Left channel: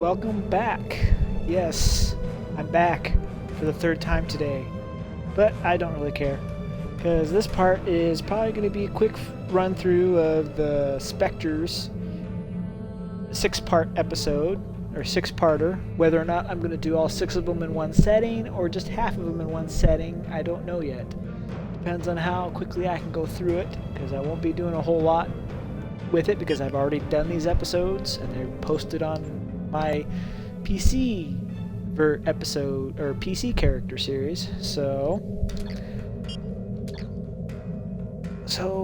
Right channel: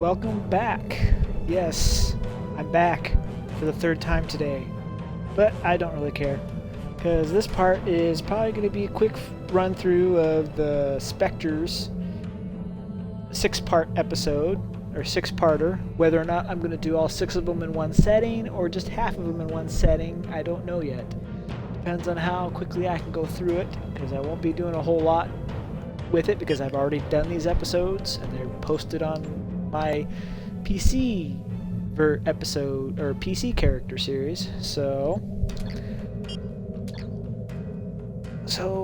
Welcome back. Yes, I'm back for the third time today. But I don't really care, because this part is probably going to be a quick run through of the Spectres 6-part episode, or 6-parter. Whether or not I'm going to do all 6 of them in one setting, or just half of them in one setting, I don't know yet. Depends on how quickly I can go through it, because I won't be doing a whole lot with it, because I've already done these episodes, and they're posted on my PC episode or PC character series. So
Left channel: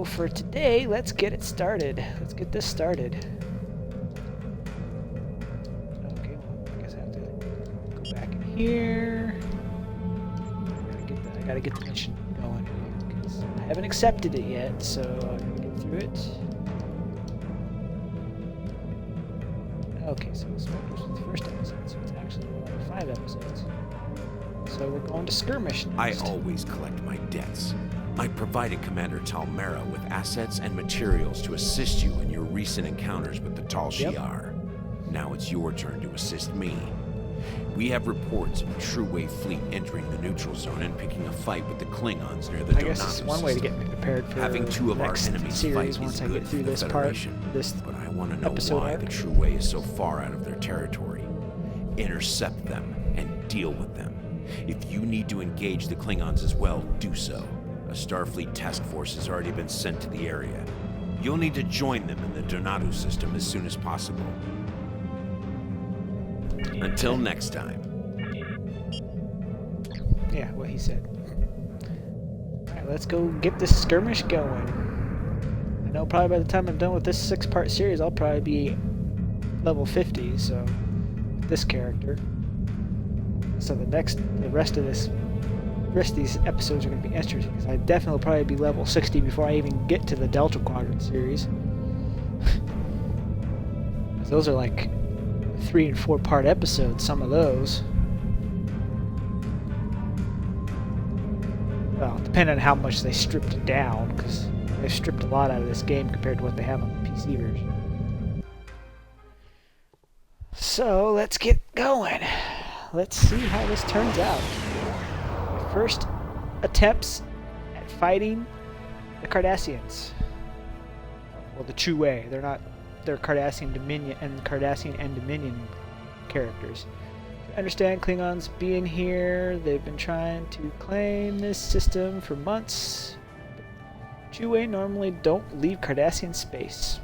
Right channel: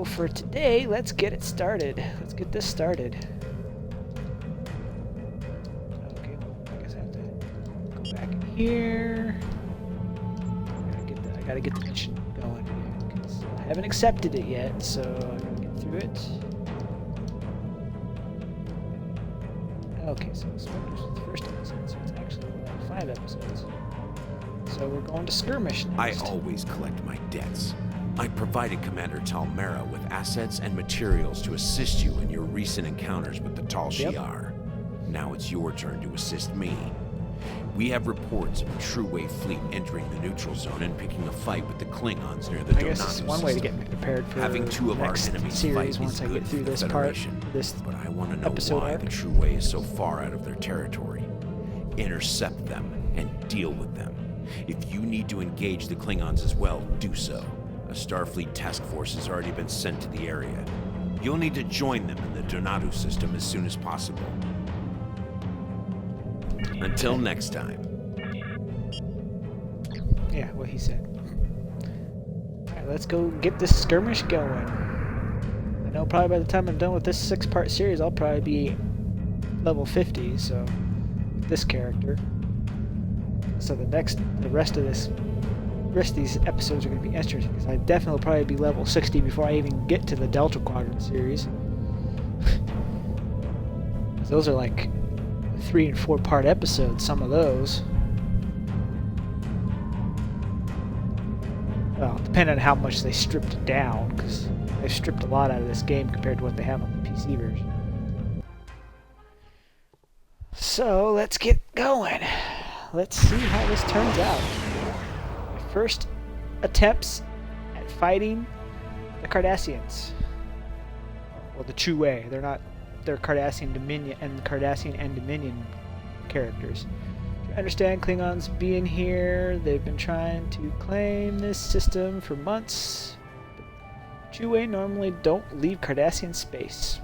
for today, let's get it started. Let's get this started. Okay, well, I guess I have to go back in here. I gotta get the mission going again because I haven't accepted it yet. So I gotta get through it. Okay, so Spectres was the first episode, so it's actually more like 5 episodes. So we're going to skirmish next. I always collect my debts. I provided Commander Talmera with assets and materials to assist you in your recent encounters with the Tal Shiar. Now it's your turn to assist me. We have reports of a True Wave fleet entering the neutral zone and picking a fight with the Klingons near the Donato guess it's one way to get me prepared for having 2 of our next enemies series fight once is I good get through for the this part, Federation. this But I want to know why arc. the True Way is so far out of their territory. Intercept them and deal with them. If you need to engage the Klingons as well, do so. A Starfleet task force has already been sent to the area. You'll need to join them in the Donato system as soon as possible. Until next time. Yeah, what he said. Alright, let's go get this skirmish going. I know probably by the time I'm done with this 6-part series, I'll probably be level 50, so with this character. So the rest of these episodes are going to be interesting, because I definitely will probably be level 60 before I even get to the Delta Quadrant series. Those are like 3 and 4-part episodes, some of those. Well, depending on how much they stripped it down, because they've stripped a lot out of this game compared to what they have on the PC version. So, let's get going. Let's see how this turns out. My first attempts at fighting the Cardassians. Well, the True Way. They're Cardassian Dominion and Dominion characters. Understand Klingons being here. They've been trying to claim this system for months. But True Way normally don't leave Cardassian space.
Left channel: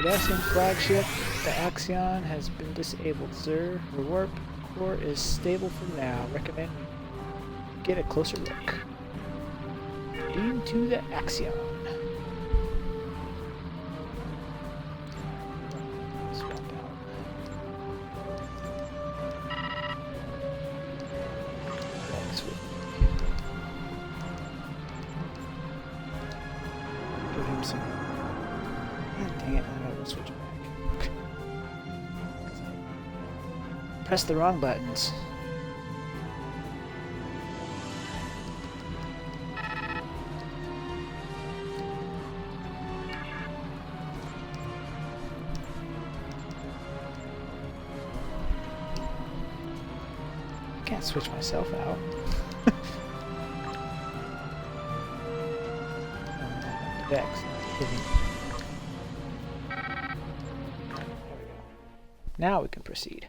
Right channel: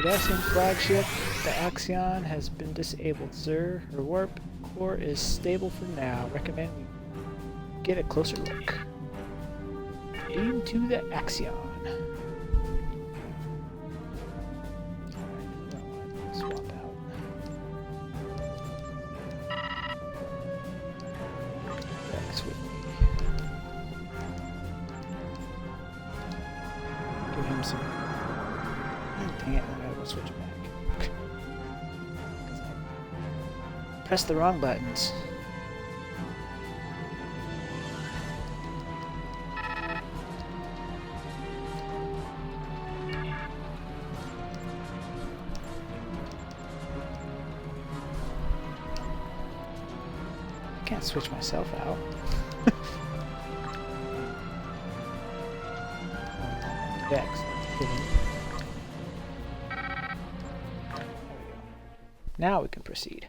Cardassian flagship, the Axion, has been disabled, sir. Her warp core is stable for now. Recommend we get a closer look. Beam to the Axion. Swap out. Rex with me. Give him some. Dang it, I gotta go switch it back. Because I pressed the wrong buttons. I can't switch myself out. Vex, not hidden. There we go. Now we can proceed.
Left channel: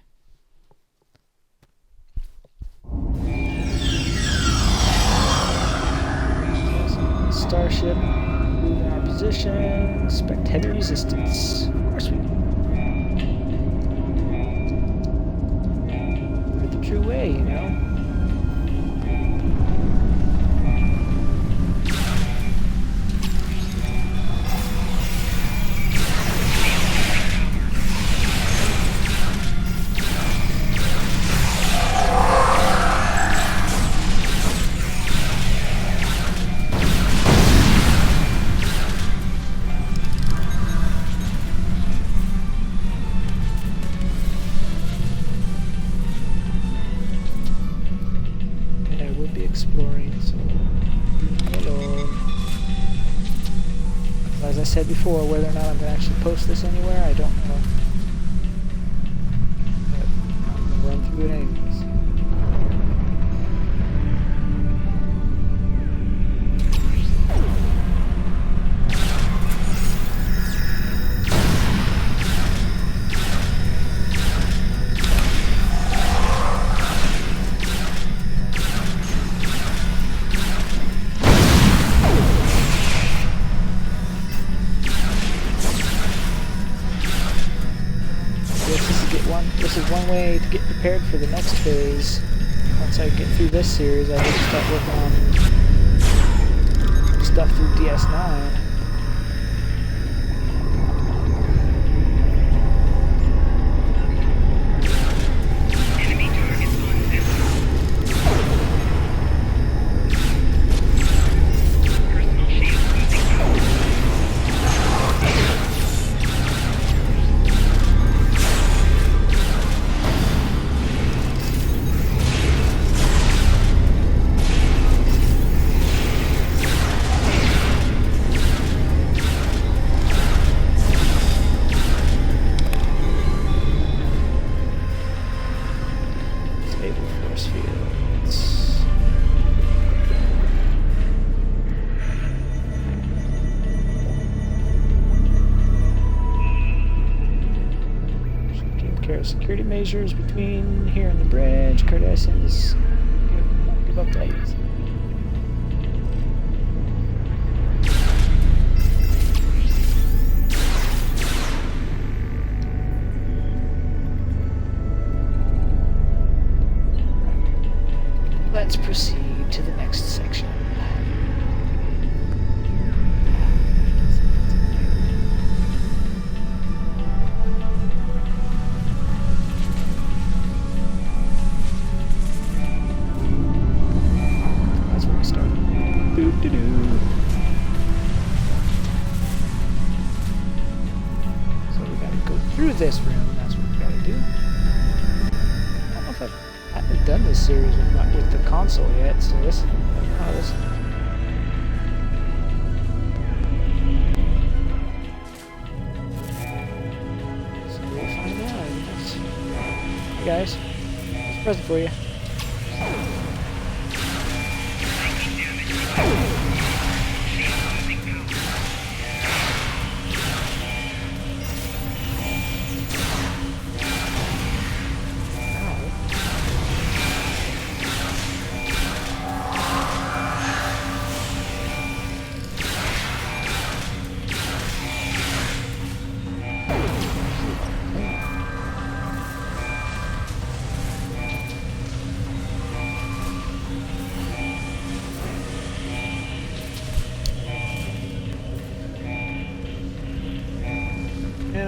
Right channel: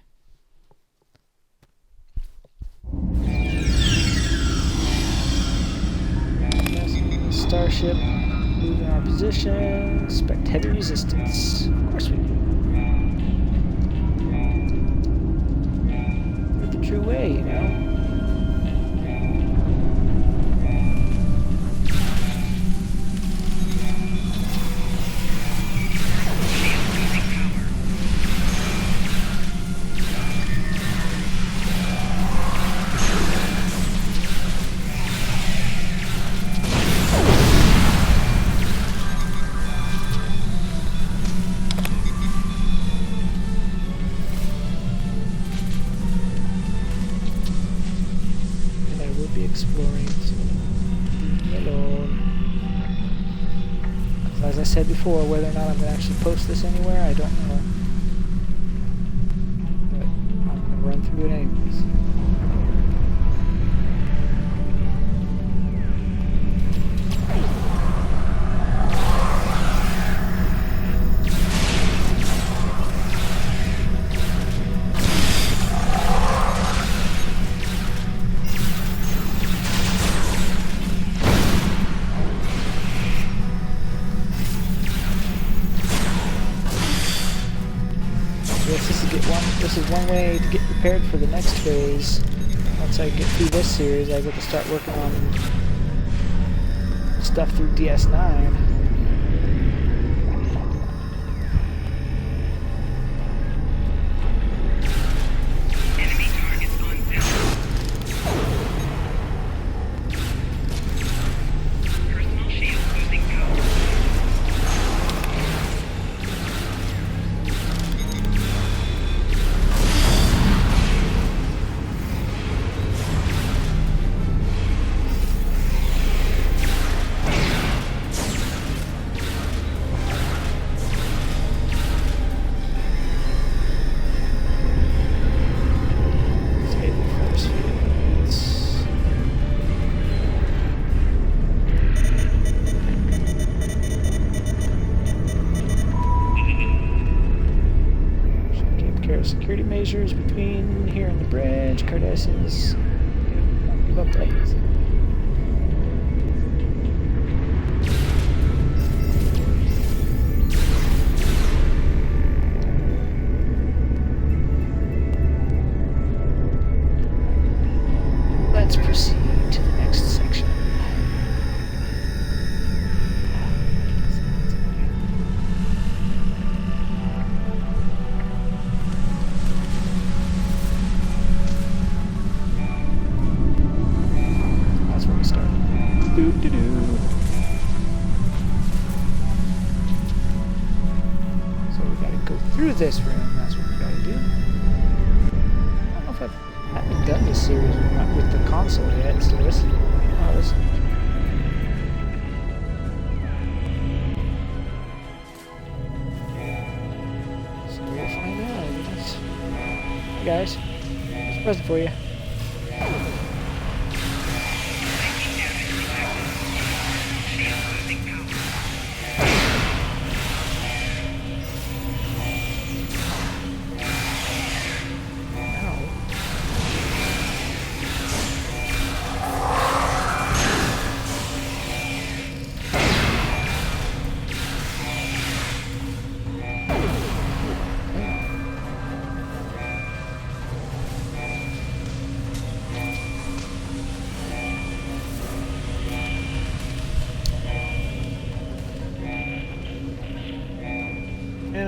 Yes, starship, moving our position, expect heavy resistance. Of course we do. We're the true way, you know? Exploring, so leave me alone. As I said before, whether or not I'm going to actually post this anywhere, I don't know. But I'm going to run through it anyways. This is one way to get prepared for the next phase. Once I get through this series, I get to start working on stuff through DS9. Enemy targets on zero. Personal shield losing power. Security measures between here and the bridge. Cardassians won't give up that easy. Let's proceed to the next section. Doo-doo-doo. So we gotta go through this room. That's what we gotta do. I don't know if I haven't done this series with the console yet. So this. Oh, this. So we'll find out, I guess. Hey guys, there's a present for you.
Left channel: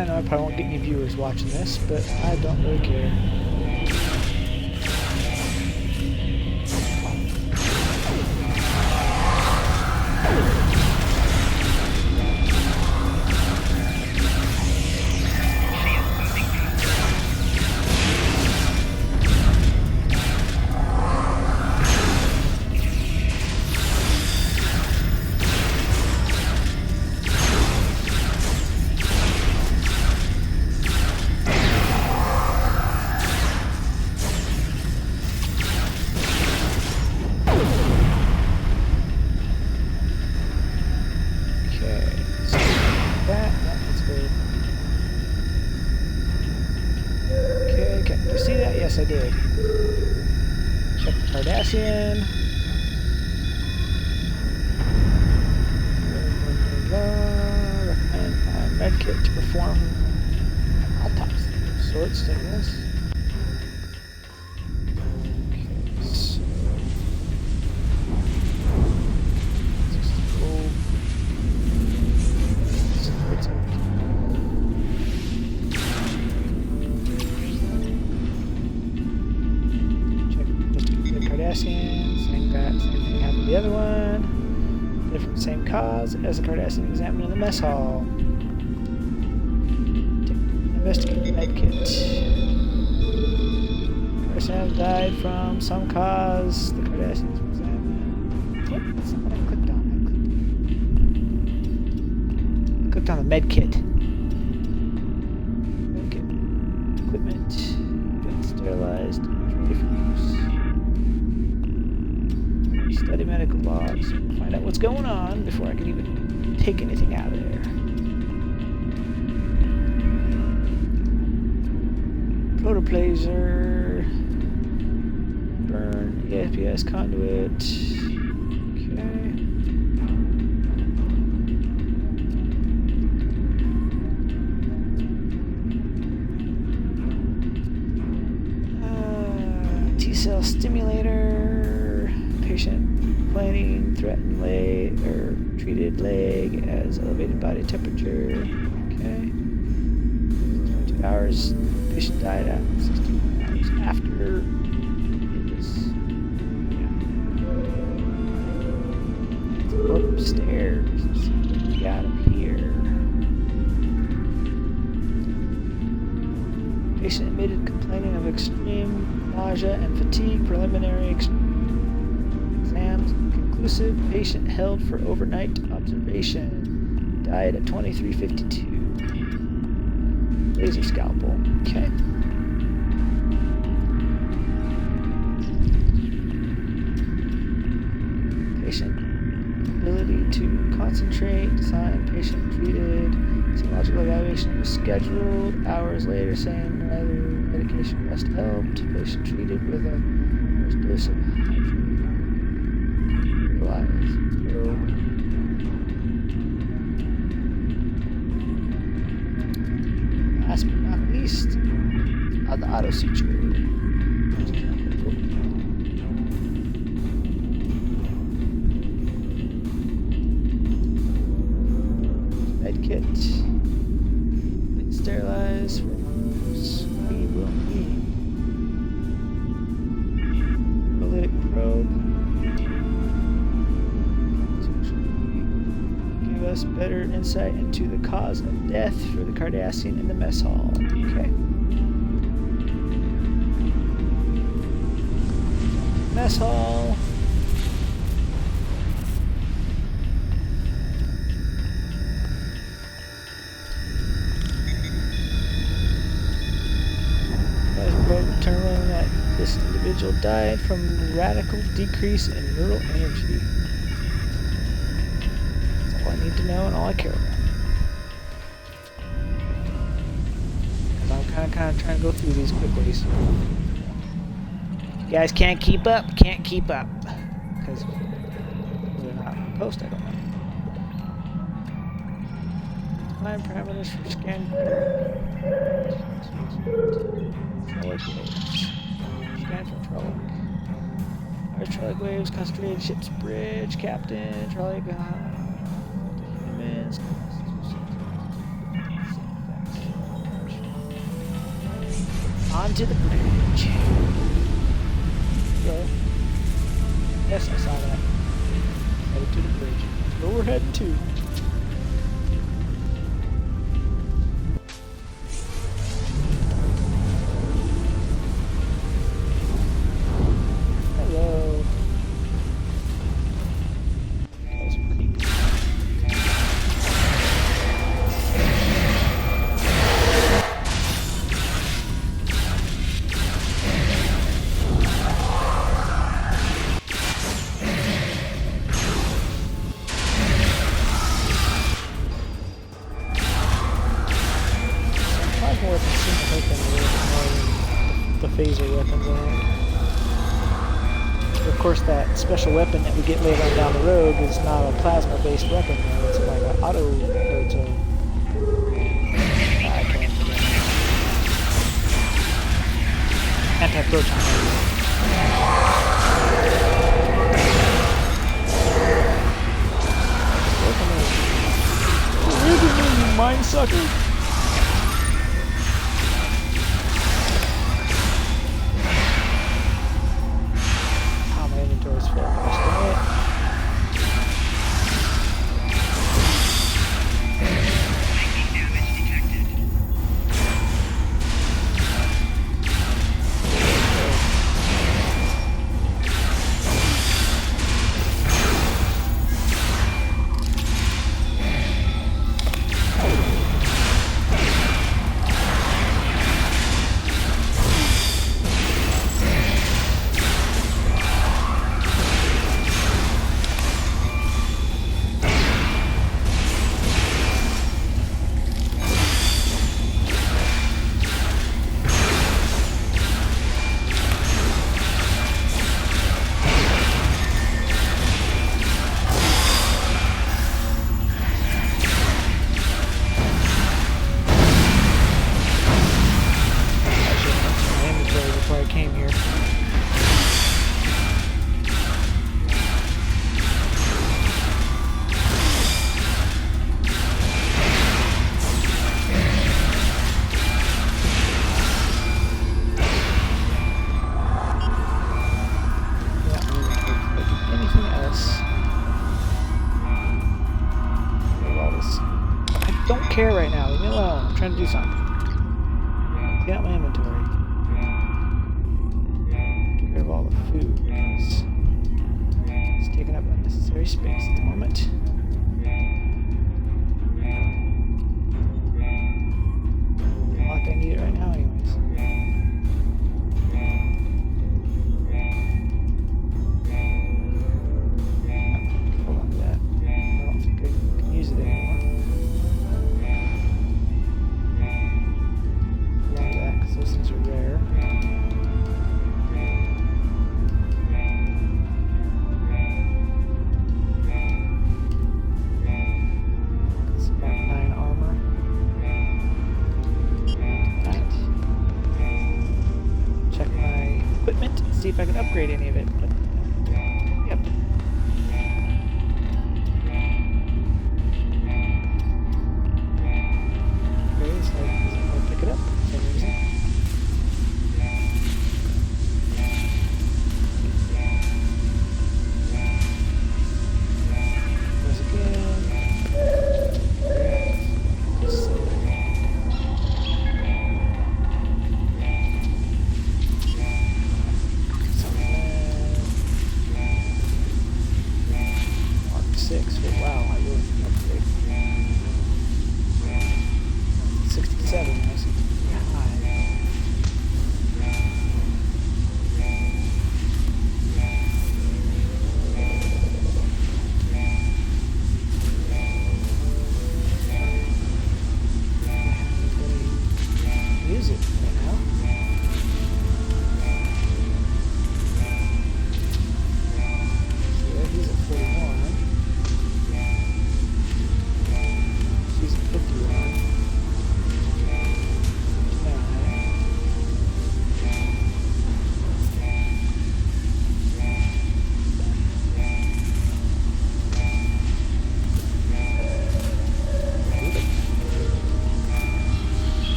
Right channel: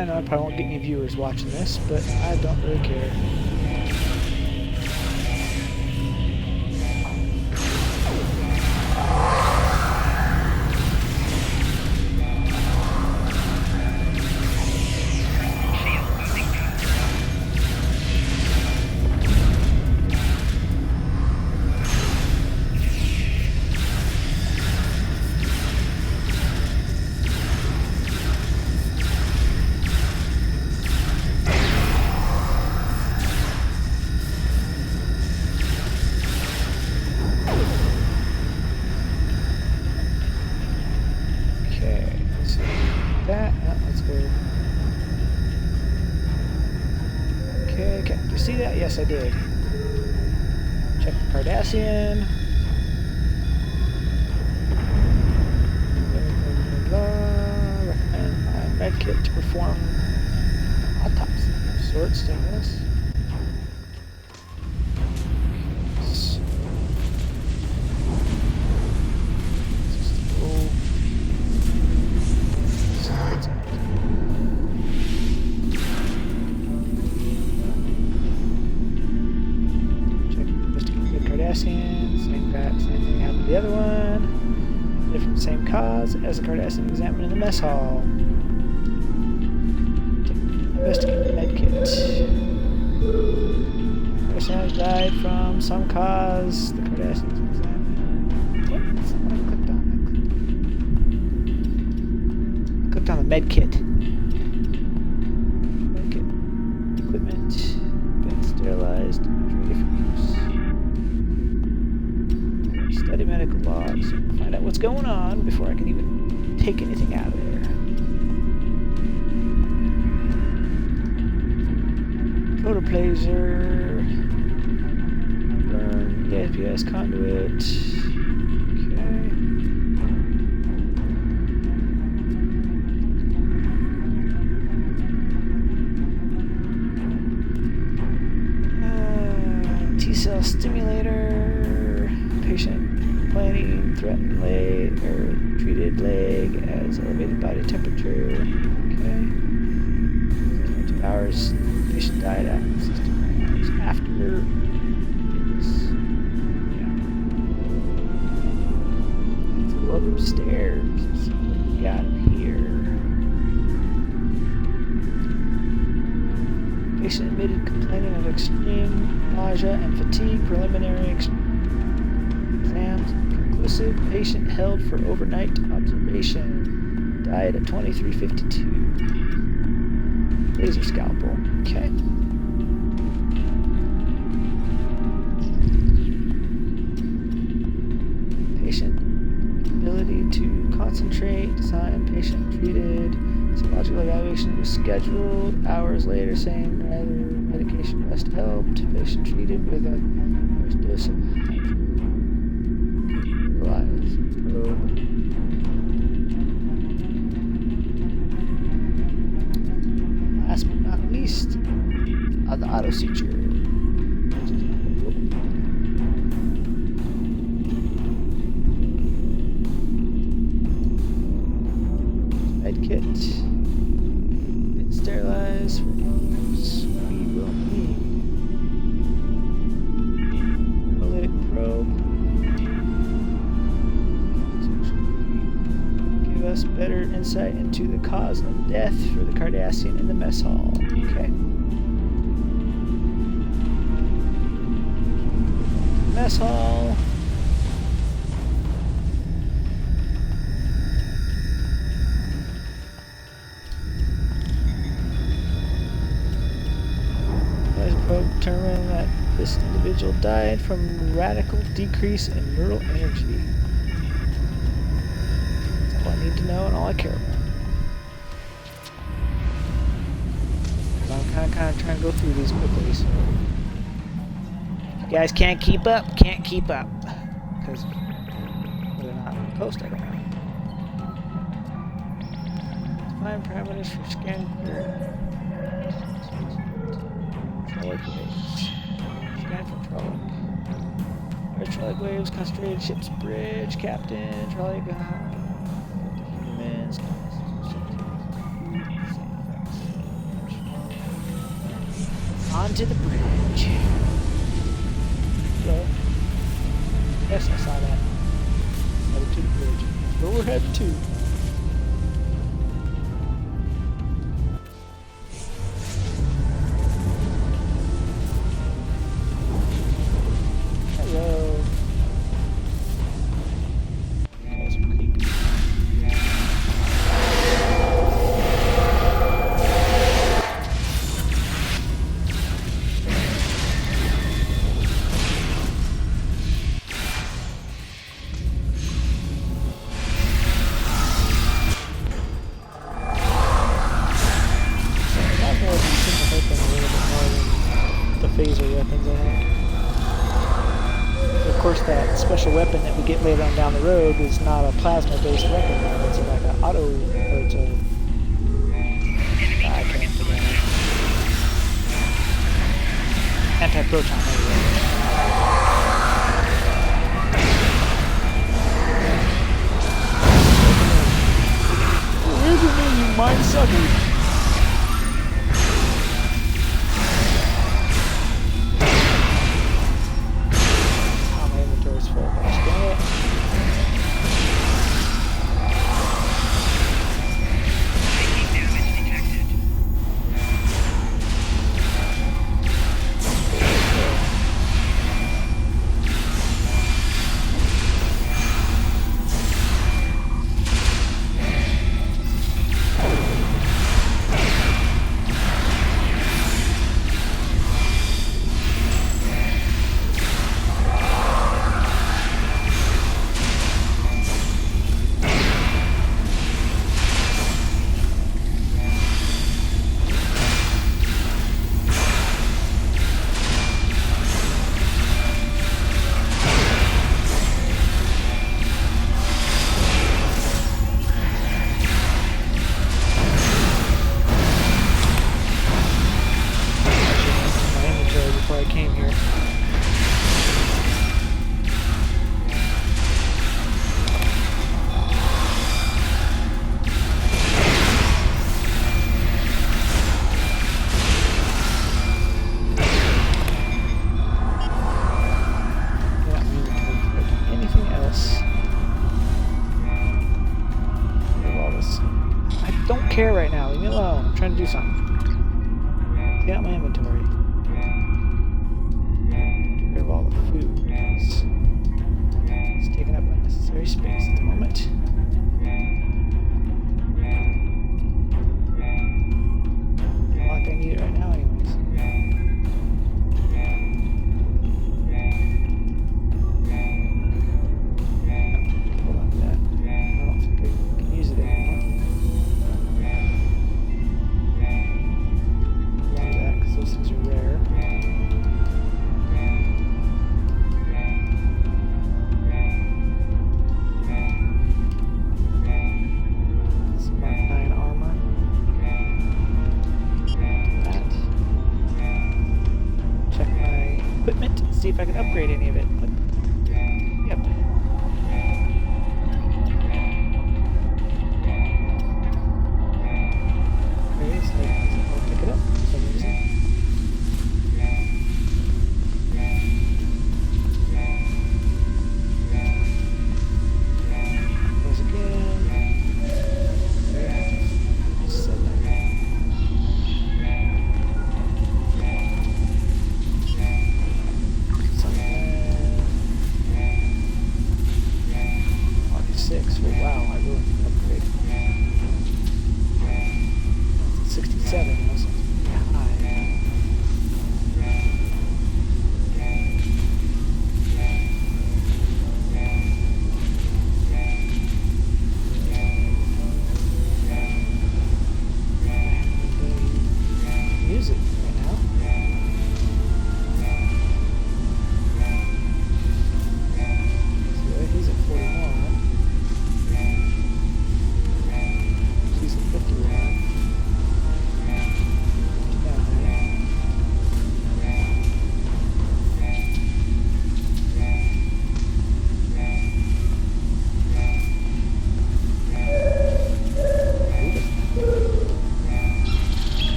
I know I probably won't get any viewers watching this, but I don't really care. Okay, did you see that? Yes, I did. Check the Cardassian. Recommend find medkit to perform autopsy of sorts, I guess. Okay, so let's just go. Cardassian, same thing happened to the other one. Different, same cause as the Cardassian examined in the mess hall. Investigate the medkit. Cardassian died from some cause. The Cardassians were examined. What? That's not what I clicked on. I clicked on the medkit. Medkit. Equipment. Been sterilized. Ready for use. Study medical logs, find out what's going on before I can even take anything out of there. Photoplaser, burn ESPS conduit. Okay. T-cell stimulator, patient. Planning, threatened leg or treated leg as elevated body temperature. Okay. 22 hours. Patient died at 16 hours after it was. Yeah. Let's go upstairs and see what we got up here. Patient admitted complaining of extreme nausea and fatigue. Preliminary exams conclusive. Patient held for overnight observation. Died at 23:52. Laser scalpel. Okay. Patient ability to concentrate. Sign patient treated. Psychological evaluation was scheduled. Hours later, saying rather medication rest helped. Patient treated with a first dose of hydrolyzed probe. Last but not least, the auto suture. Medkit. Bit sterilized for use. We will need neurolytic probe. To give us better insight into the cause of death for the Cardassian in the mess hall. Okay. Mess hall. Determined that this individual died from radical decrease in neural energy. That's all I need to know and all I care about. Because I'm kind of trying to go through these quickly, so if you guys can't keep up. Because whether or not we post, I don't know. Define parameters for scan. Trollic waves. Scan for Trollic. Large Trollic waves, concentrated ship's bridge, captain, Trollic, humans. Same effects. Onto the bridge. Hello. Yes, I saw that. Headed to the bridge. That's where we're heading to. Hello. Guys are creepy. Plasma weapons seem to hurt them a little bit more than the phaser weapons, I think. Of course, that special weapon that we get later on down the road is not a plasma-based weapon, though. It's like an auto, or it's a... I can't forget it. Anti-proton, there we go. Where is it, you mind sucker? Inventory's full. Gosh dang it. Making damage detected. Before I came here. Yeah, my inventory before I do anything else. Get all this. I don't care right now. Leave me alone. I'm trying to do something. Get out my inventory. Get rid of all the food. It's taking up unnecessary space at the moment. Not like I need it right now anyways. Hold on to that. I don't think I can use it anymore. Hold on to that because those things are rare. Mark 9 armor. That. Check my equipment, see if I can upgrade any of it. Yep. Okay, so I'll pick it up for some reason. Goes again. Mark 6. Oh, wow, I really need to upgrade. 67 now, so it's pretty high. Use it right now. So he's at 41. She's at 51.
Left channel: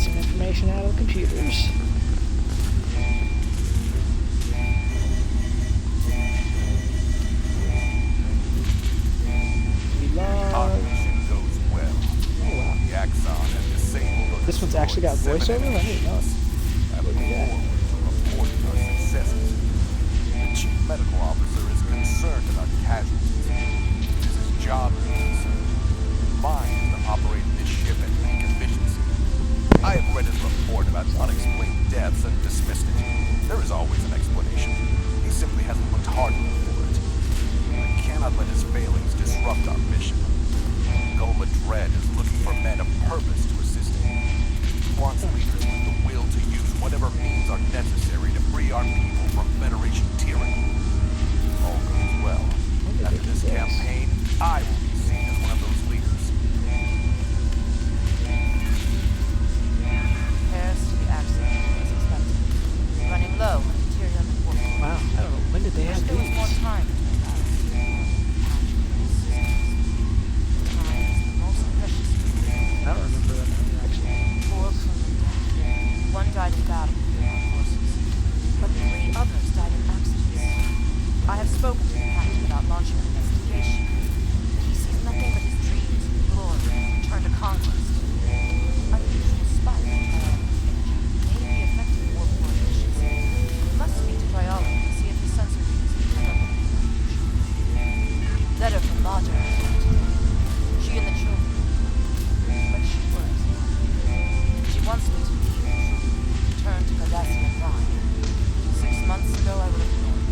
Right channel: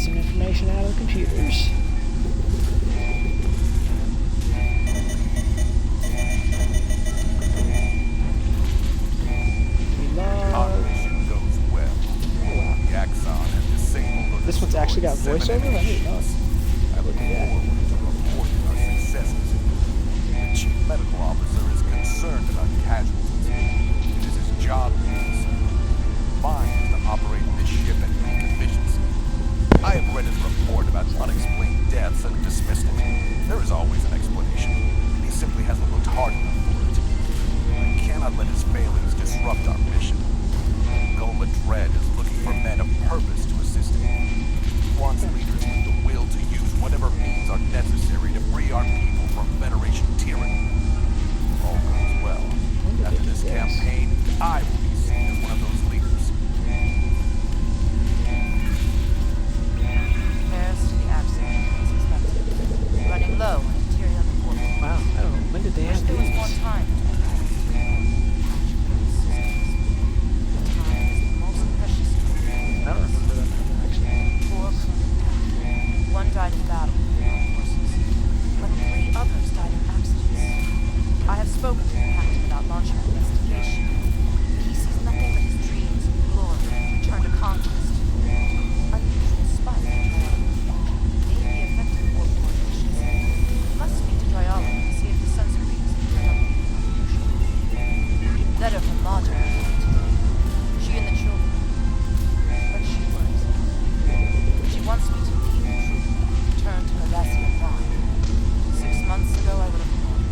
some information out of the computers. Our mission goes well. Oh wow. The Axon has disabled or This one's actually got destroyed 7 voiceover? I enemy didn't know it. ships. I look Look at that. forward to reporting our successes. The chief medical officer is concerned about casualties. It is his job to be concerned. Mine is to operate this ship at peak efficiency. I have read his report about unexplained deaths and dismissed it. There is always an explanation. He simply hasn't looked hard enough for it. I cannot let his failings disrupt our mission. Goma Dread is looking for men of purpose to assist him. He wants leaders with the will to use whatever means are necessary to free our people from Federation tyranny. All goes well. After this campaign, I will be seen as one of those leaders. Repairs to the accident was expected. Running low on material and work. Wow, I don't know. When did they Wish have there was these? more time to make patch critical systems. Time is the most precious thing. I don't remember them ever actually. 4 crewmen died. 1 died in battle with the armed forces, but 3 others died in accidents. I have spoken to the captain about launching an investigation, but he sees nothing but his dreams of glory and return to conquest. Unusual spike in biology may be affecting warp-borne efficiency. I must speak to Triology and see if his sensor readings have turned up anything unusual. Letter from Maja today. She and the children. But she worries now. She wants me to leave the troop and return to Cardassian Prime. 6 months ago, I would have ignored her.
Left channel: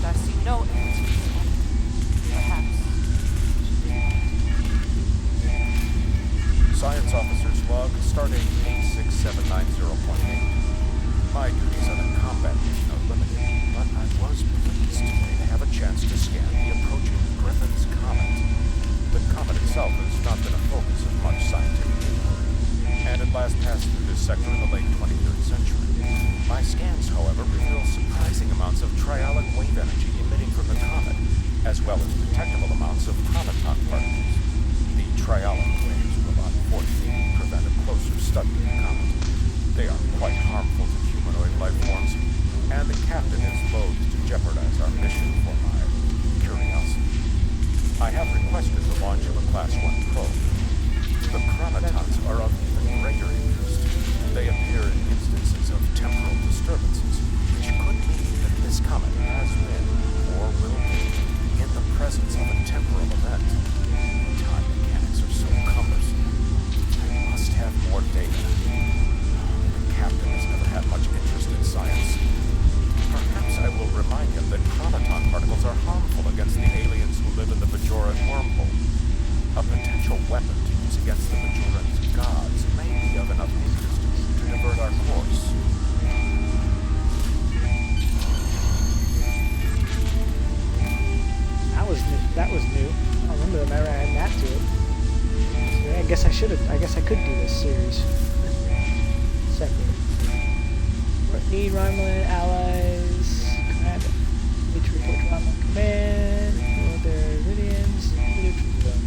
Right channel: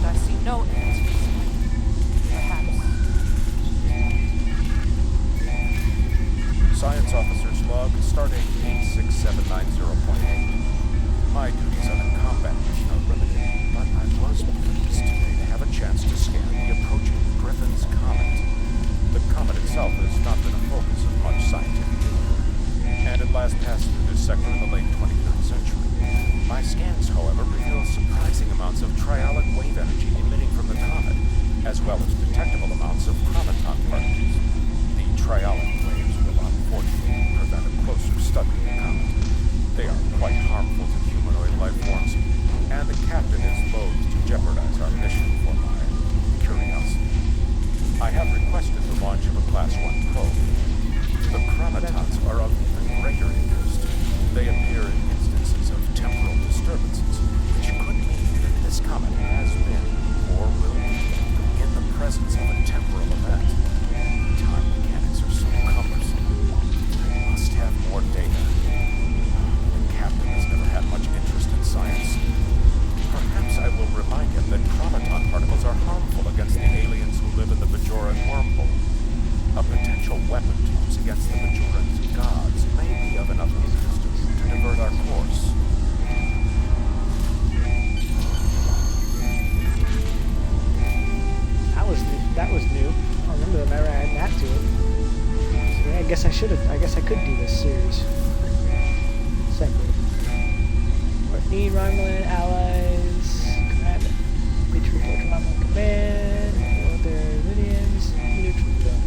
But I see no evidence for this fight. Perhaps. Science Officer's Log, stardate 86790.8. My duties on a combat mission are limited, but I was pleased today to have a chance to scan the approaching Griffin's Comet. The comet itself has not been a focus of much scientific inquiry, and it last passed through this sector in the late 23rd century. My scans, however, reveal surprising amounts of triolic wave energy emitting from the comet, as well as detectable amounts of chronoton particles. The triolic waves will unfortunately prevent a closer study of the comet. They are quite harmful to humanoid life forms, and the captain is loath to jeopardize our mission for my curiosity. I have requested the launch of a Class 1 probe. The chronotons are of even greater interest. They appear in instances of temporal disturbances, which could mean that this comet has been, or will be, in the presence of a temporal event. Time mechanics are so cumbersome. I must have more data. The captain has never had much interest in science. Perhaps I will remind him that chronoton particles are harmful against the aliens who live in the Bajoran wormhole. A potential weapon to use against the Bajoran's gods may be of enough interest to divert our course. That was new. I don't remember them ever adding that to it. So yeah, I guess I could do this series. Separate. Need Romulan allies. Command. Need to report to Romulan command. Know their Devidians. Neutral zone.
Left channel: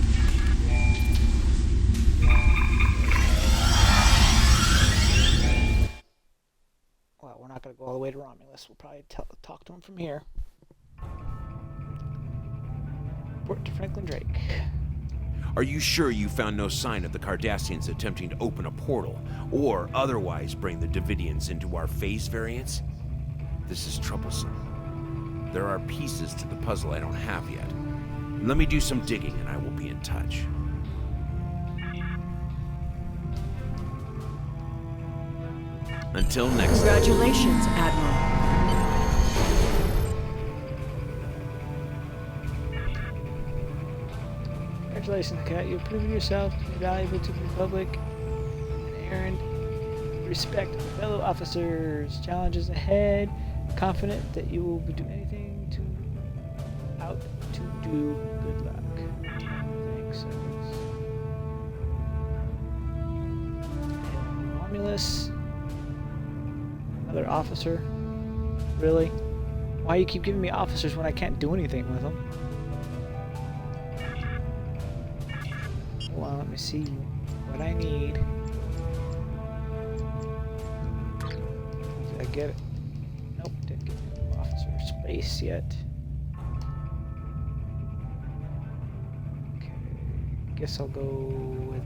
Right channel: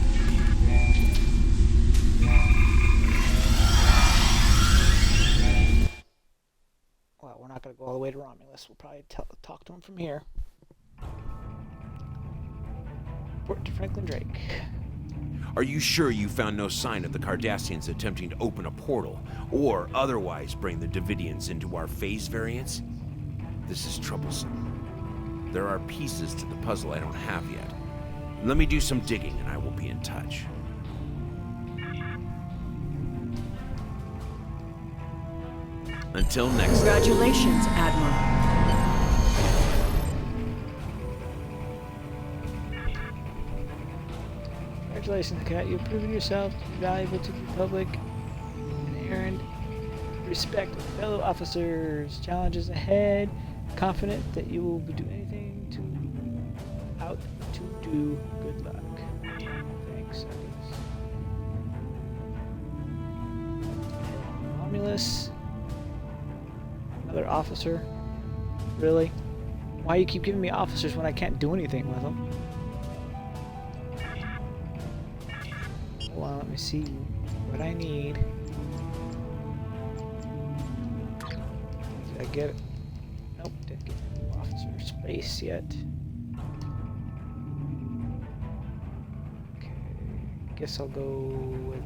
Well, we're not going to go all the way to Romulus. We'll probably talk to him from here. Report to Franklin Drake. Are you sure you found no sign of the Cardassians attempting to open a portal, or otherwise bring the Devidians into our phase variants? This is troublesome. There are pieces to the puzzle I don't have yet. Let me do some digging and I will be in touch. Until next time. Congratulations, Admiral. Congratulations, Cadet. You've proven yourself to be valuable to the Republic. An errand. Respect fellow officers. Challenges ahead. Confident that you will do anything to do. Good luck. Thanks, I guess. Head on to Romulus. Another officer. Really? Why you keep giving me officers when I can't do anything with them? Hold on, let me see what I need. Did I get it? Nope, didn't get the officer space yet. Okay, guess I'll go with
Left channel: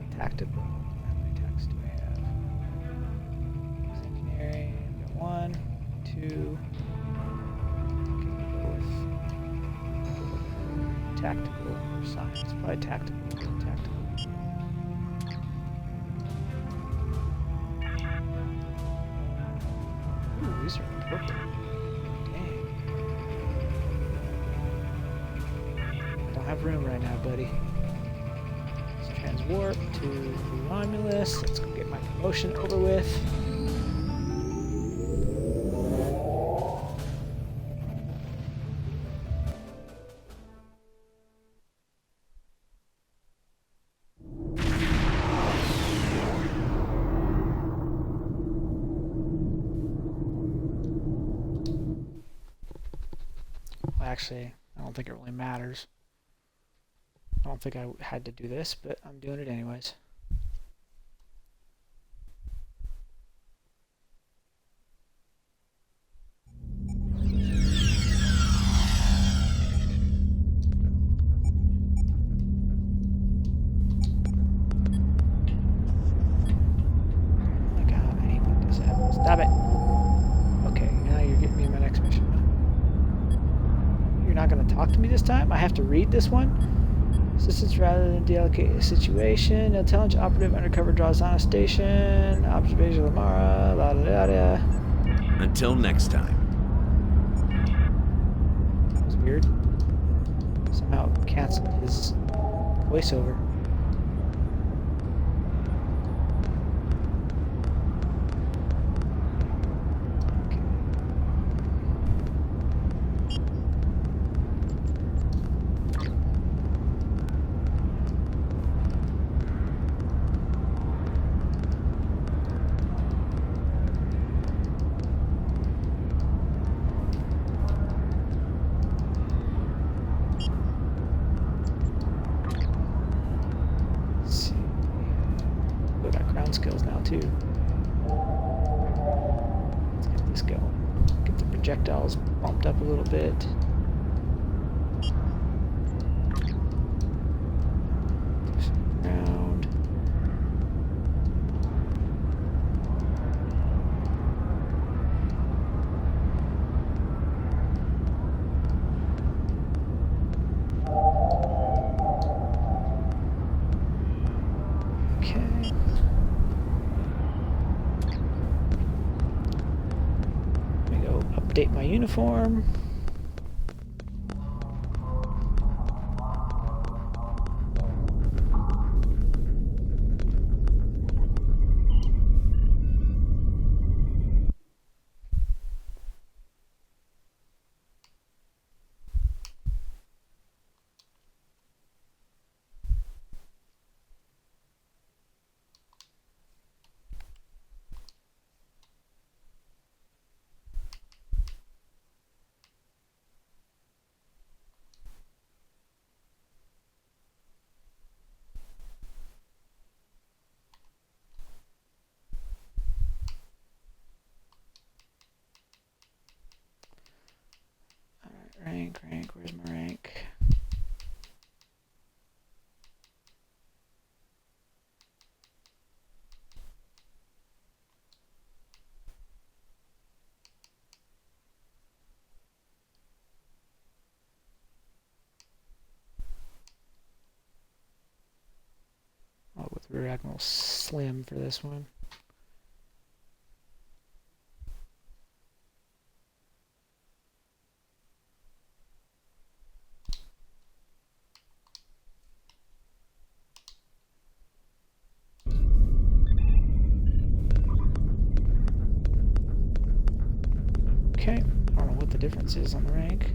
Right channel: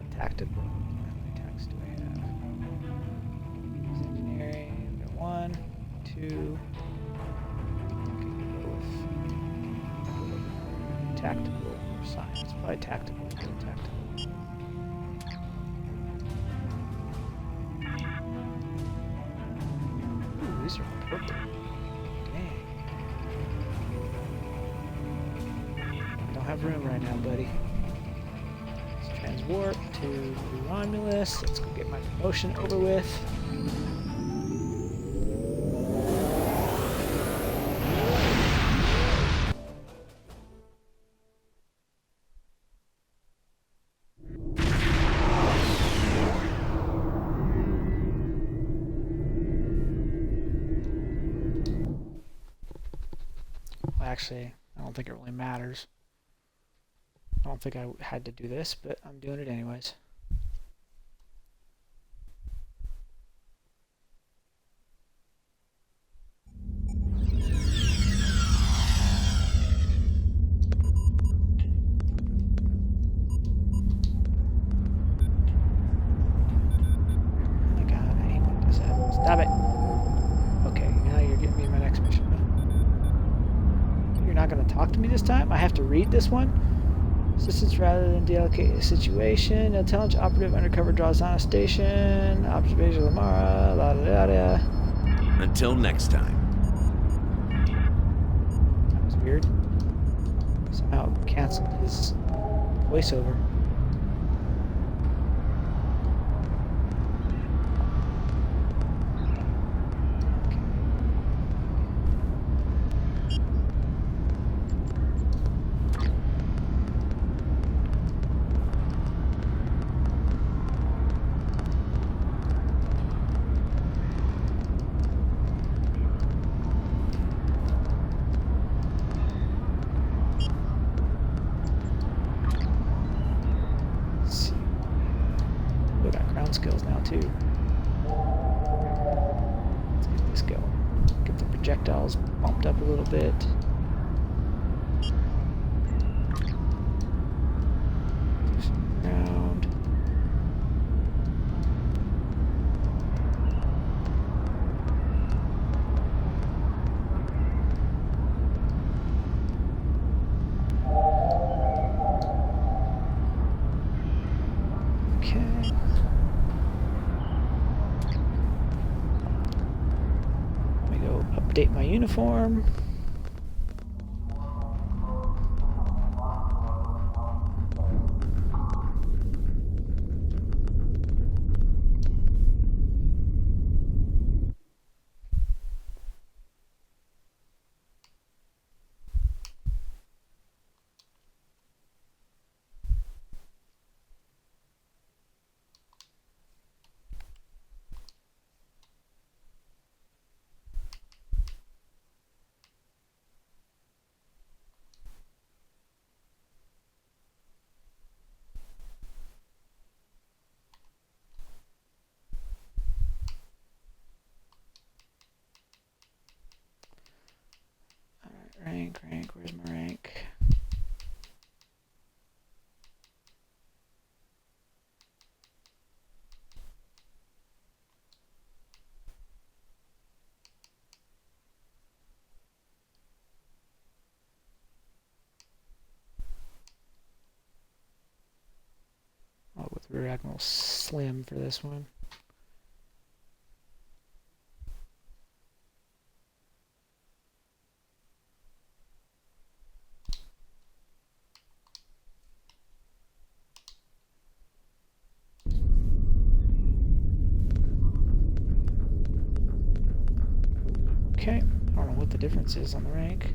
a tactical. How many tactics do I have? There's engineering. I've got 1, 2. Okay, we'll go with another tactical or science. Probably tactical. We'll go tactical. Ooh, these are purple. Dang. I don't have room right now, buddy. Let's transwarp to Romulus. Let's go get my promotion over with. Actually, I don't think it really matters. I don't think I had to do this, but I'm doing it anyways. Oh my god, I hate when this happens. Stop it! Okay, now you're getting me in my next mission. You're not going to talk to me this time? I have to read this one? Assistance rather than delicate situation. Intelligence operative undercover draws on a station. Observation of Lamara. La da da da. Until next time. That was weird. Somehow it canceled his voiceover. We got ground skills now too. Let's get this going. Get the projectiles bumped up a little bit. Do some ground. Okay. Let me go update my uniform. Rank, where's my rank? Oh, with Rear Admiral Slim for this one. Okay, I don't know what the difference is on the rank.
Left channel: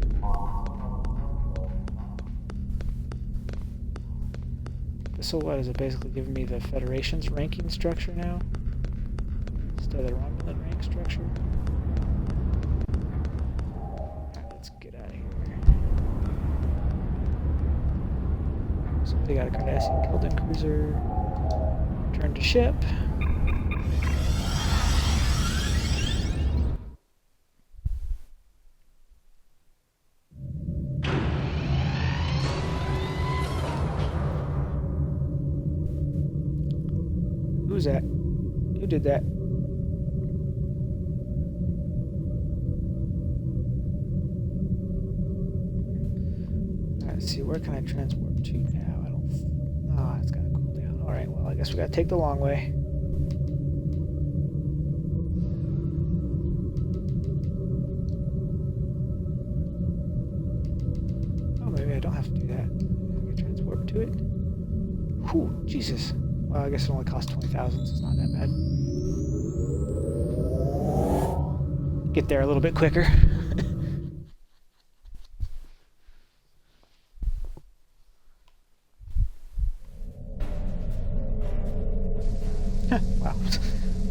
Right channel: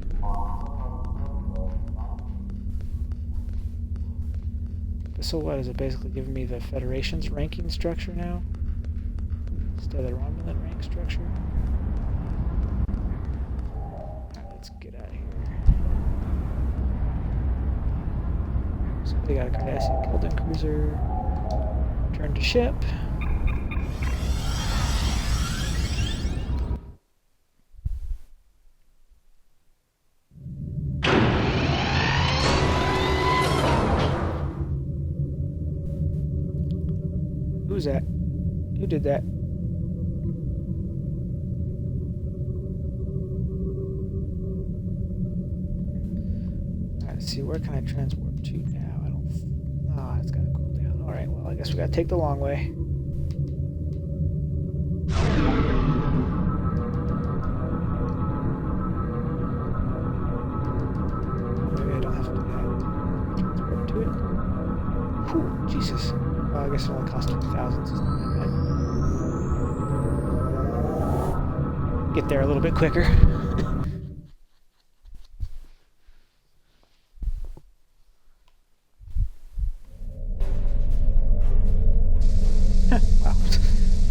So what, is it basically giving me the Federation's ranking structure now? Instead of the Romulan rank structure? Alright, let's get out of here. So They got a Cardassian Keldon cruiser. Return to ship. Who's that? Who did that? Let's see, where can I transport to now? I don't... Oh, it's gotta cool down. Alright, well, I guess we gotta take the long way. Oh, maybe I don't have to do that. Transport to it. Whew, Jesus. Well, I guess it only costs 20,000, so it's not that bad. Get there a little bit quicker. Wow.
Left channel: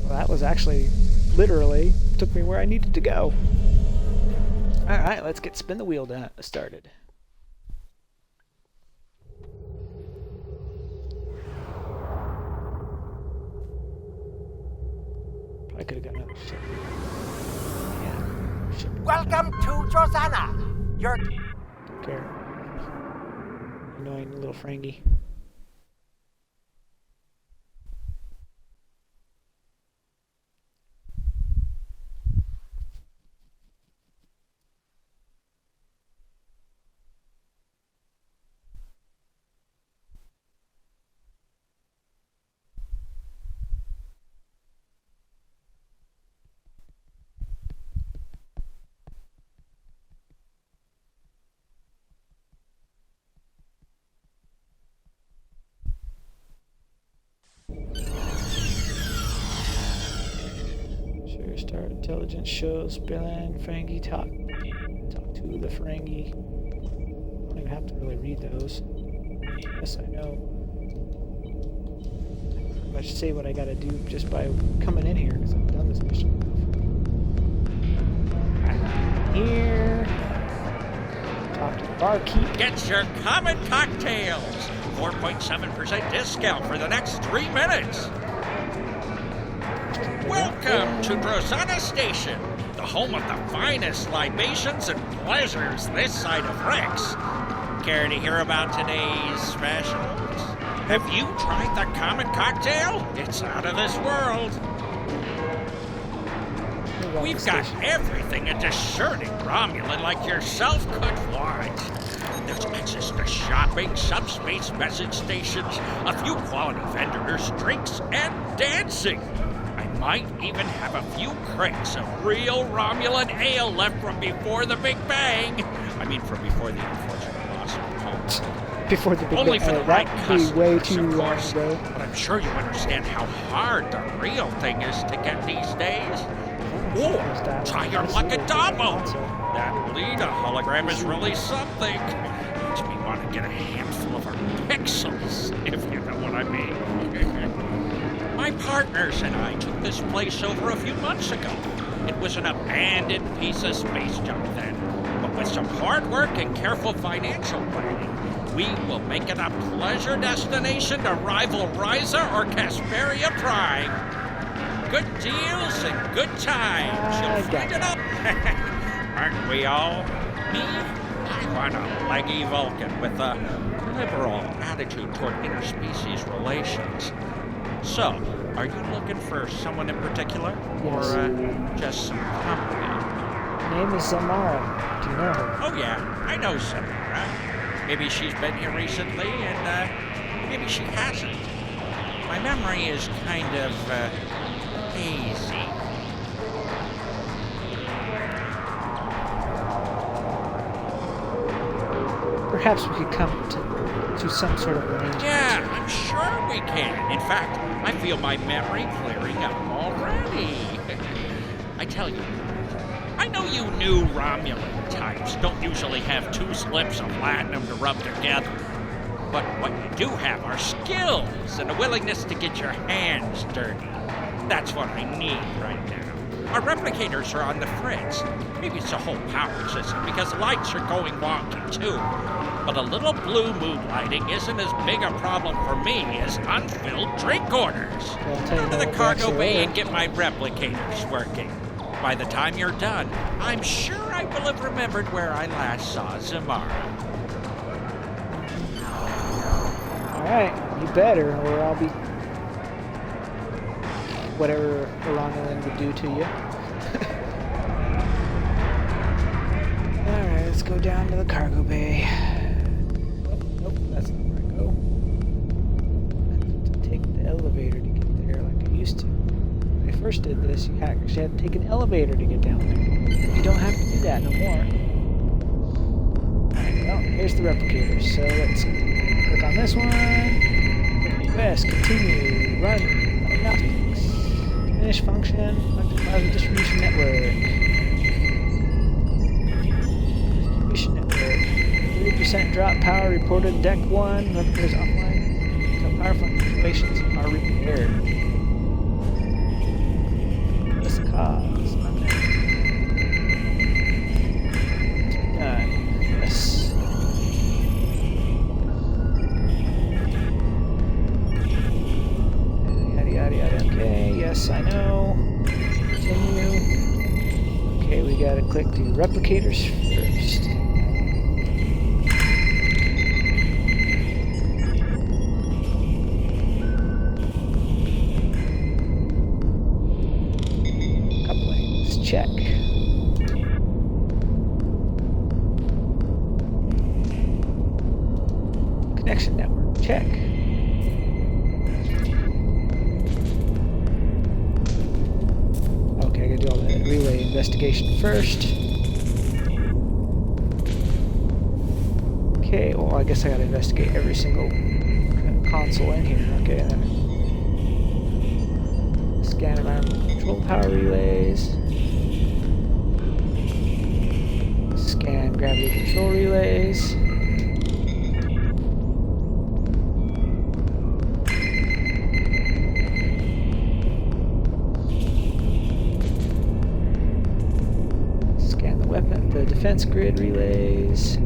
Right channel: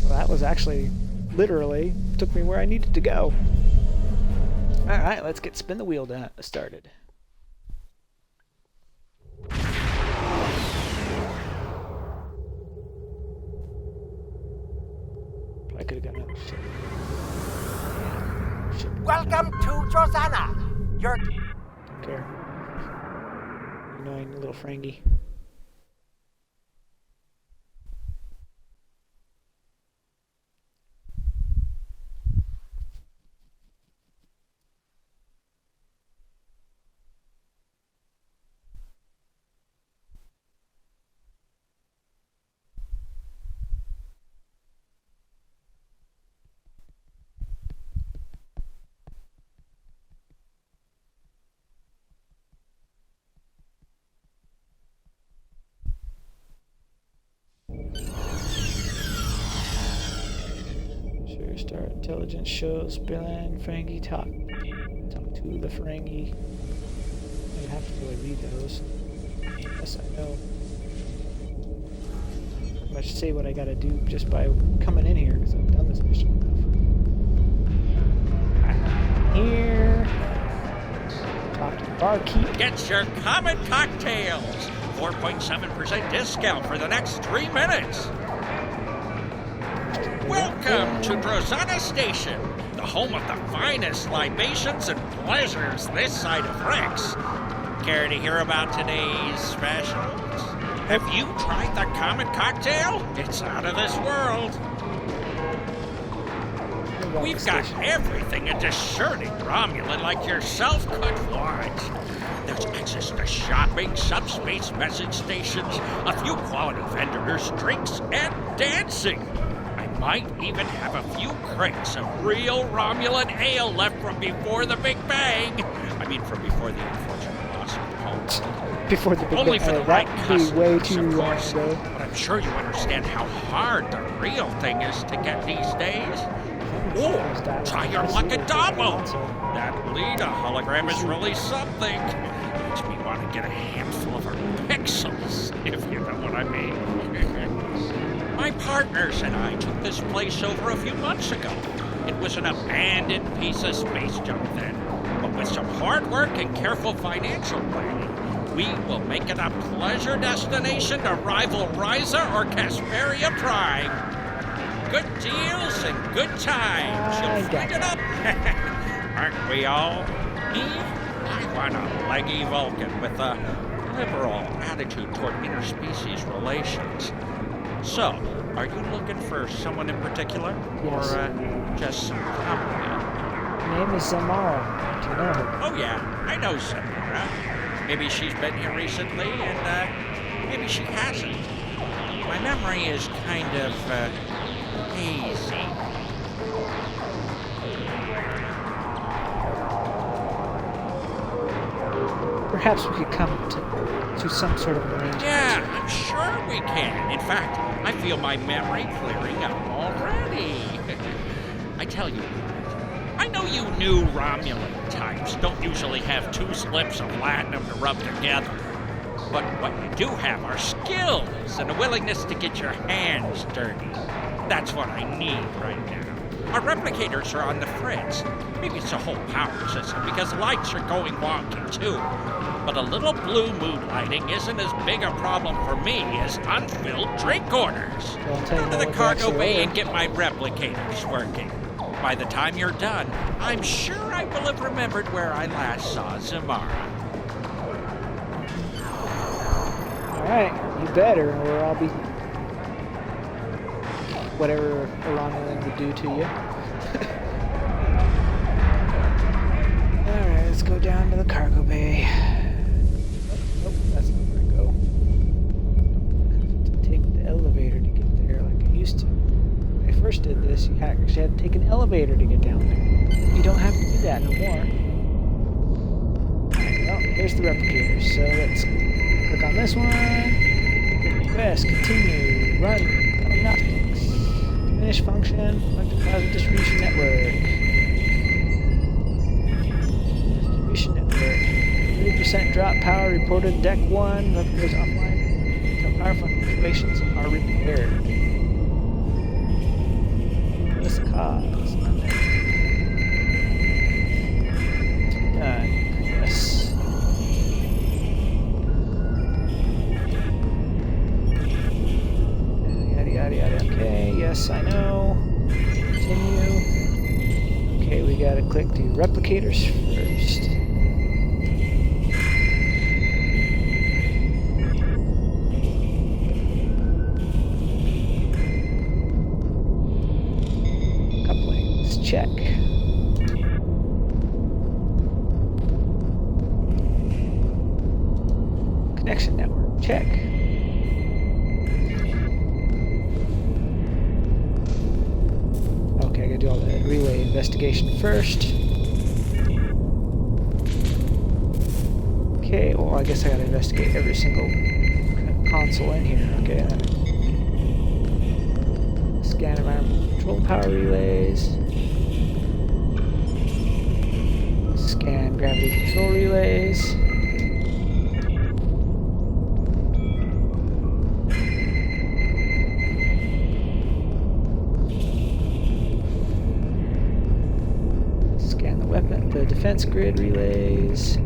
Well, that was actually, literally, took me where I needed to go. Alright, let's get spin the wheel started. Probably could have got another ship. Yeah, ship. Welcome to Drozana. Your Don't care. Annoying little Frangie. Sure, start intelligence shows Spillin Ferengi talk to the Ferengi. I don't even have to really read those. Yes, I know. I pretty much say what I gotta do just by coming in here because I've done this mission enough. Alright, here. Talk to the barkeep. Get your common cocktails. 4.7% discount for the next 3 minutes. Welcome to Drozana Station, the home of the finest libations and pleasures this side of Rex. Care to hear about today's specials? Have you tried the common cocktail? It's out of this world. We've got everything a discerning Romulan like yourself could want. There's access to shopping, subspace message stations, a few quality vendors, drinks, and dancing. I might even have a few crates of real Romulan ale left from before the Big Bang. I mean, from before the unfortunate loss of home. Before the big Only for the right that would be way customers, too of long course. ago. But I'm sure you understand how hard the real thing is to get these days. Or try your luck at Dabo. That Lita hologram is really something. Makes me want to get a handful of her pixels, if you know what I mean. My partners and I took this place over a few months ago. It was an abandoned piece of space junk then. But with some hard work and careful financial planning, we will make it a pleasure destination to rival Ryza or Casperia Prime. Good deals and good times. You'll find it up. Aren't we all? Me? I want a leggy Vulcan with a liberal attitude toward interspecies relations. So, are you looking for someone in particular? Yes. Or just some company? Her name is Zamara. Do you know her? Oh yeah, I know Samara. Maybe she's been here recently, and maybe she hasn't. My memory is kind of hazy. Perhaps we could come to some sort of arrangement. Yeah, I'm sure we can. In fact, I feel my memory clearing up already. I tell you, I know you new Romulan types don't usually have 2 slips of latinum to rub together. But what you do have are skills and a willingness to get your hands dirty. That's what I need right now. Our replicators are on the fritz. Maybe it's the whole power system because the lights are going wonky too. But a little blue mood lighting isn't as big a problem for me as unfilled drink orders. Well, I'll tell you Go to the what cargo actually bay are. and get my replicators working. By the time you're done, I'm sure I will have remembered where I last saw Zamara. Alright, you better, or I'll be... whatever Iranian would do to you. Alright, let's go down to the cargo bay. Nope, that's not where I go. I have to take the elevator to get there like I used to. When I first did this, you actually had to take an elevator to get down there. You don't have to do that no more. Alright, well, here's the replicators. So let's click on this one. Request, continue, run, diagnostics, diminish function, electroplasma distribution network. Distribution network. 30% drop power reported deck 1. Replicators offline until power fluctuations are repaired. What's the cause? Unknown. Done. Yes. Yada yada yada. Okay, yes, I know. Continue. Okay, we gotta click the replicators first. Couplings, check. Connection network, check. Okay, I gotta do all the relay investigation first. Okay, well, I guess I gotta investigate every single console in here. Okay, and then scan environmental control power relays. Scan gravity control relays. Scan the defense grid relays.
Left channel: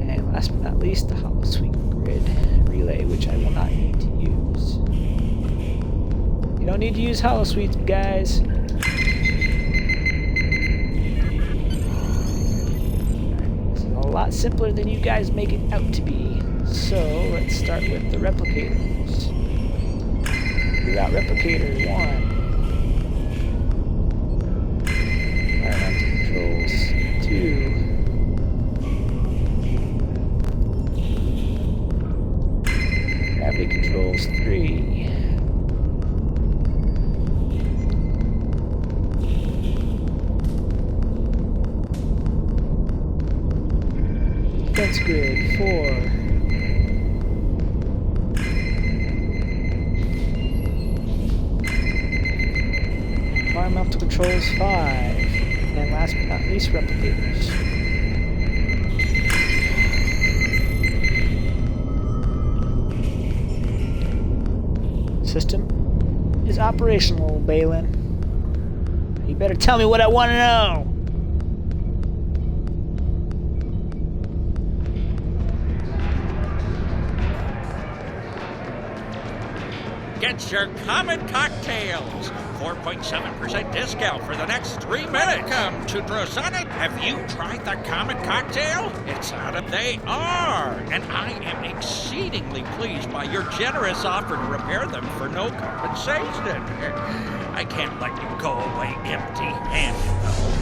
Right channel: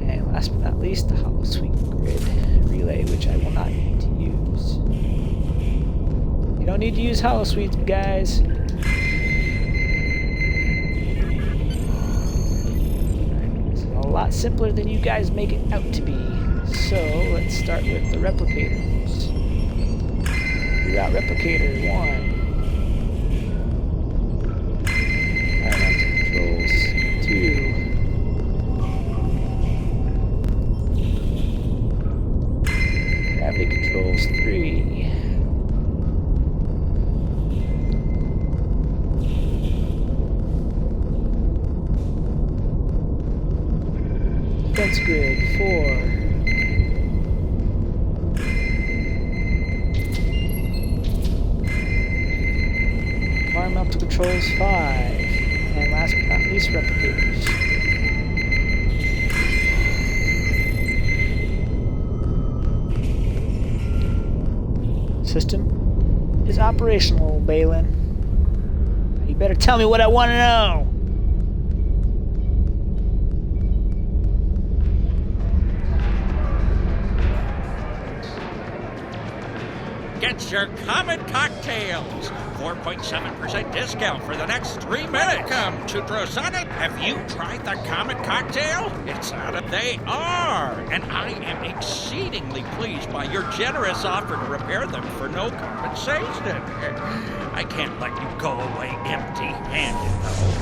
And last but not least, the hollow suite grid relay, which I will not need to use. You don't need to use hollow suites, guys. Alright, this is a lot simpler than you guys make it out to be. So let's start with the replicators. Reroute replicator 1. Environmental controls 2. Gravity controls 3. Defense grid 4. Environmental controls 5. And last but not least, replicators. System is operational, Balin. You better tell me what I want to know. Get your common cocktails. 4.7% discount for the next 3 minutes. Welcome to Drosana. Have you tried the common cocktail? It's out of they are. And I am exceedingly pleased by your generous offer to repair them for no compensation. I can't let you go away empty-handed, though.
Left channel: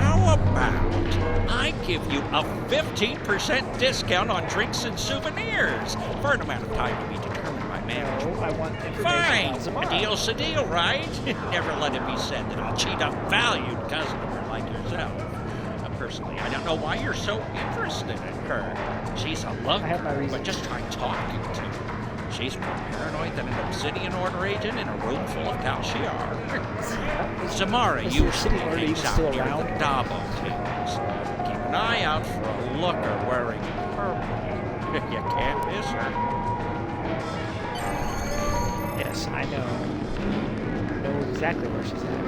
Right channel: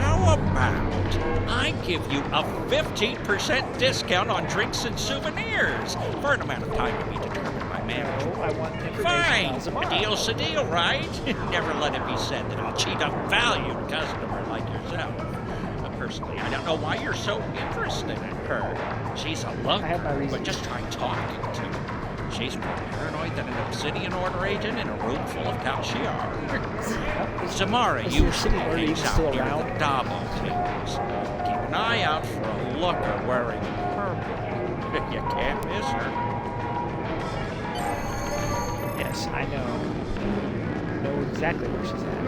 How about I give you a 15% discount on drinks and souvenirs for an amount of time to be determined by management? No, I want information Fine. about Zamara. A deal's a deal, right? Never let it be said that I'll cheat a valued customer like yourself. Personally, I don't know why you're so interested in her. She's a looker, I have my reasons. but just try talking to her. She's more paranoid than an Obsidian Order agent in a room full of Tal-Shiar. Zamara Is the usually Obsidian Order even hangs out still near around? the Dabo tables. Keep an eye out for a looker wearing purple. You can't miss her. Yes, I know. I know exactly where she's at.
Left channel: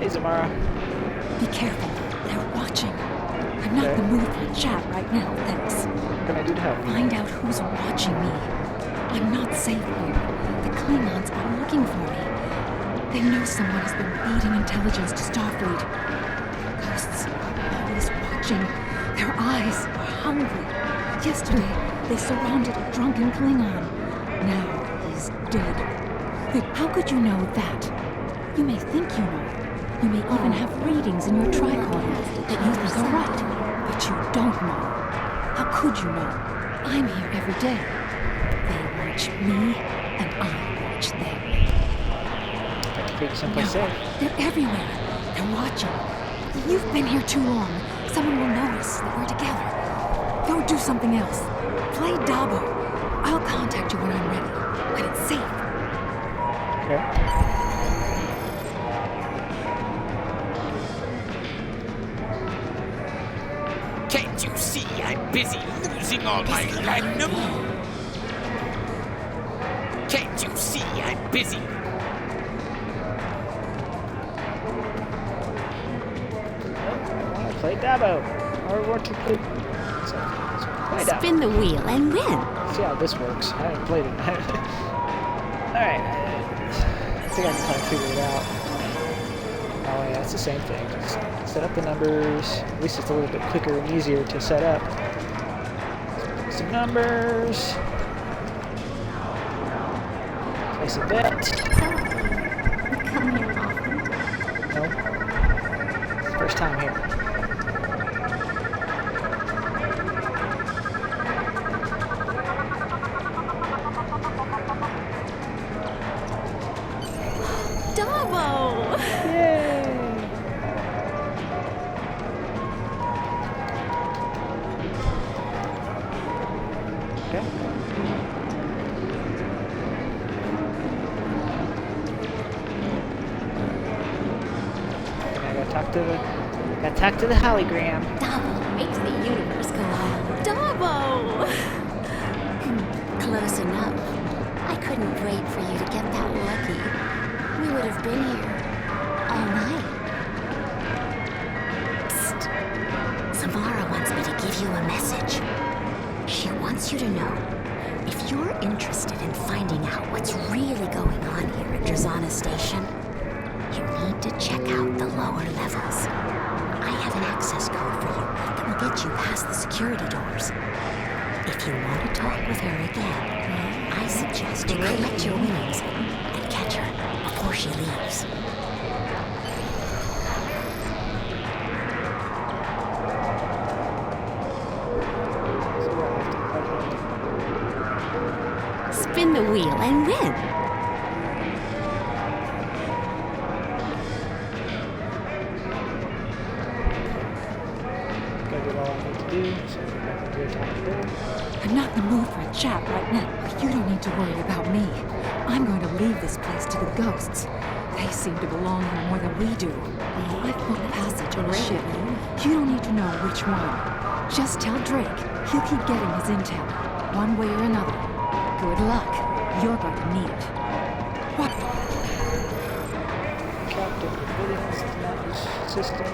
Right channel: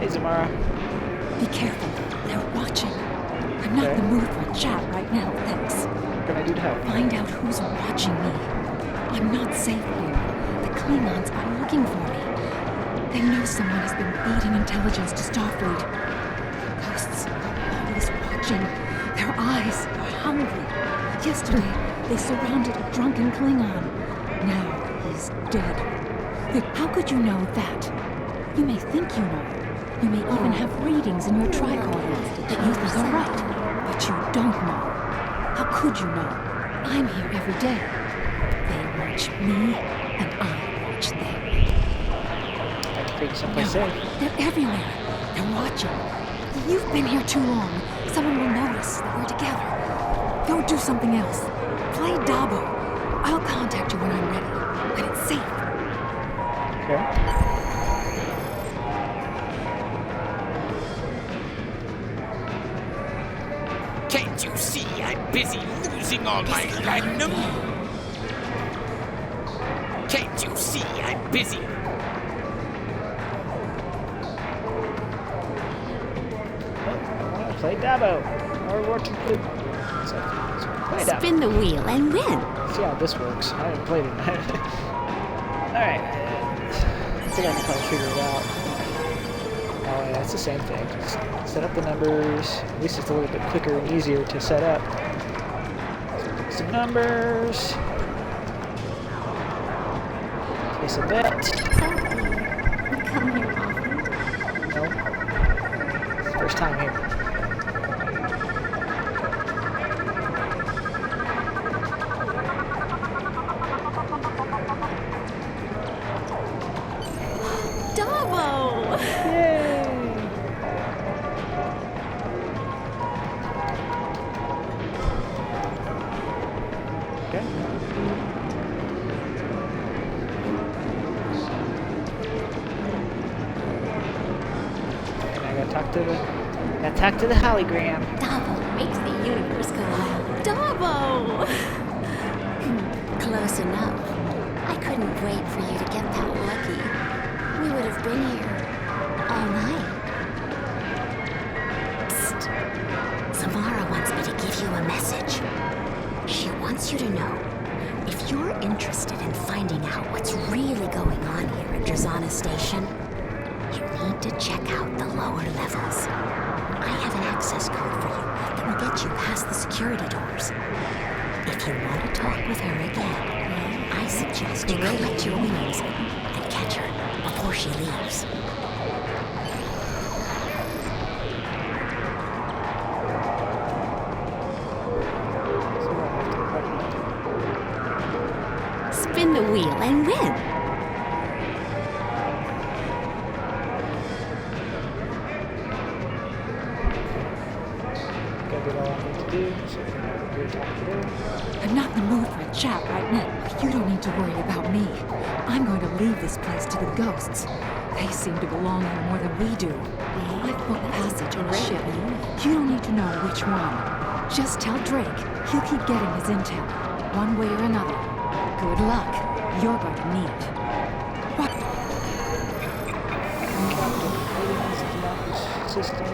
Hey, Zamara. Be careful. They're watching. I'm not in the mood for a chat right now, thanks. What can I do to help? Find out who's watching me. I'm not safe here. The Klingons are looking for me. They know someone has been feeding intelligence to Starfleet. The ghosts are always watching. Their eyes are hungry. Yesterday, they surrounded a drunken Klingon. Now he's dead. How could you know that? You may think you know. You may even have readings in your tricorder that you think are right, but you don't know. How could you know? I'm here every day. They watch me, and I watch them. I can take you someplace No, safe. they're everywhere. They're watching. You've been here too long. Someone will notice that we're together. Go do something else. Play Dabo. I'll contact you when I'm ready, when it's safe. Okay. Can't you see I'm busy losing all my platinum? Can't you see I'm busy? I want to play Dabo. Or what to play? So, play Dabo. Spin the wheel and win. See how this works. I haven't played it. Alright. I think I can probably figure it out. Oh yeah, it's the same thing. Just set up the numbers. At least it's a little bit quicker and easier to set up. Some numbers. Place a bet. Sophie, you come here often. Nope. First time here. Dabo! Yay! Okay. And I gotta talk to the hologram. Dabo makes the universe go wild. Dabo! Close enough. I couldn't wait for you to get that lucky. We would have been here all night. Psst. Samara wants me to give you a message. She wants you to know, if you're interested in finding out what's really going on here at Drazana Station, you need to check out the lower levels. I have an access code for you that will get you past the security doors. If you want to talk with her again, I suggest you collect your winnings and catch her before she leaves. Spin the wheel and win. Gotta get all I need to do. So if I can do it out there. I'm not in the mood for a chat right now, but you don't need to worry about me. I'm going to leave this place to the ghosts. They seem to belong here more than we do. I've booked passage on a ship. You don't need to know which one. Just tell Drake. He'll keep getting his intel, one way or another. Good luck. You're going to need it. What? Captain Devidians denies system.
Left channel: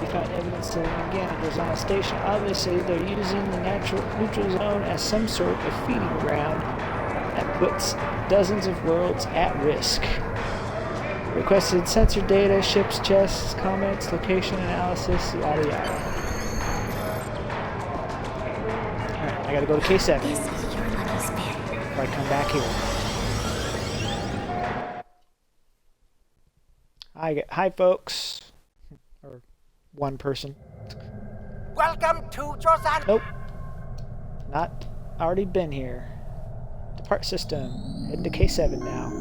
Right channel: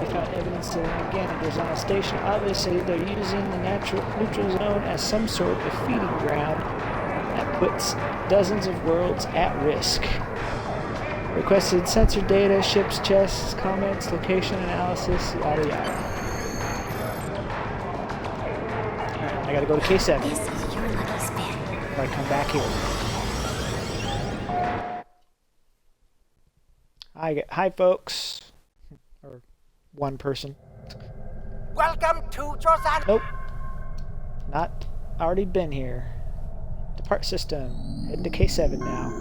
They found evidence that again it was on a station. Obviously, they're using the neutral zone as some sort of feeding ground that puts dozens of worlds at risk. Requested sensor data, ship's chests, comments, location analysis, yada yada. Alright, I gotta go to K7 This is your lucky spin. before I come back here. Hi folks. Or one person. Welcome to Drazana. Nope. Not already been here. Depart system. Heading to K7 now.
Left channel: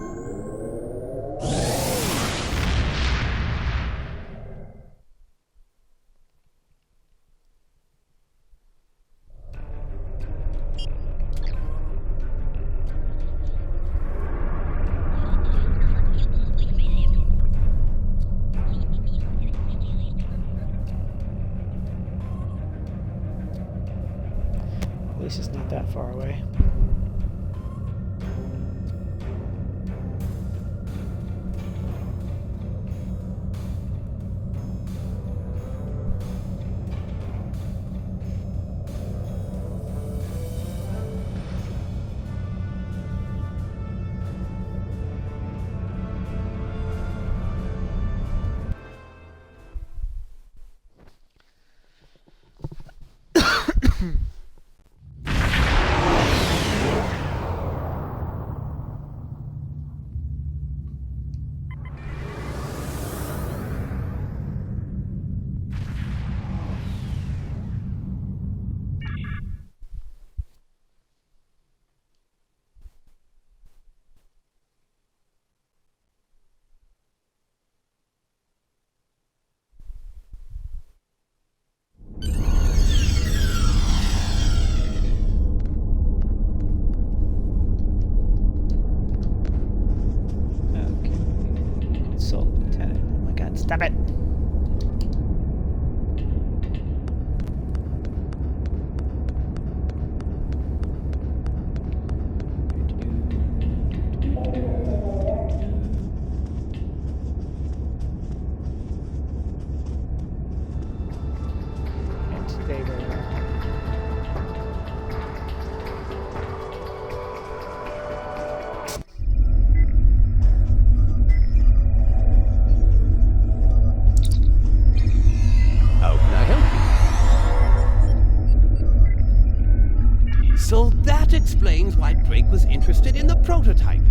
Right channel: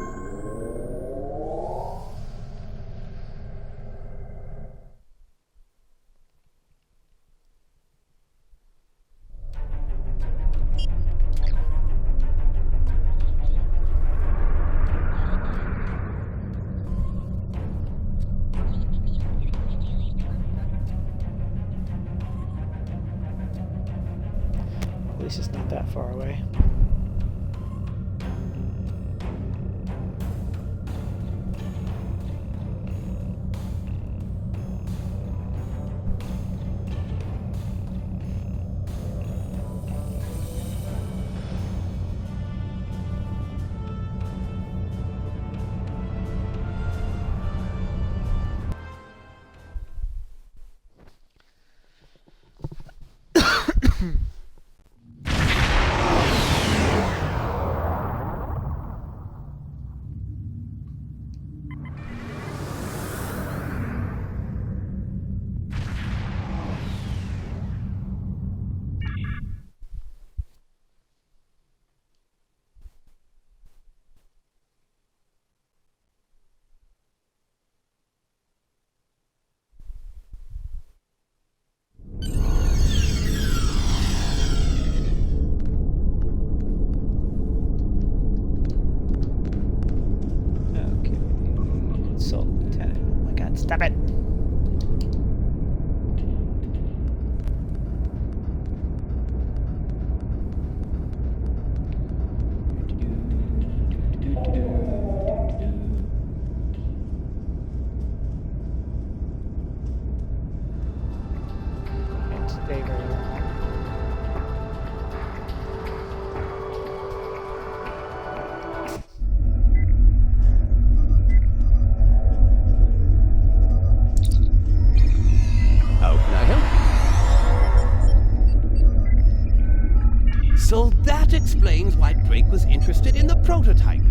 At least it's not that far away. Stop it! And stay right around. So that explains why Drake was interested in the prototype.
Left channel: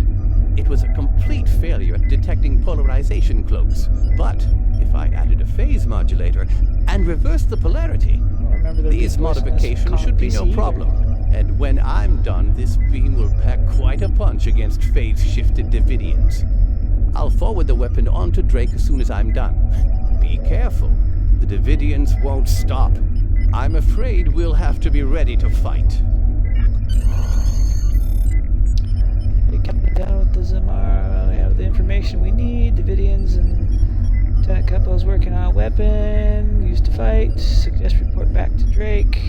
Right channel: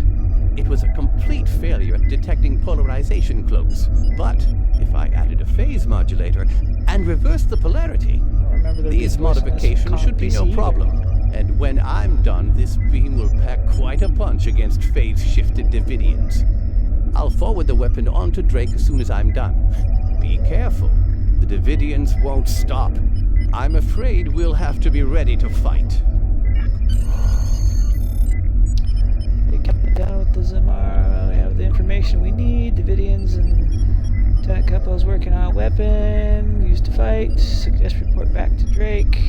It was a complete failure at detecting polarization cloaks. But if I added a phase modulator and reversed the polarity, these modifications should be no problem. And when I'm done, this beam will pack quite a punch against phase-shifted Devidians. I'll forward the weapon on to Drake as soon as I'm done. Be careful. The Devidians won't stop. I'm afraid we'll have to be ready to fight. We kept down with the Zamara. We have the information we need. Devidians and Lieutenant Couples working on a weapon. Used to fight. Suggest report back to Drake.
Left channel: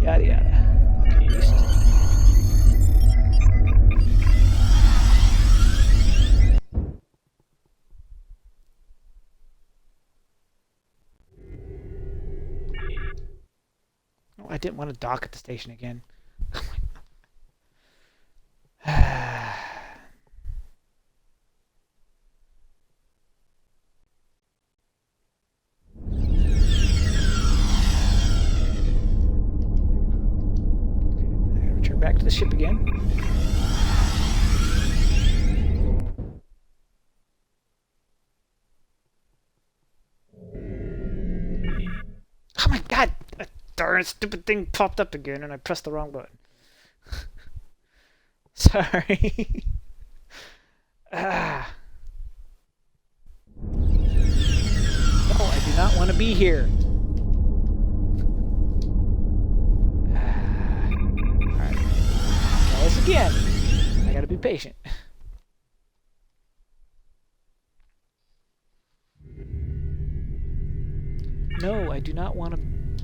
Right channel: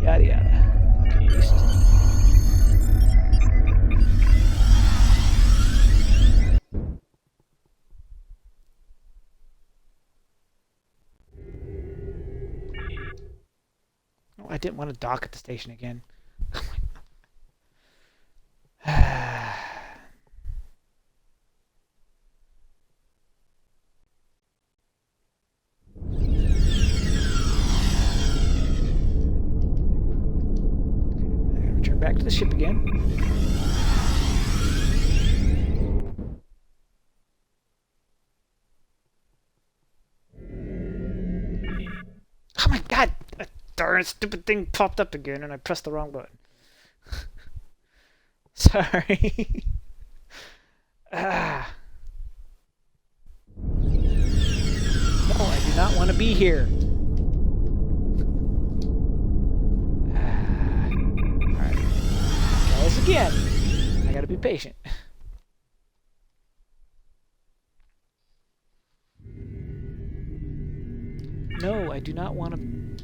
Yada yada. Okay, used to. Oh, I didn't want to dock at the station again. Oh my God. I gotta return back to the ship again. Oh my God! That darn stupid thing popped up again and I pressed the wrong button. Sorry. Ah. No, I do not want to be here. Alright. Try this again. I gotta be patient. No, I do not want to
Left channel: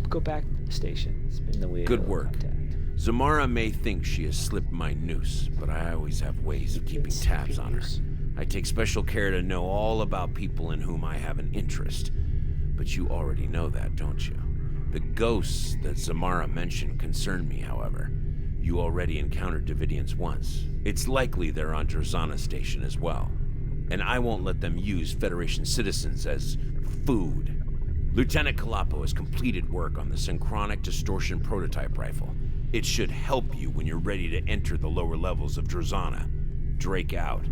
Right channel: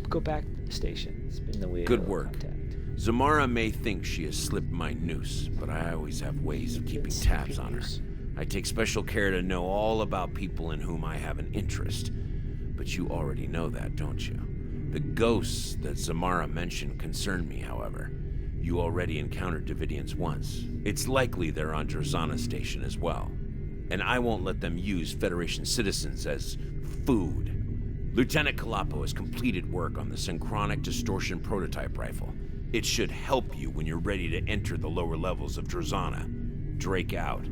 go back to the station. Spin the wheel. Good work. Contact. Zamara may think she has slipped my noose, but I always have ways of keeping tabs on her. I take special care to know all about people in whom I have an interest. But you already know that, don't you? The ghosts that Zamara mentioned concern me, however. You already encountered Devidians once. It's likely they're on Drazana Station as well. And I won't let them use Federation citizens as food. Lieutenant Kalapo has completed work on the synchronic distortion prototype rifle. It should help you when you're ready to enter the lower levels of Drazana. Drake out.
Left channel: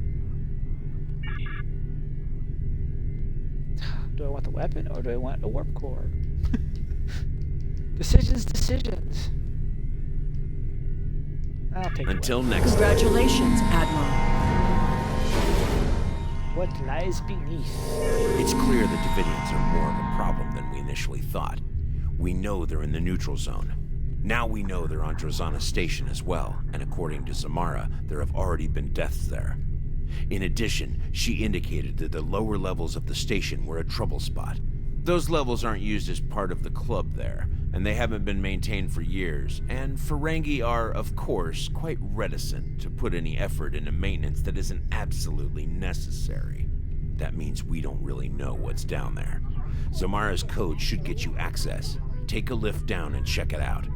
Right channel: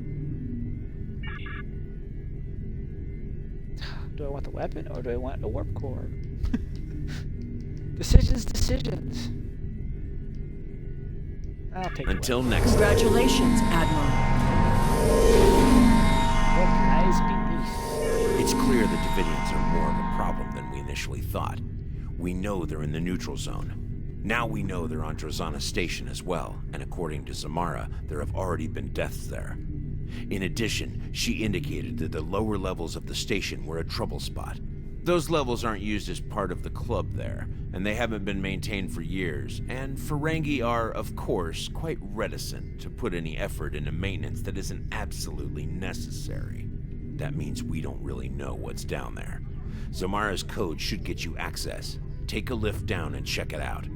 Do I want the weapon or do I want a warp core? Decisions. I'll take it. Until next time. Congratulations, Admiral. What lies beneath? It's clear that Devidians are more of a problem than we initially thought. We know they're in the neutral zone. Now we know they're on Drazana Station as well, and according to Zamara, there have already been deaths there. In addition, she indicated that the lower levels of the station were a trouble spot. Those levels aren't used as part of the club there, and they haven't been maintained for years, and Ferengi are, of course, quite reticent to put any effort into maintenance that isn't absolutely necessary. That means we don't really know what's down there. Zamara's code should get you access. Take a lift down and check it out.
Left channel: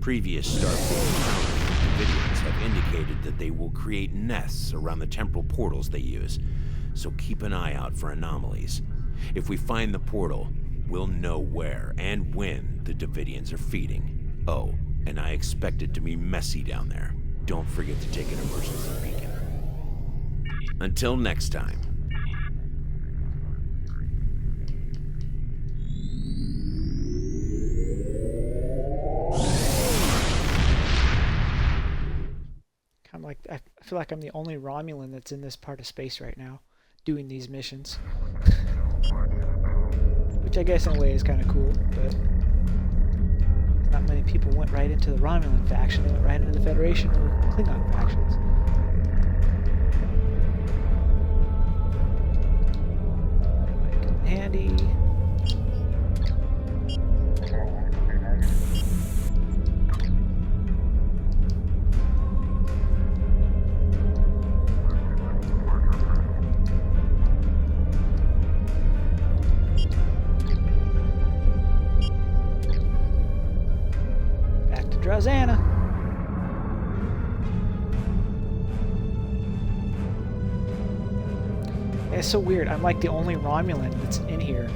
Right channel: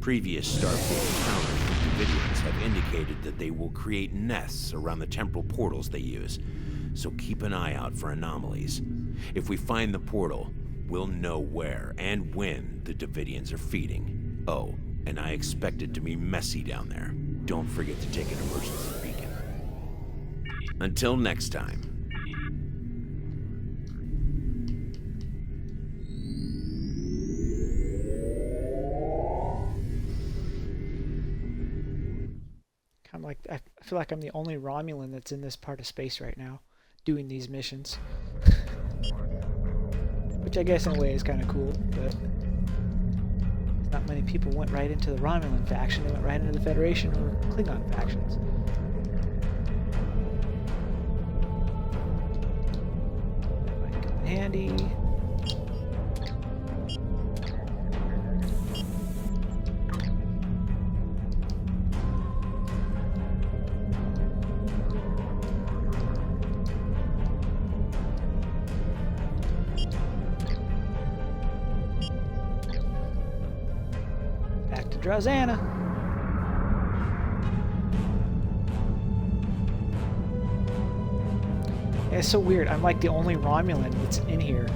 Previous Starfleet encounters with Devidians have indicated that they will create nests around the temporal portals they use, so keep an eye out for anomalies. If we find the portal, we'll know where and when the Devidians are feeding. Oh, and I expect it to be messy down there. Don't forget to take an emergency beacon. Until next time. I feel like I'm the only Romulan that's in this part of space right now, doing these missions. Which I guess in a way is kind of cool, but not many people went right into the Romulan faction. They went right into the Federation or Klingon factions. That might come in handy. Drazana. Yeah, it's so weird. I'm like the only Romulan that's in here.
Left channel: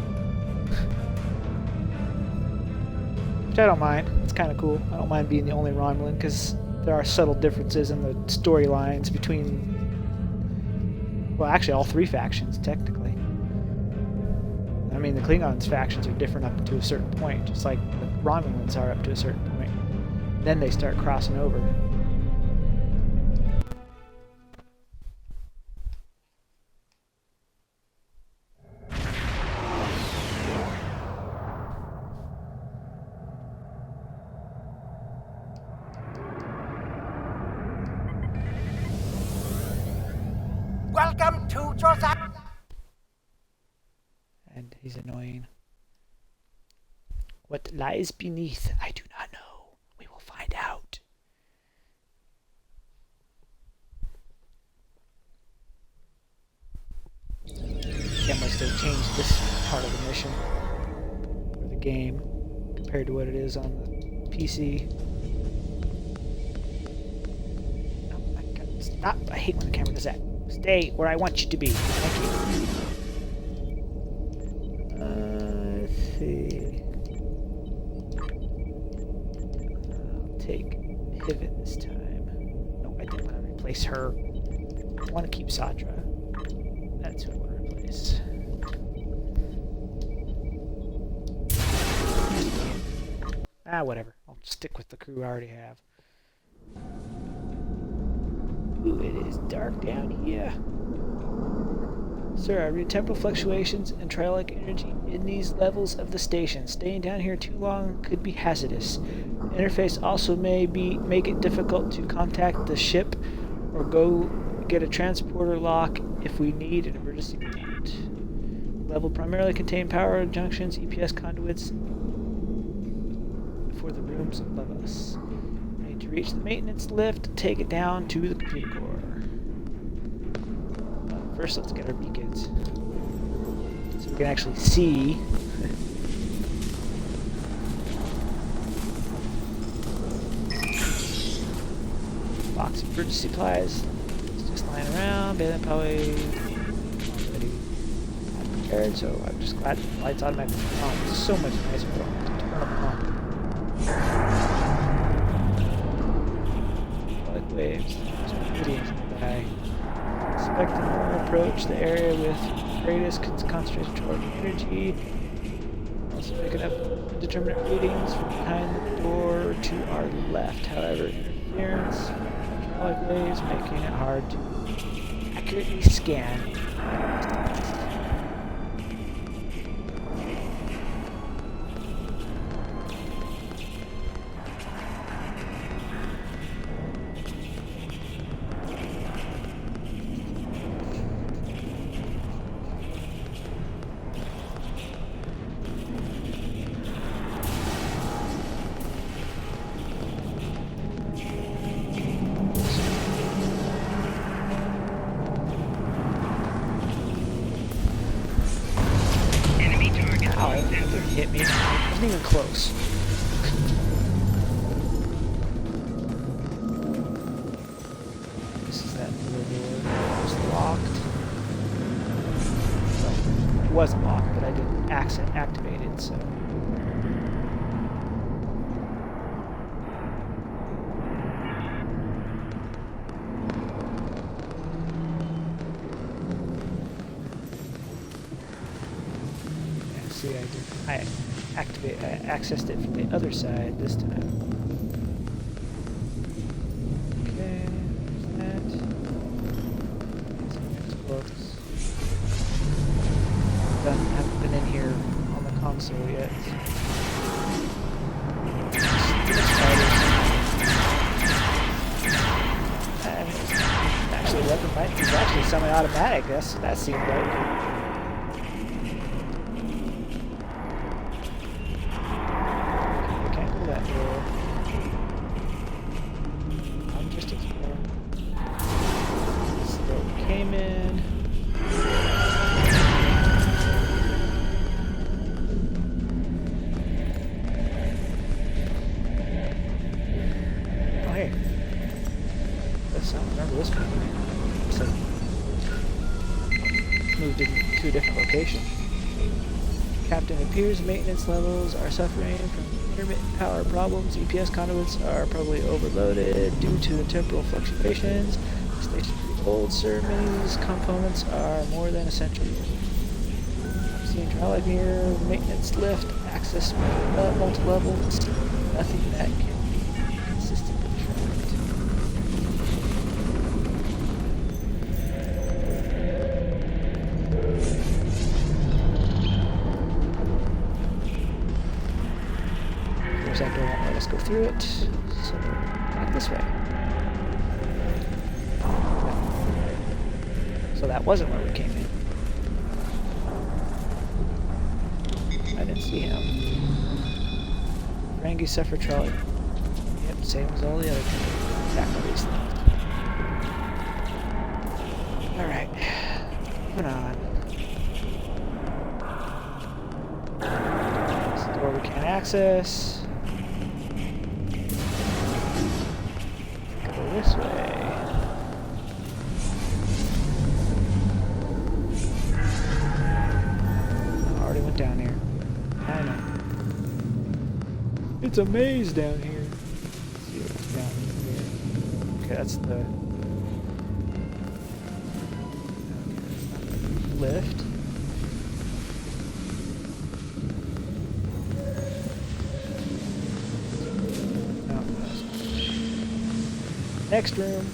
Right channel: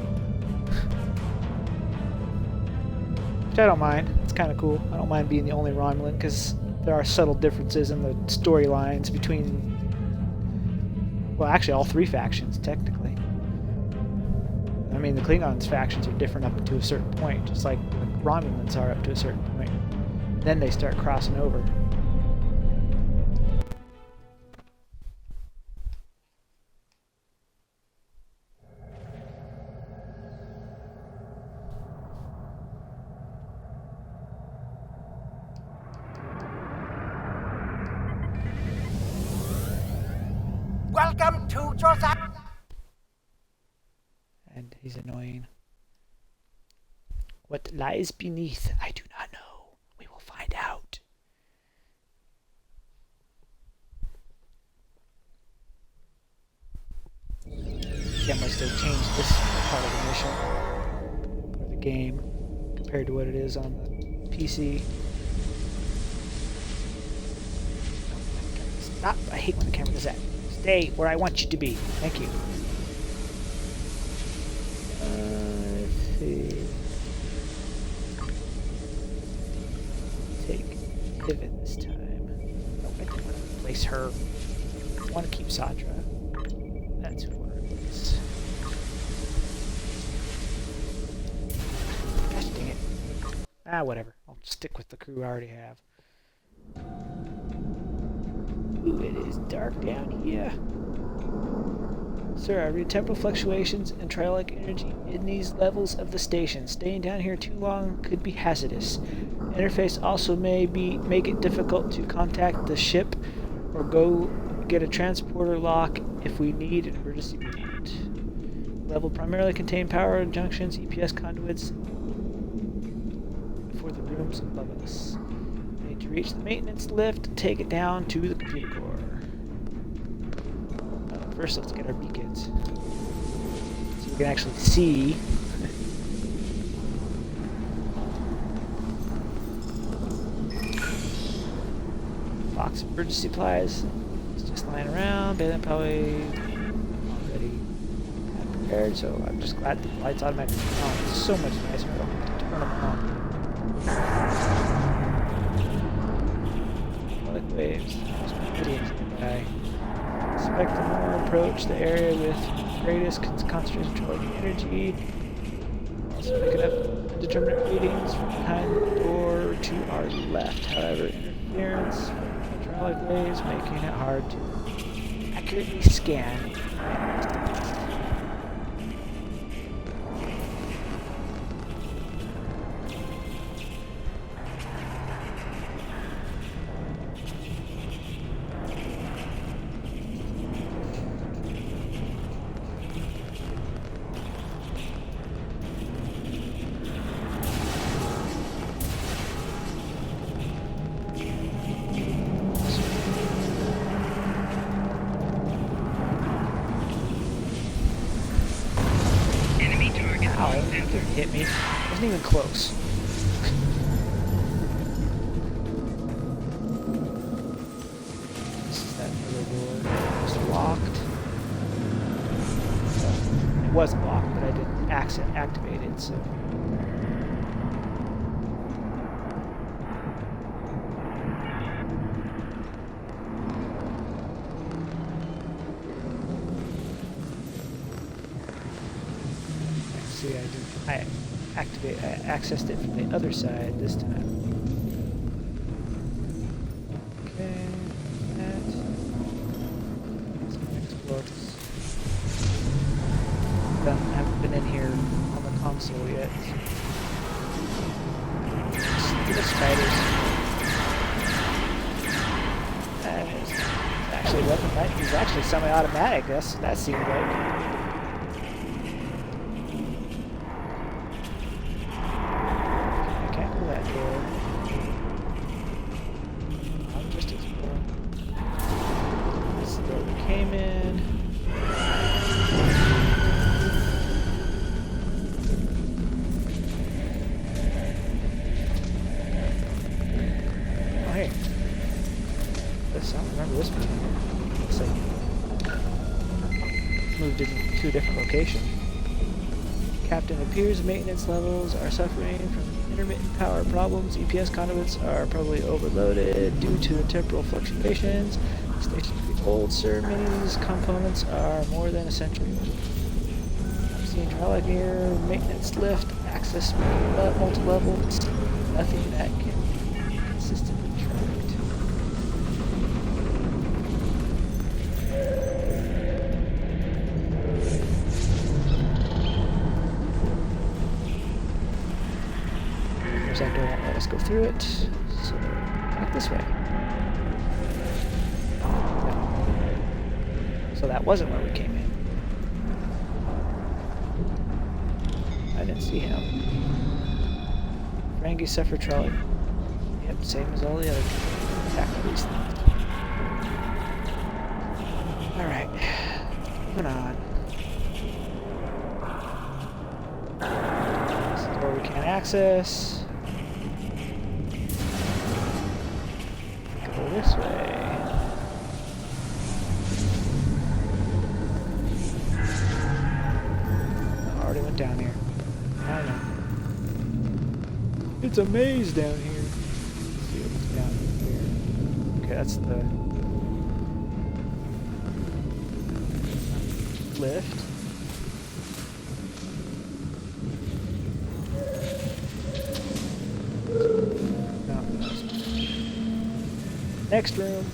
Which I don't mind. It's kind of cool. I don't mind being the only Romulan because there are subtle differences in the storylines between, well, actually all three factions, technically. I mean, the Klingons factions are different up to a certain point, just like the Romulans are up to a certain point. Then they start crossing over. Welcome to Josiah. And he's annoying. What lies beneath, I do not know. We will find out. Yeah, must have changed this part of the mission or the game compared to what it is on the PC. Oh my god, stop! I hate when the camera does that. Stay where I want you to be. Thank you. Let's see. Take Pivot this time. No, I didn't want to replace her. I want to keep Satra. That's who I want to replace. Ah, whatever. I'll stick with the crew I already have. Ooh, it is dark down here. Sir, I read temporal fluctuations and triolic energy in these levels of the station. Staying down here too long could be hazardous. Interface also may make it difficult to contact the ship or go get a transporter lock if we need an emergency mount. Level primarily contain power junctions, EPS conduits for the rooms above us. We need to reach the maintenance lift, take it down to the computer core. First, let's get our beacons so we can actually see. Box of emergency supplies. It's just lying around. Bailey probably already had prepared, so I'm just glad the lights automatically turn on. It's so much nicer. I don't have to turn them on. Like waves. There's Devidians nearby. Expect the more approach the area with greatest concentration of energy. Also picking up indeterminate readings from behind the door to our left. However, interference from hydraulic waves making it hard to accurately scan. Hit me. Wasn't even close. This is that other door. It was locked. Well, it wasn't locked, but I didn't activate it, so. I accessed it from the other side this time. Okay, there's that. Some next books. Haven't been in here on the console yet. Stupid spiders. Actually, weapon might is actually semi-automatic. That seemed like. I can't go that door. I'm just exploring. This is the door we came in. Oh hey. I don't remember this being here. Looks like moved to a different location. Captain, appears maintenance levels are suffering from intermittent power problems. EPS conduits are probably overloaded due to temporal fluctuations. The station's pretty old, sir. Many of these components are more than essential. I'm seeing hydraulic mirror, maintenance lift, access multi-levels. Nothing that can be consistently tracked. That door won't let us go through it, so back this way. So that wasn't where we came in. I didn't see him. Ferengi suffer trolley. Yep, same as all the other people. Attack all these things. Alright, moving on. This is the door we can't access. This way. I already went down here. I know. It's a maze down here. Let's see what's down here. Okay, that's the lift. Next room.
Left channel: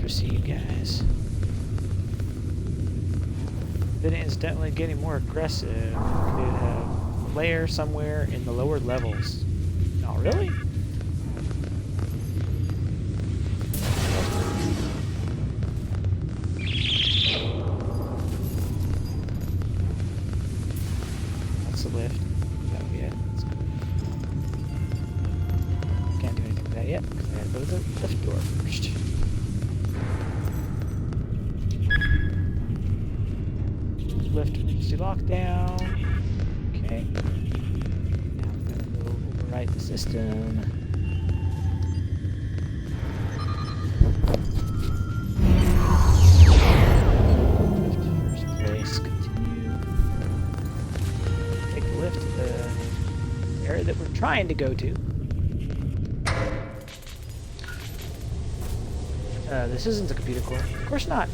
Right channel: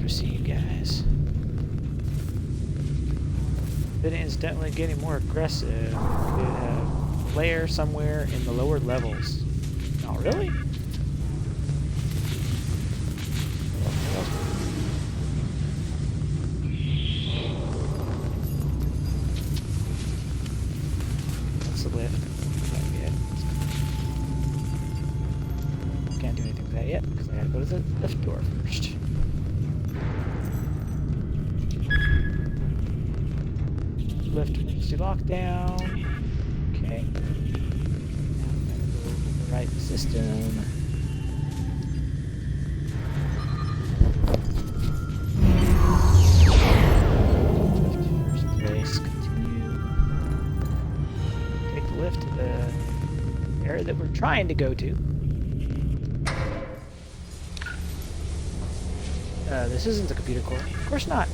Proceed, guys. Devidians definitely getting more aggressive. Could have a lair somewhere in the lower levels. Oh, really? That's the lift. That'll be it. Can't do anything with that yet because I had to go to the lift door first. Lift emergency lockdown. Okay. Now I'm gonna go override the system. Lift first place. Continue. Take the lift to the area that we're trying to go to. This isn't the computer core. Of course not.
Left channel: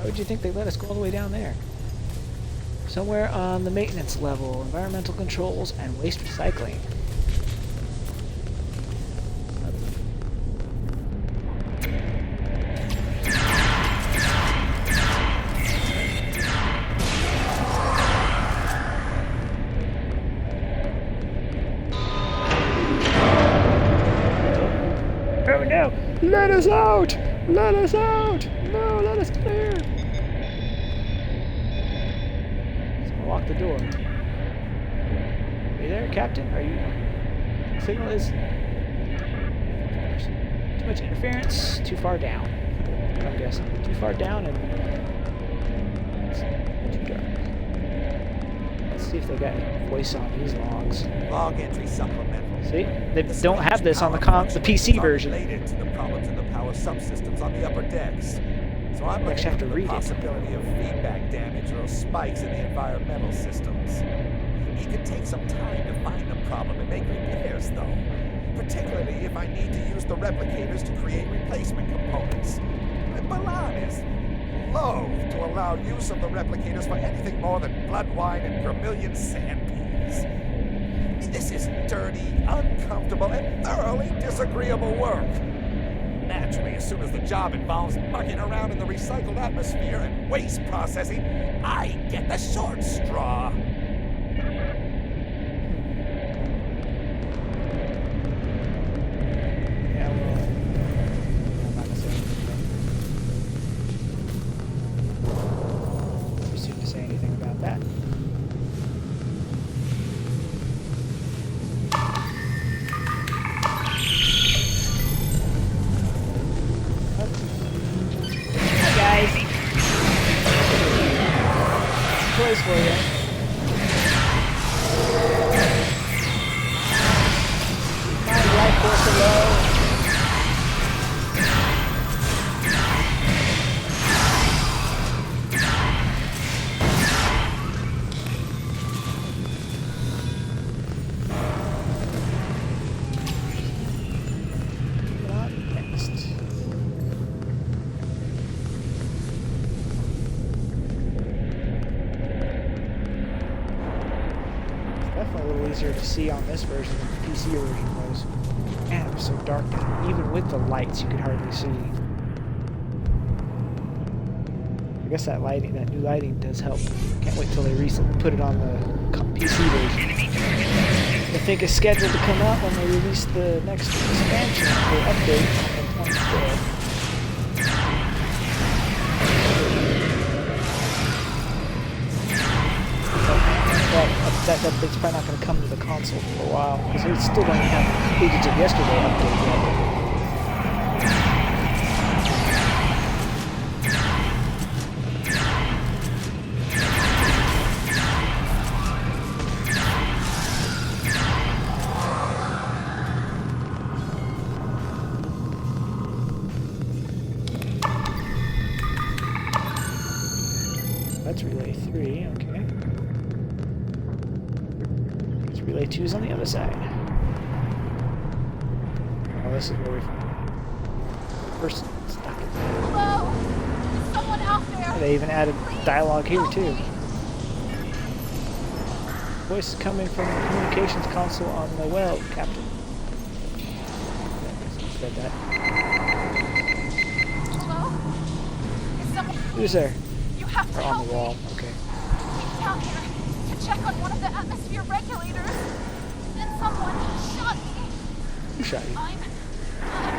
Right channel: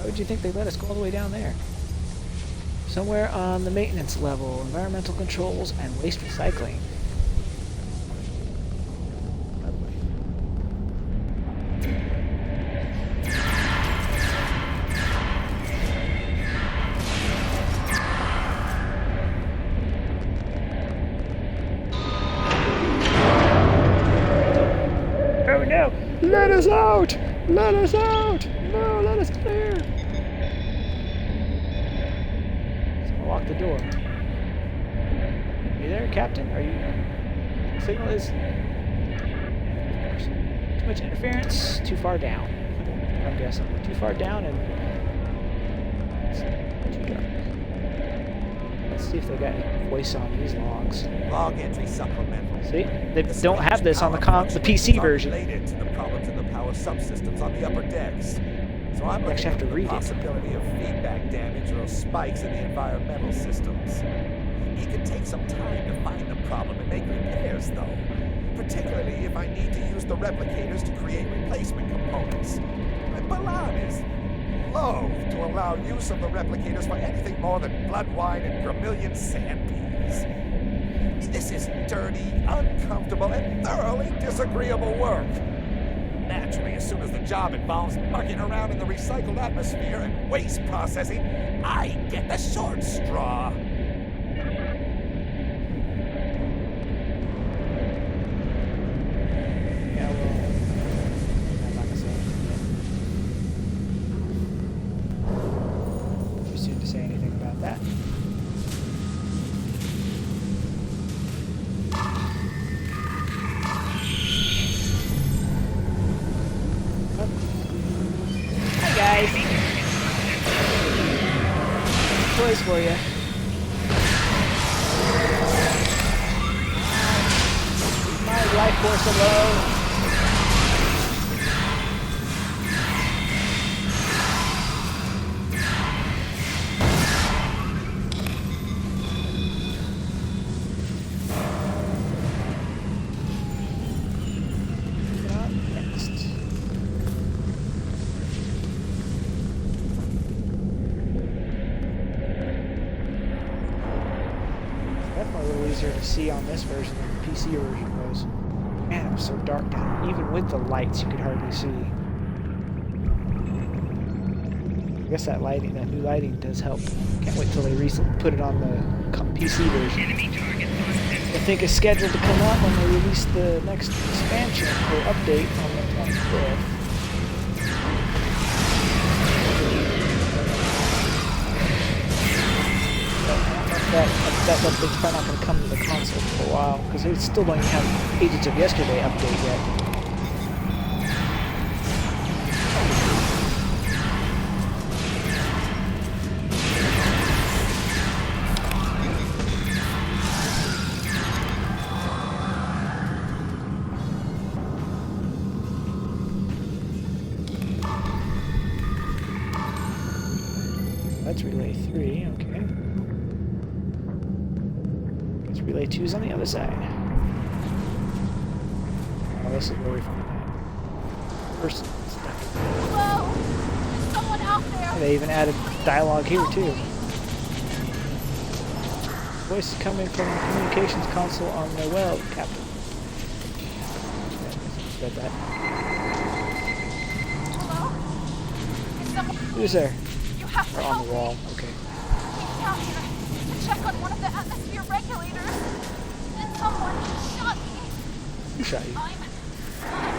Why would you think they let us go all the way down there? Somewhere on the maintenance level, environmental controls and waste recycling. Oh no! Let us out! Let us out! No, let us clear! Someone lock the door. Are you there, Captain? Are you... Signal is... Too much interference, too far down. I'm guessing. Too far down and... It's too dark. Let's see if they got any voice on these logs. Log entry supplemental. See? They don't have this on the PC version. Related to the problems in the power subsystems on the upper decks. So I'm looking have to into read the it. possibility of feedback damage or spikes in the environmental systems. It could take some time to find the problem and make repairs, though. Particularly if I need to use the replicators to create replacement components. Balan is loath to allow use of the replicators for anything more than blood wine and vermilion sandpeas. This is dirty, uncomfortable, and thoroughly disagreeable work. Naturally, as soon as the job involves mucking around in the recycled atmosphere and waste processing, I get the short straw. Yeah, well... I'm not gonna say anything yet. Too soon to say anything about that. Hi guys. Toys for you. My life force alone. Moving on next. Definitely a little easier to see on this version than the PC version was. Man, it was so dark that even with the lights you could hardly see. I guess that lighting, that new lighting does help. Can't wait till they put it on the PC version. I think it's scheduled to come out when they release the next expansion or update on the 25th. That update's probably not going to come to the console for a while, because they still don't even have Agents of Yesterday update yet. That's Relay 3, okay. Relay 2 is on the other side. Oh, this is where we find that person stuck. Hello? Is someone out there? They even added dialogue here too. Voice coming from the communications console on Noel, Captain. Read that. Hello? Is someone... Who's there? You have to Or help on the wall, me. okay. Came down here to check on one of the atmosphere regulators. And someone shot me. Who shot you? I'm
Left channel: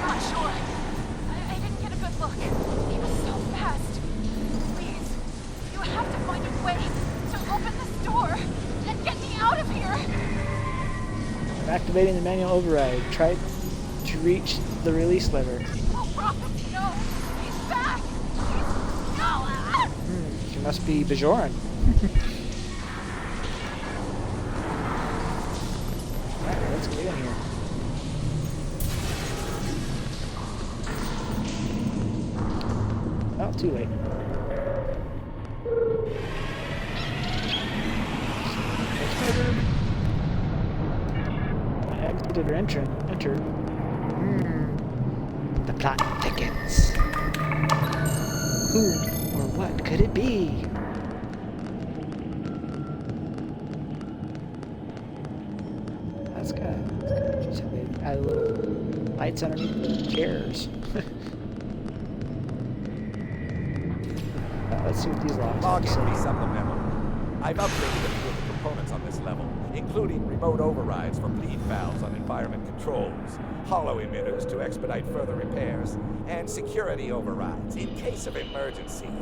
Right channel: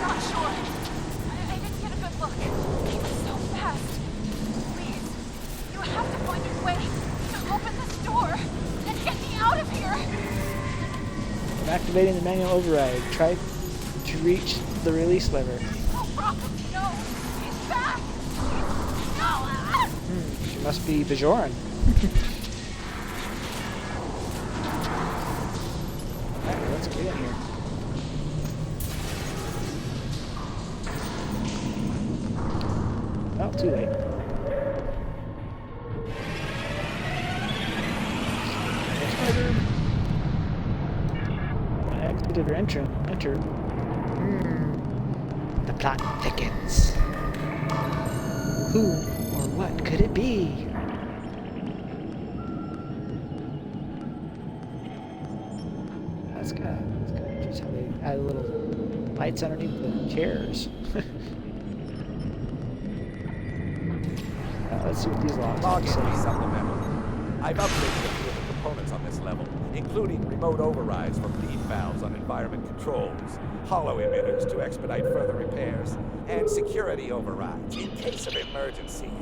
not sure. I didn't get a good look. He was so fast. Please, you have to find a way to open this door and get me out of here. I'm activating the manual override. Try to reach the release lever. Oh, Prophet, no. He's back. No. She must be Bajoran. Alright, let's get in here. Oh, too late. It's murdered. Exited or enter. The plot thickens. Who or What could it be? That's kind of interesting how they add little lights underneath the chairs. Let's see what these logs Log have to entry say. supplemental. I've upgraded a few of the components on this level, including remote overrides for bleed valves on environment controls, hollow emitters to expedite further repairs, and security overrides in case of emergency.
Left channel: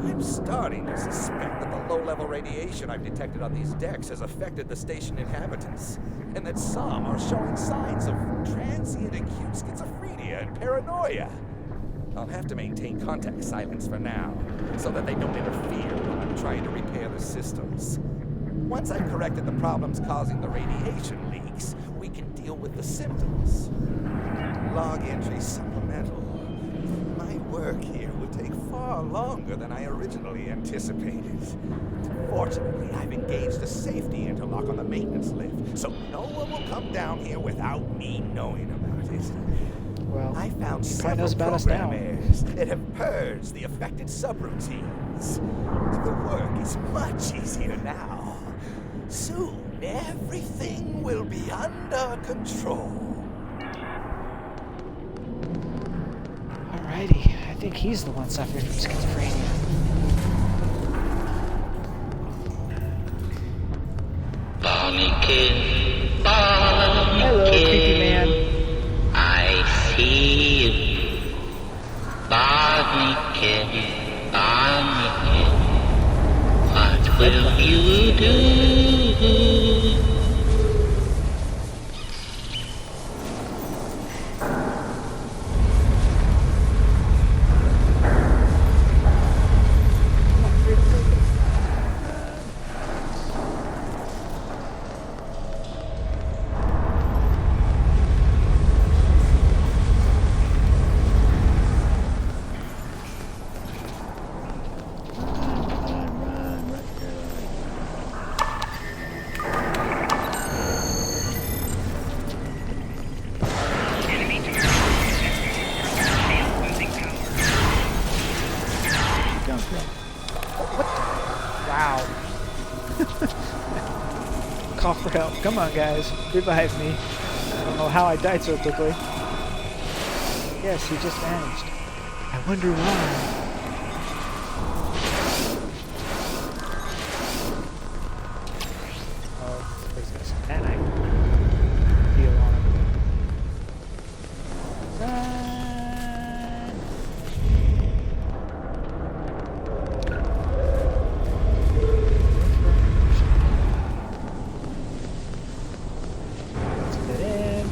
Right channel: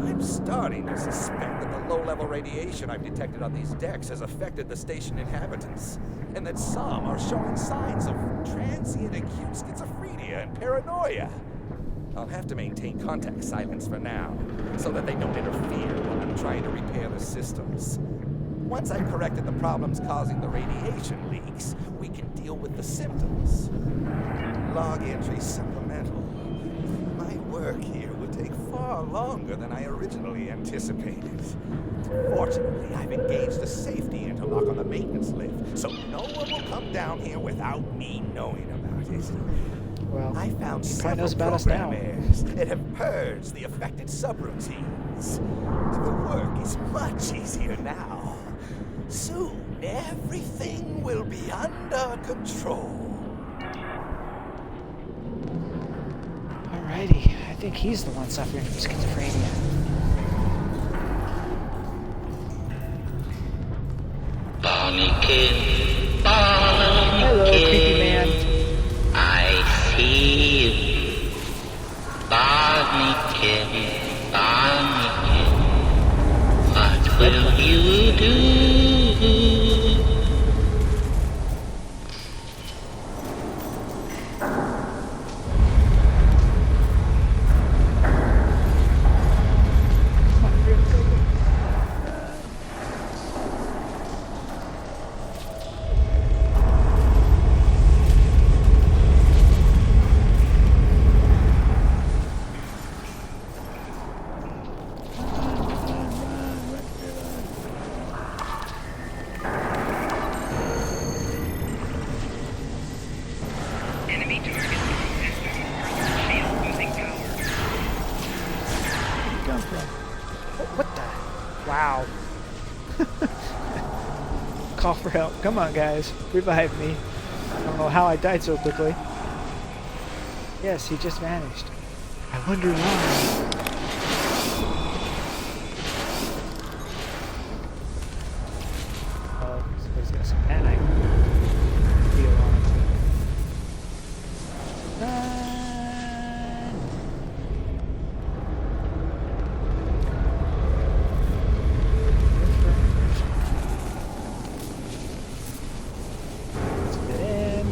I'm starting to suspect that the low-level radiation I've detected on these decks has affected the station inhabitants, and that some are showing signs of transient acute schizophrenia and paranoia. I'll have to maintain contact silence for now, so that they don't interfere when I'm trying to repair the systems. Once I've corrected the problems causing the radiation leaks, we can deal with the symptoms. Log entry supplemental. My work here will take far longer than I originally anticipated. Fortunately, I've engaged a safety interlock on the maintenance lift, so no one will come down here without me knowing about it. Well, I found he probably several knows about us now. programmers that have purged the affected subroutines. The work is much easier now. Soon, everything will be under control. Alrighty, I think he's the one suffering from schizophrenia. Hello, creepy man. I see you. Barnacle, Barnacle, what will you do? Come on, hurry up, go, go. Enemy target detected. Shield losing power. Where you come from? Oh, what the? Wow. Call for help. Come on, guys. Revive me. I don't know how I died so quickly. Yes, he just vanished. I wonder why. Oh, somebody's got some nanite deal on him. Run! Let's get in.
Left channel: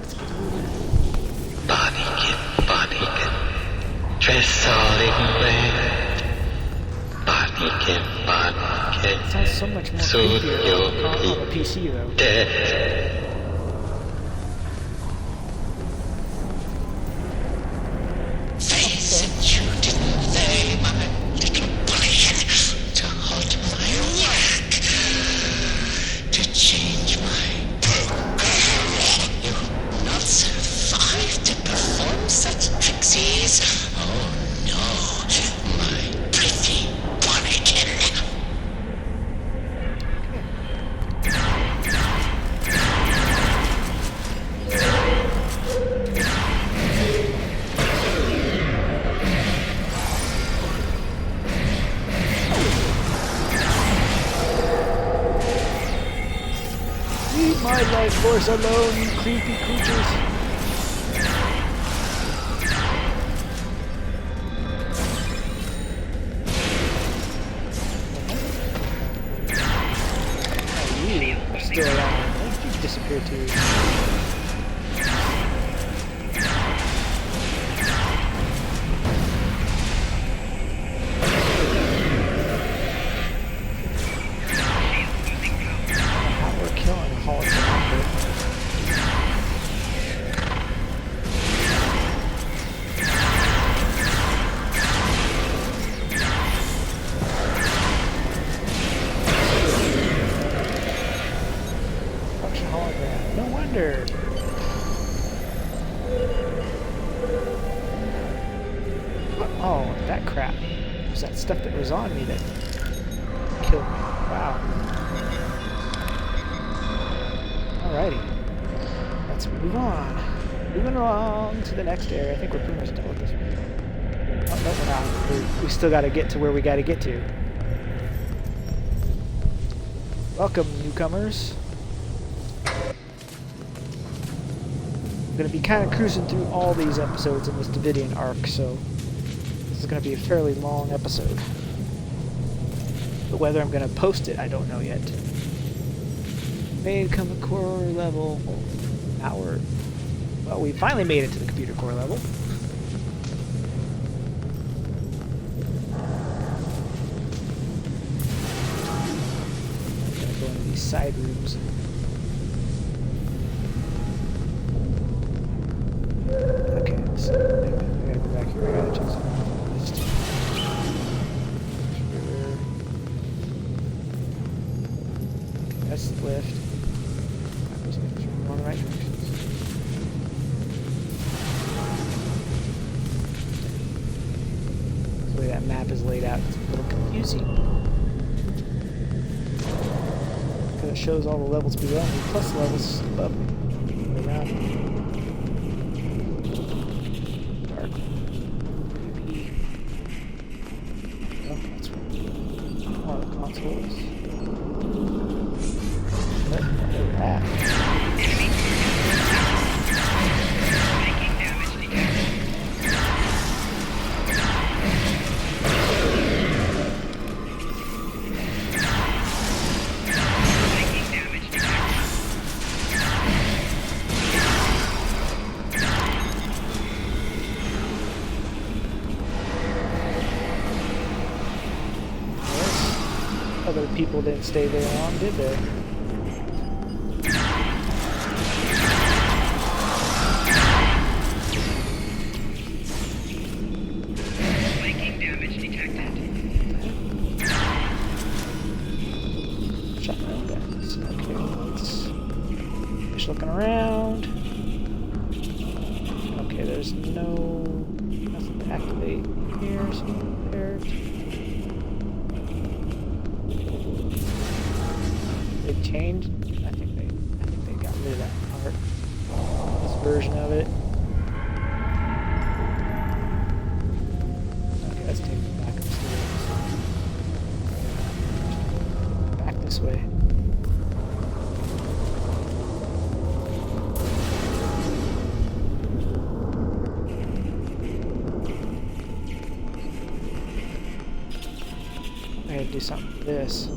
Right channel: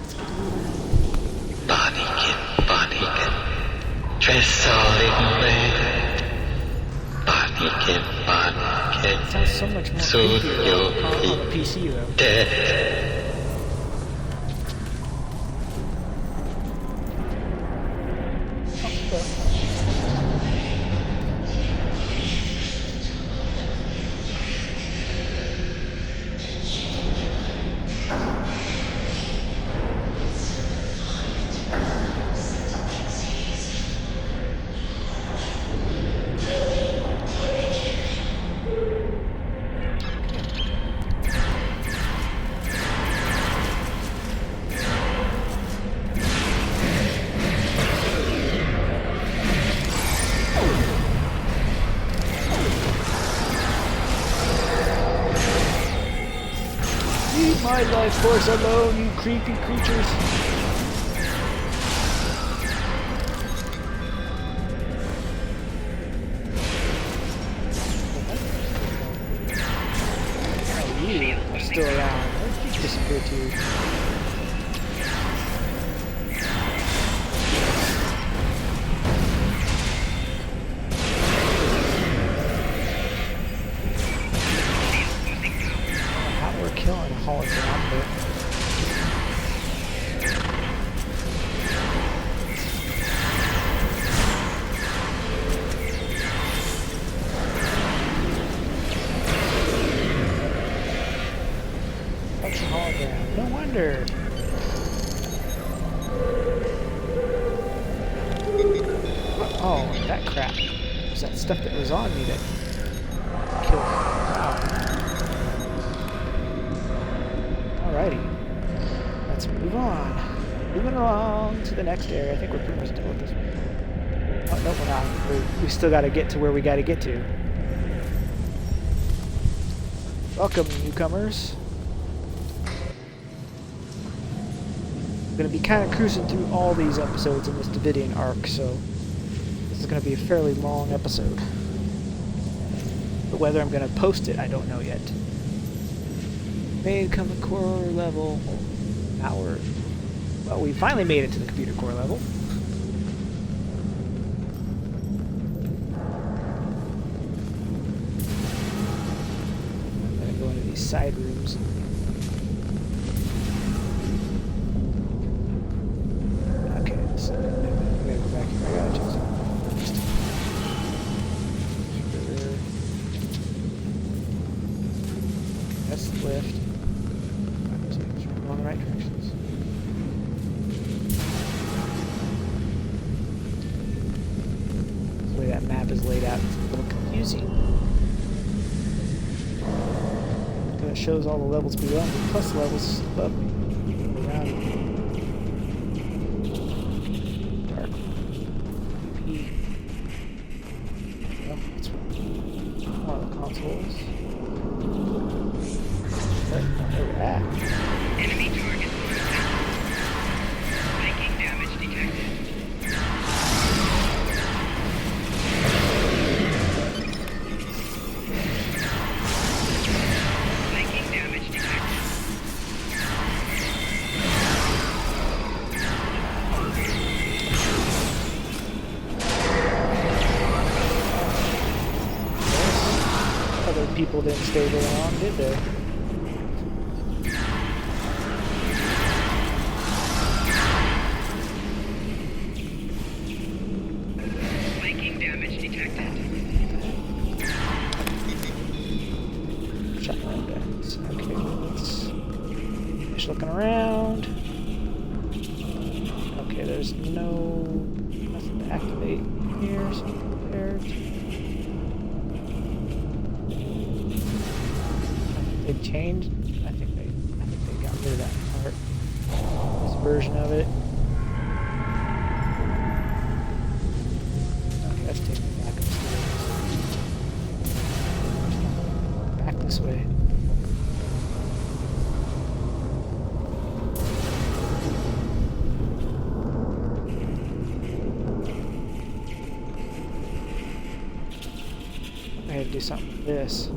Let's get moving. Barnacle, dress all in red. Barnacle, It sounds so much more creepier on the PC though. dead. Leave my life force alone, you creepy creatures. Oh, you are still around. Why did you disappear too? How we're killing a hologram, but function hologram. No wonder. Oh, that crap. It was that stuff that was on me that killed me. Wow. Alrighty. Let's move on. Moving along to the next area. I think we're pretty much done with this one. Oh, no, we're not. We still got to get to where we got to get to. Welcome, newcomers. I'm going to be kind of cruising through all these episodes in this Devidian arc, so this is going to be a fairly long episode. But whether I'm going to post it, I don't know yet. Made come to core level. Now well, we finally made it to the computer core level. I'm going to go into these side rooms. Okay, so I gotta go back here. I gotta check something. Just sure. That's the lift. I'm just making sure I'm going in the right directions. The way that map is laid out, it's a little confusing. Because it shows all the levels below me, plus the levels above me, around me. Dark. PP. Oh, that's right. Oh, the consoles. There we're at. Enemy target. Making damage detected. Other people didn't stay very long, did they? Making damage detected. Shotgun guns. Okay, let's finish looking around. Okay, there's nothing to activate here, so there. They changed. I think they got rid of that part. This version of it. Okay, let's take me back upstairs. Back this way. I had to do something with this.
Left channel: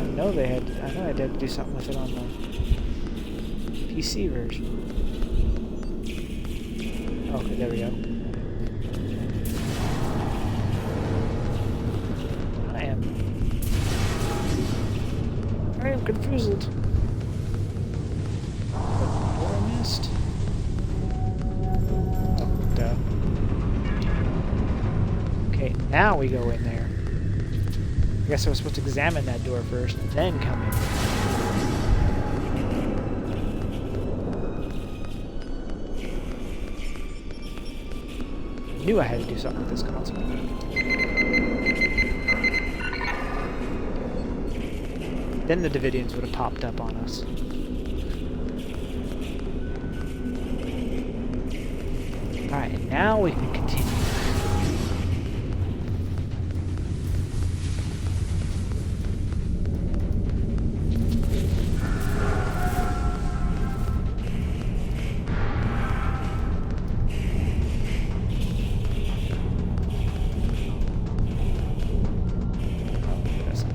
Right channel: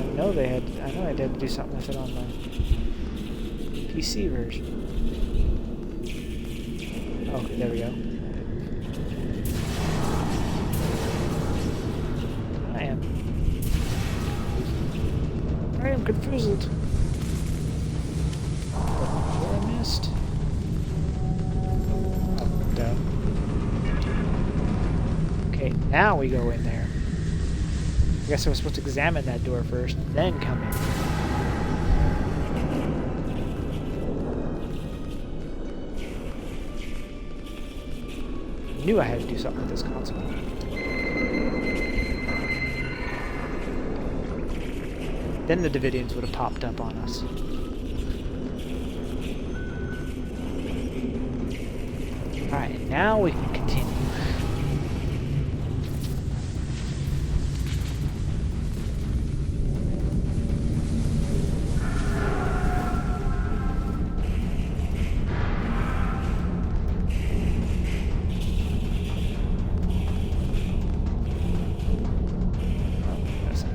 I know I had to do something with it on the PC version. Okay, there we go. I am confused. What I missed? Oh, duh. Okay, now we go in there. I guess I was supposed to examine that door first, then come in. I knew I had to do something with this console. Then the Devidians would have popped up on us. Alright, now we can continue.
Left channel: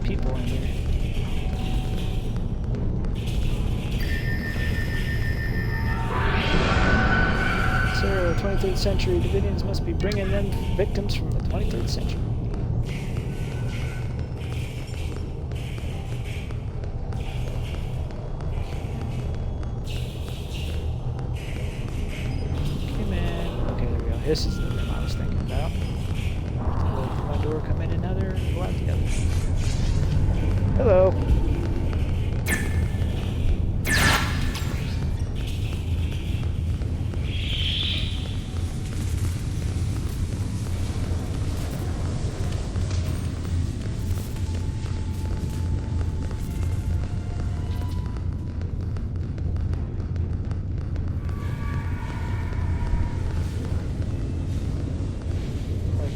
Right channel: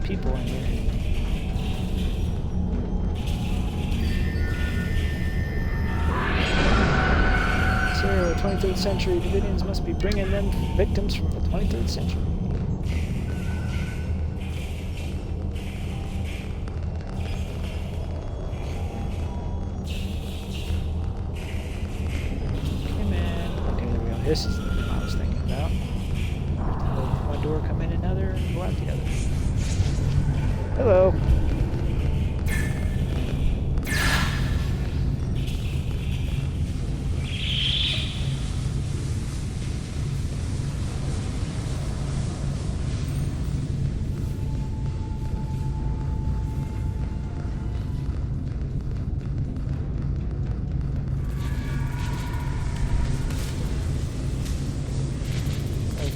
People in here. Sir, 23rd century Devidians must be bringing them victims from the 23rd century. Okay, man. Okay, there we go. This is the room I was thinking about. One door come in another, and go out the other. Hello.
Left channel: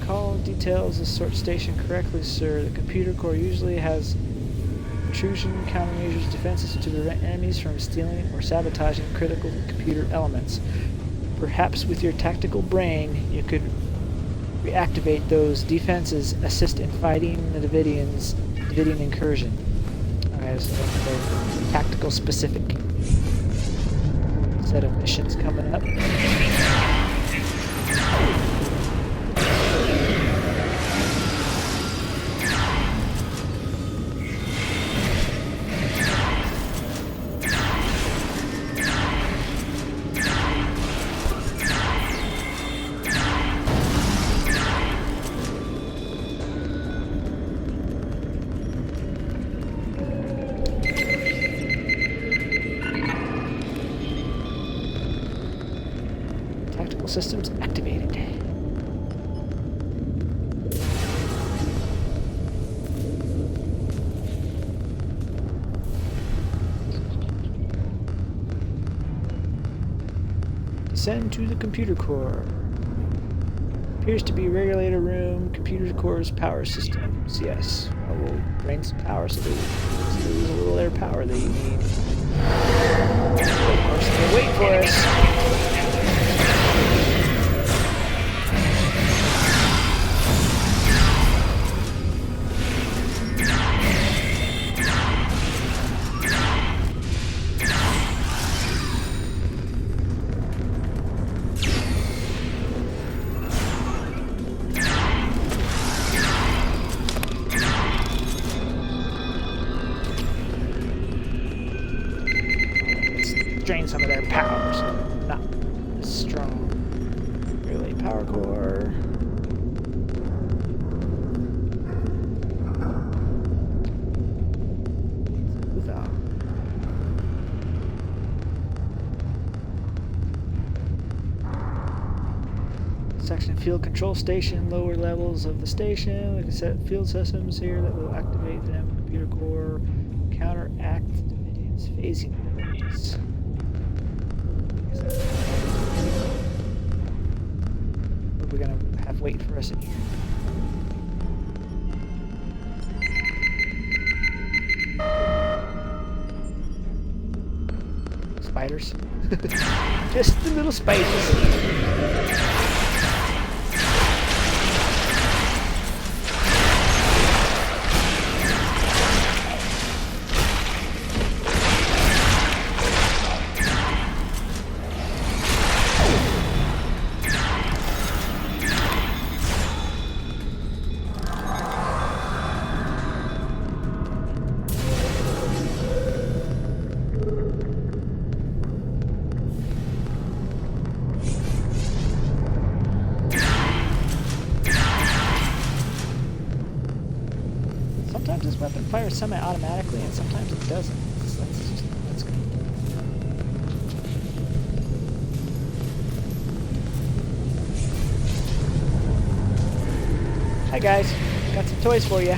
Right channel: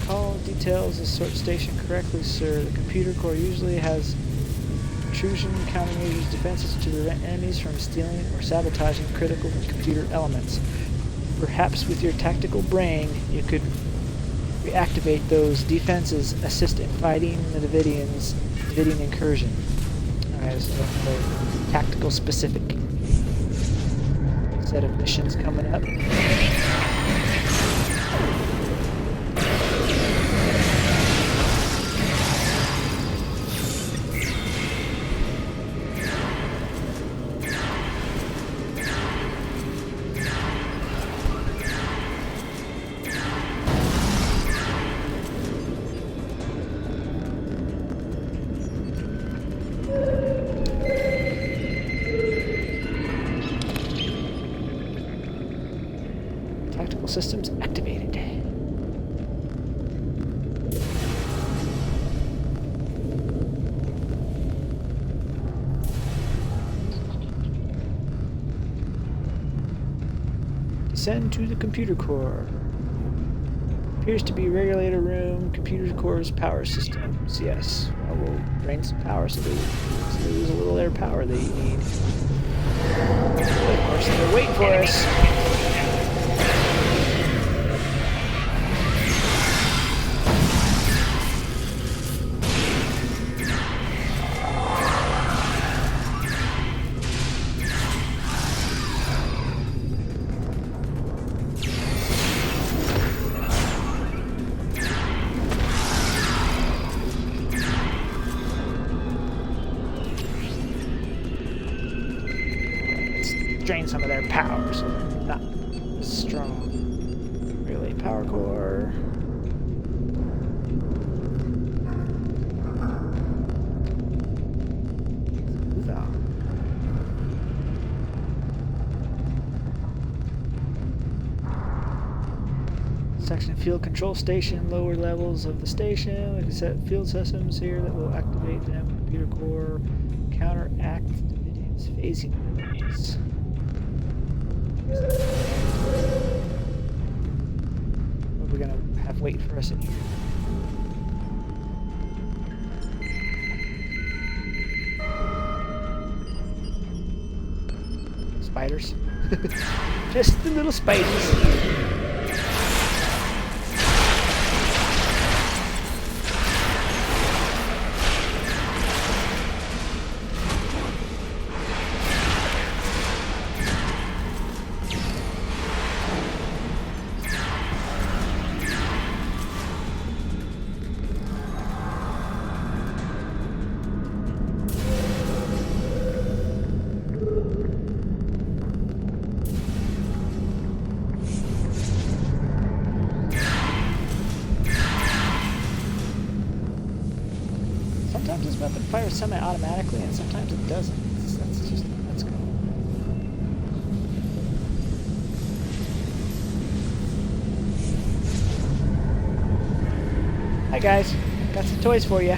Recall details the sort station correctly, sir. The computer core usually has intrusion countermeasures defenses to prevent enemies from stealing or sabotaging critical computer elements. Perhaps with your tactical brain, you could reactivate those defenses, assist in fighting the Devidian incursion. Alright, so the tactical specific set of missions coming up. Tactical systems activated. Descend to the computer core. Appears to be regulator room, computer core's power systems. Yes, well, we'll drain some power so they lose a little air power they need. Of course, they're waiting for us. Drain some of their power so they're not as strong. Relay power core. Move out. Section field control station, lower levels of the station. We can set field systems here that will activate them. Computer core, counteract Devidians phasing abilities. What are we gonna have wait for us in here? Spiders? Just the little spiders. Sometimes this weapon fires semi-automatically, and sometimes it doesn't. That's good. Hi guys, got some toys for you.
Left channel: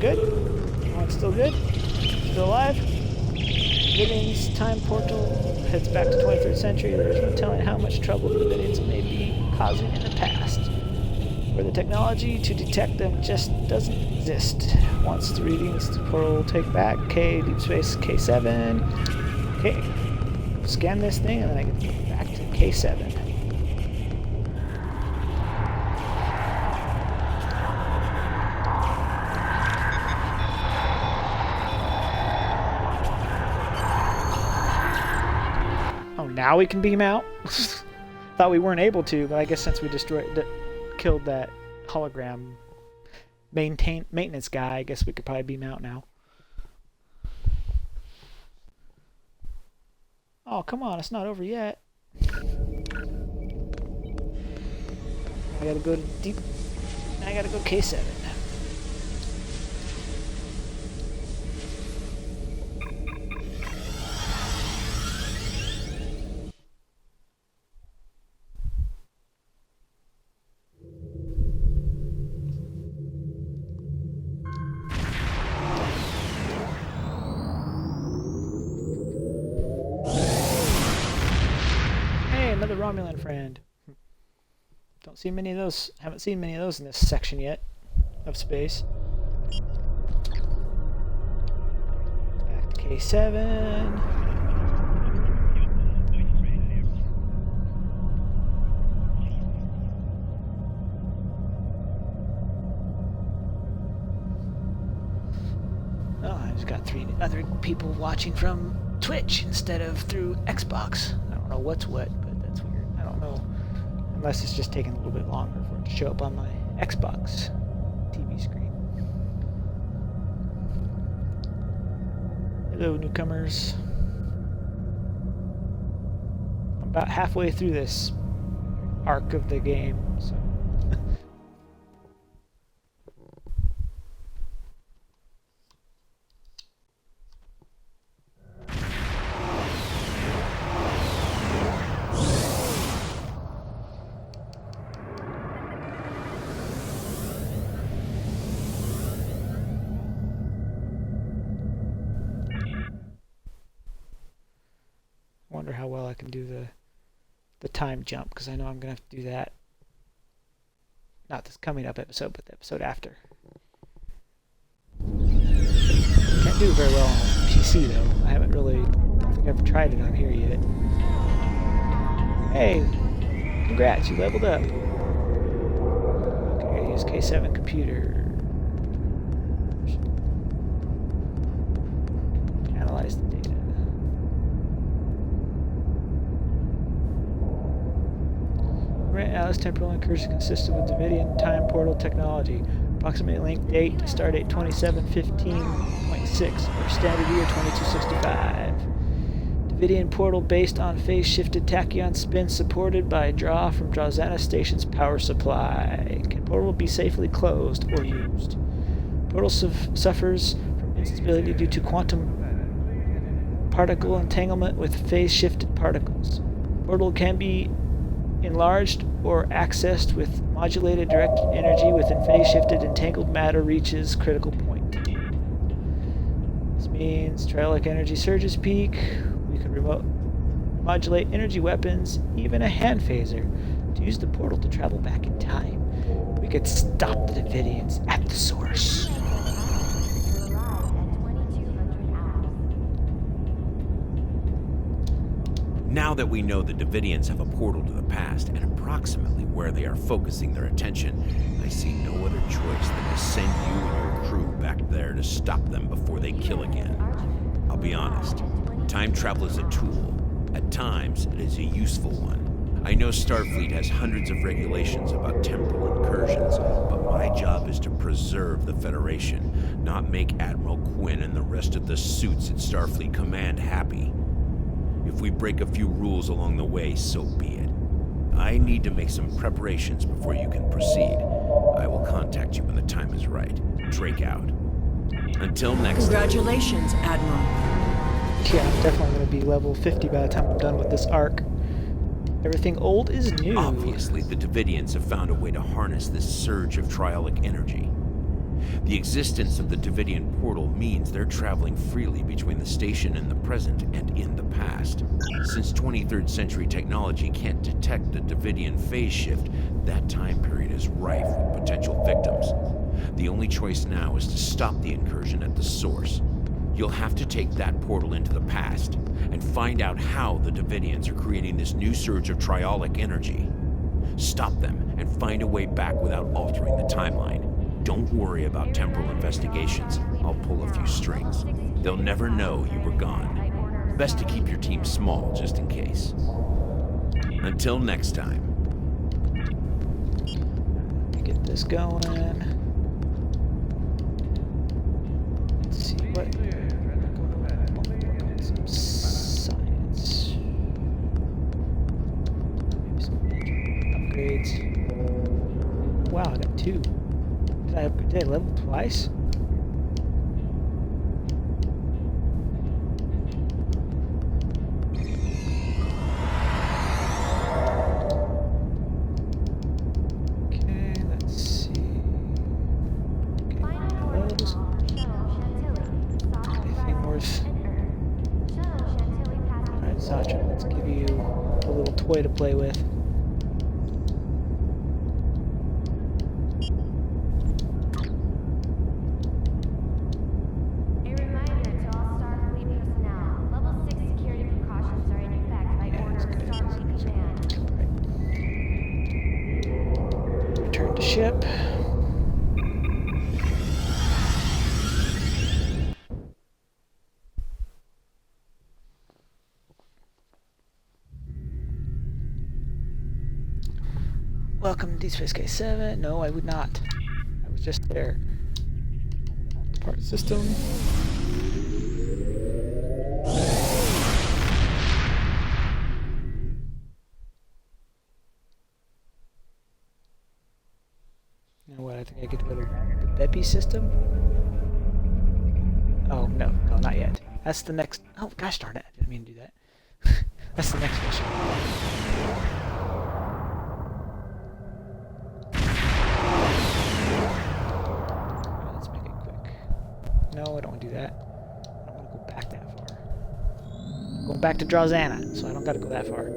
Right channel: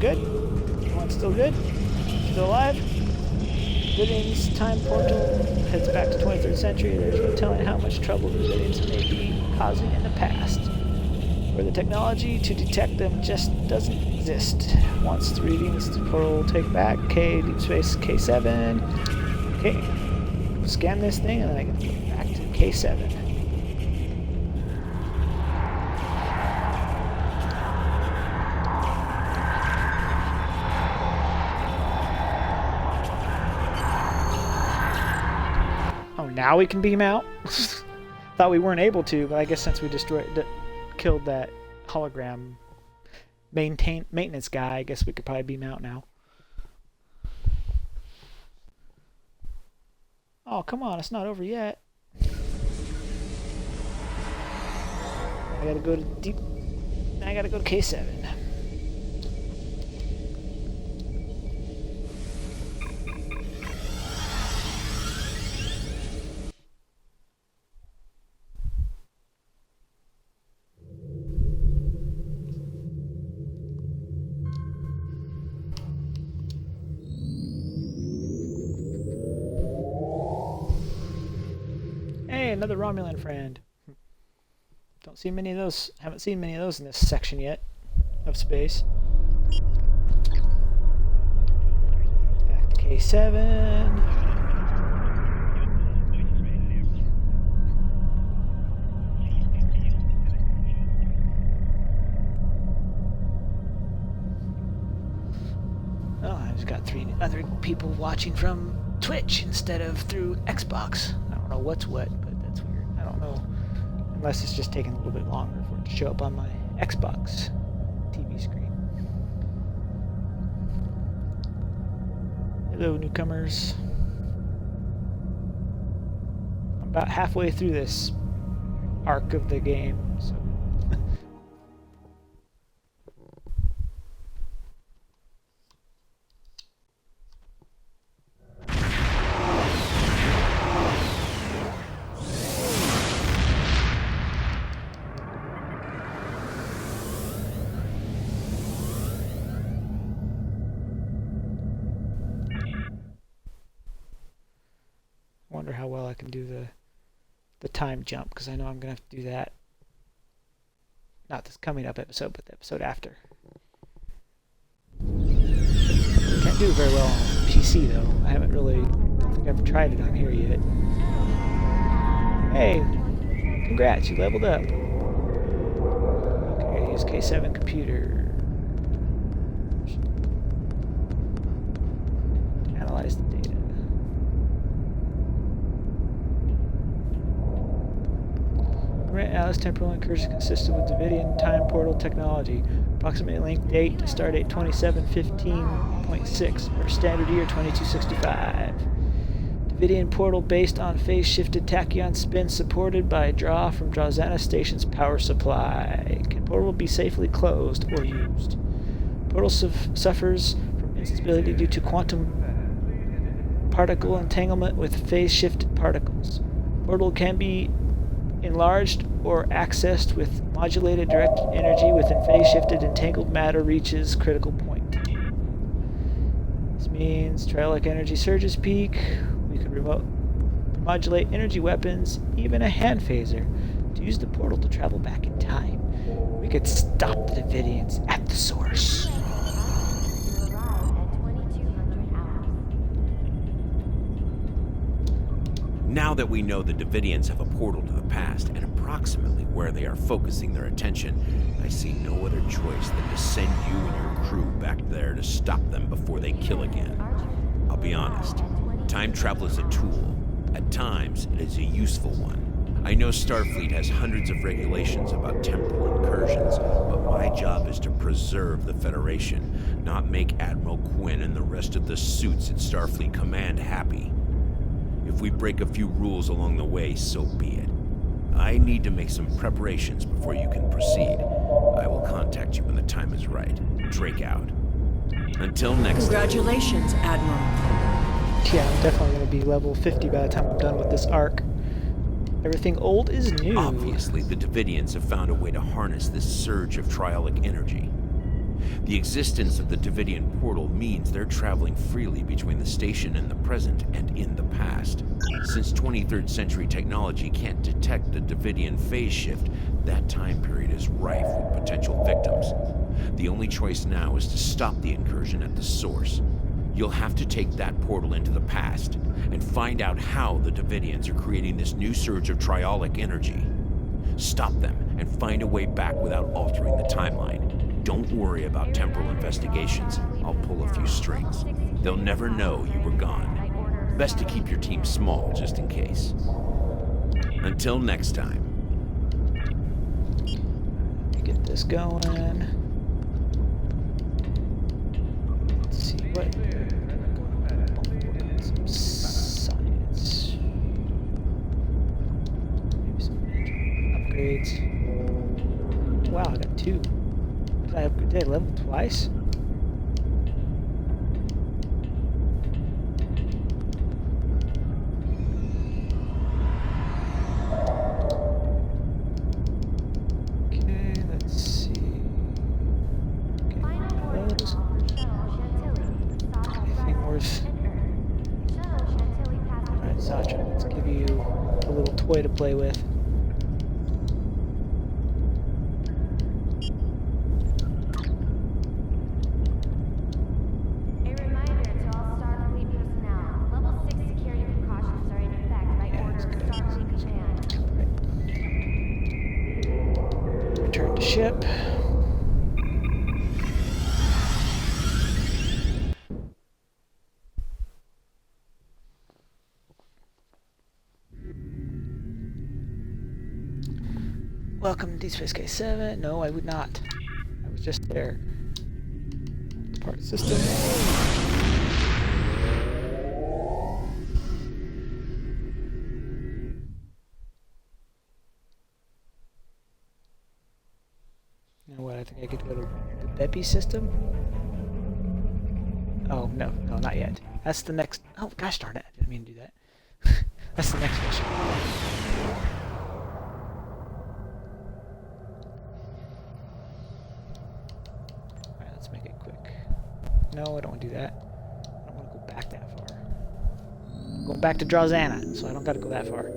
Good? Everyone's still good? Still alive? Devidians time portal heads back to 23rd century, there's no telling how much trouble the Devidians may be causing in the past, where the technology to detect them just doesn't exist. Once the readings the portal will take back, K, deep space K7. Okay, scan this thing, and then I can go back to K7. Oh, now we can beam out? Thought we weren't able to, but I guess since we killed that hologram maintenance guy, I guess we could probably beam out now. Oh, come on, it's not over yet. I gotta go to deep. I gotta go to K7. Another Romulan friend. Don't see many of those. Haven't seen many of those in this section yet of space. Back to K7. Oh, I just got 3 other people watching from Twitch instead of through Xbox. I don't know what's what, but that's weird. I don't know. Unless it's just taking a little bit longer for it to show up on my Xbox TV screen. Hello, newcomers. I'm about halfway through this arc of the game, so. Wonder how well I can do the time jump, because I know I'm gonna have to do that. Not this coming up episode, but the episode after. Can't do it very well on PC though. I don't think I've tried it on here yet. Hey, congrats, you leveled up. Okay, use K7 computer. Analyze the data. Alice temporal incursion consisted with Devidian time portal technology. Approximate link date, stardate 2715.6, or standard year 2265. Devidian portal based on phase-shifted tachyon spin supported by draw from Drazana Station's power supply. Can portal be safely closed or used? Portal suffers from instability due to quantum particle entanglement with phase-shifted particles. Portal can be enlarged or accessed with modulated directed energy within phase-shifted entangled matter reaches critical point. This means triolic energy surges peak. We can modulate energy weapons, even a hand phaser, to use the portal to travel back in time. We could stop the Devidians at the source. Now that we know the Devidians have a portal to the past and approximately where they are focusing their attention, I see no other choice than to send you and your crew back there to stop them before they kill again. I'll be honest, time travel is a tool. At times, it is a useful one. I know Starfleet has hundreds of regulations about temporal incursions, but my job is to preserve the Federation, not make Admiral Quinn and the rest of the suits at Starfleet Command happy. If we break a few rules along the way, so be it. I need to make some preparations before you can proceed. I will contact you when the time is right. Drake out. Until next Congratulations, Admiral. Yeah, I'm definitely going to be level 50 by the time I'm done with this arc. Everything old is new. Obviously, the Devidians have found a way to harness this surge of triolic energy. The existence of the Devidian portal means they're traveling freely between the station in the present and in the past. Since 23rd century technology can't detect the Devidian phase shift, that time period is rife with potential victims. The only choice now is to stop the incursion at the source. You'll have to take that portal into the past and find out how the Devidians are creating this new surge of triolic energy. Stop them and find a way back without altering the timeline. Don't worry about temporal investigations. I'll pull a few strings. They'll never know you were gone. Best to keep your team small just in case. Until next time. Let me get this going. Let's see what. Some science. Maybe some upgrades. Wow, I got 2. Did I level twice? Okay, let's see. Okay, those. Anything worth? Alright, Satra, let's give you a little toy to play with. Return to ship. Welcome to Deep Space K7. No, I would not. I was just there. Part system. Now what? I think I get to go to the Bepi system. Oh no, not yet. That's the next. Oh gosh darn it! I didn't mean to do that. That's the next mission. Alright, let's make it quick. No, I don't want to do that. I don't want to go back that far. I'm going back to Drazana, so I don't got to go that far.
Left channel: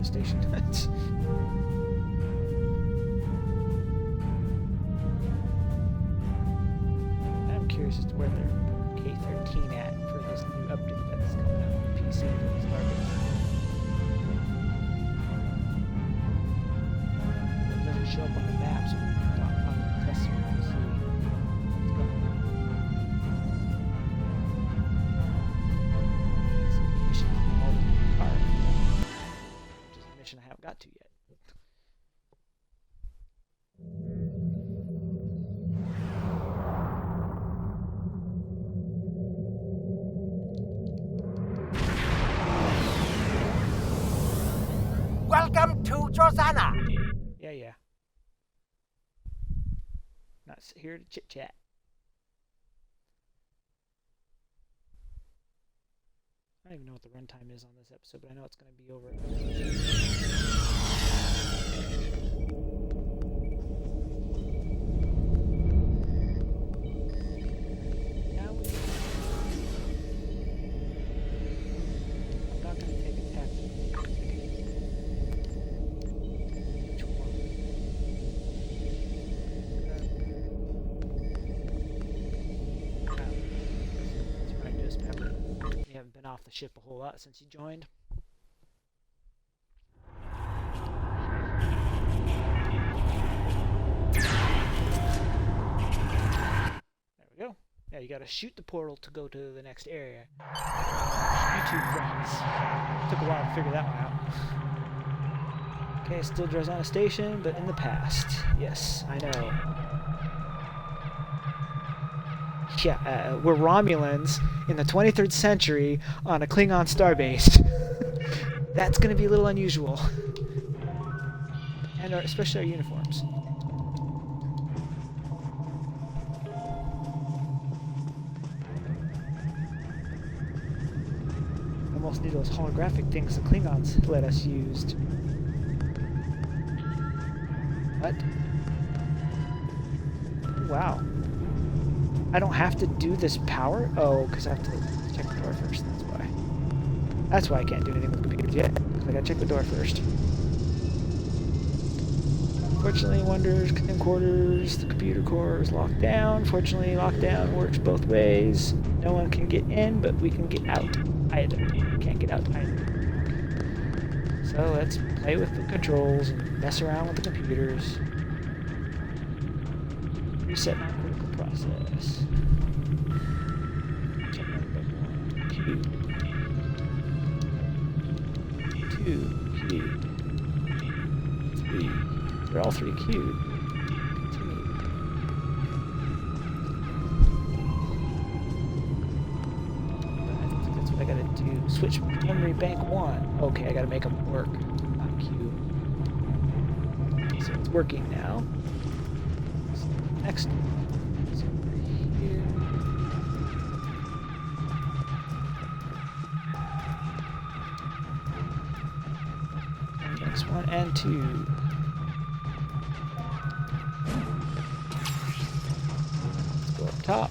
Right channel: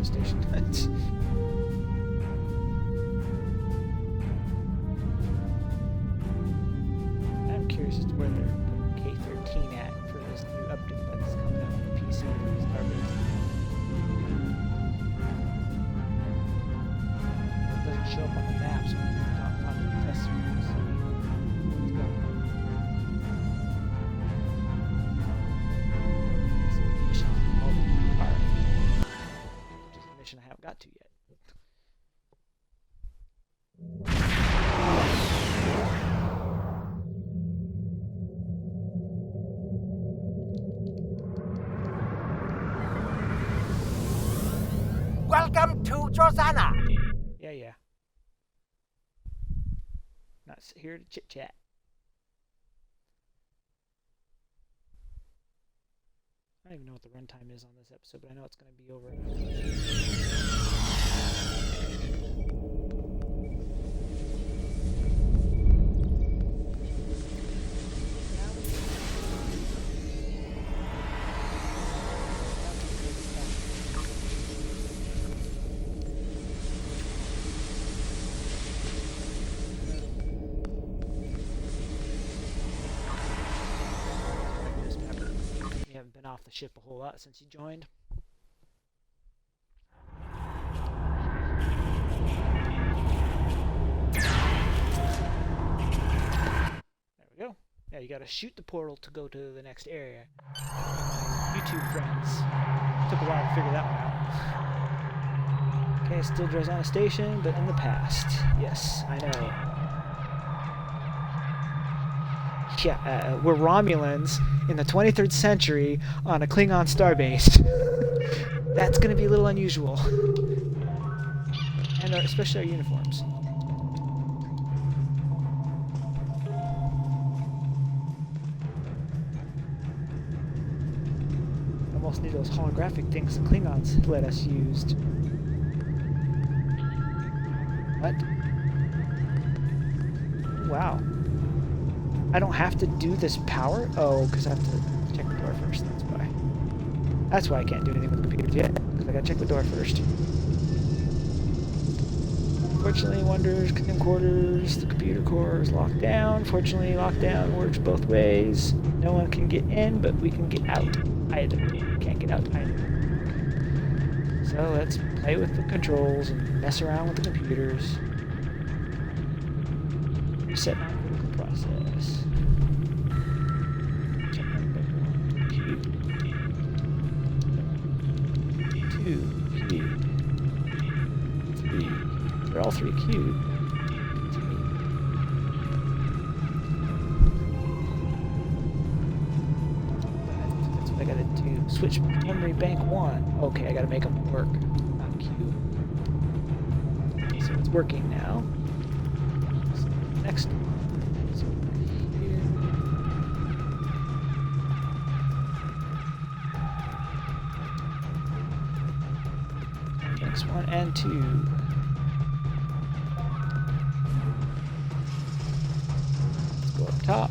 Station. I'm curious as to where they're putting K13 at for this new update that's coming out on the PC for the Starbase. It doesn't show up on the map, so I'm not following the test server to see what's going on. It's a mission all the car. I haven't got to yet. Welcome to Drazana. Yeah. Not here to chit chat. I don't even know what the runtime is on this episode, but I know it's going to be over. Haven't been off the ship a whole lot since you joined. There we go. Yeah, you gotta shoot the portal to go to the next area. YouTube friends. Took a while to figure that one out. Okay, still Drazana Station, but in the past. Yes, I know. Yeah, we're Romulans in the 23rd century on a Klingon starbase. That's going to be a little unusual. And especially our uniforms. almost need those holographic things the Klingons let us use. What? Wow. I don't have to do this power? Oh, because I have to check the door first, that's why. That's why I can't do anything with the computers yet, because I gotta check the door first. Fortunately, Wonder's quarters, the computer core is locked down. Fortunately, lockdown works both ways. No one can get in, but we can get out either. We can't get out either. So let's play with the controls and mess around with the computers. Reset non-critical process. Check out bit 1. Q. 2. Q. 3. They're all 3 queued. Continue. But I think that's what I gotta do. Switch memory bank 1. Okay, I gotta make them work. Not queue. Okay, so it's working now. So next one is over here. And next 1 and 2. Go up top.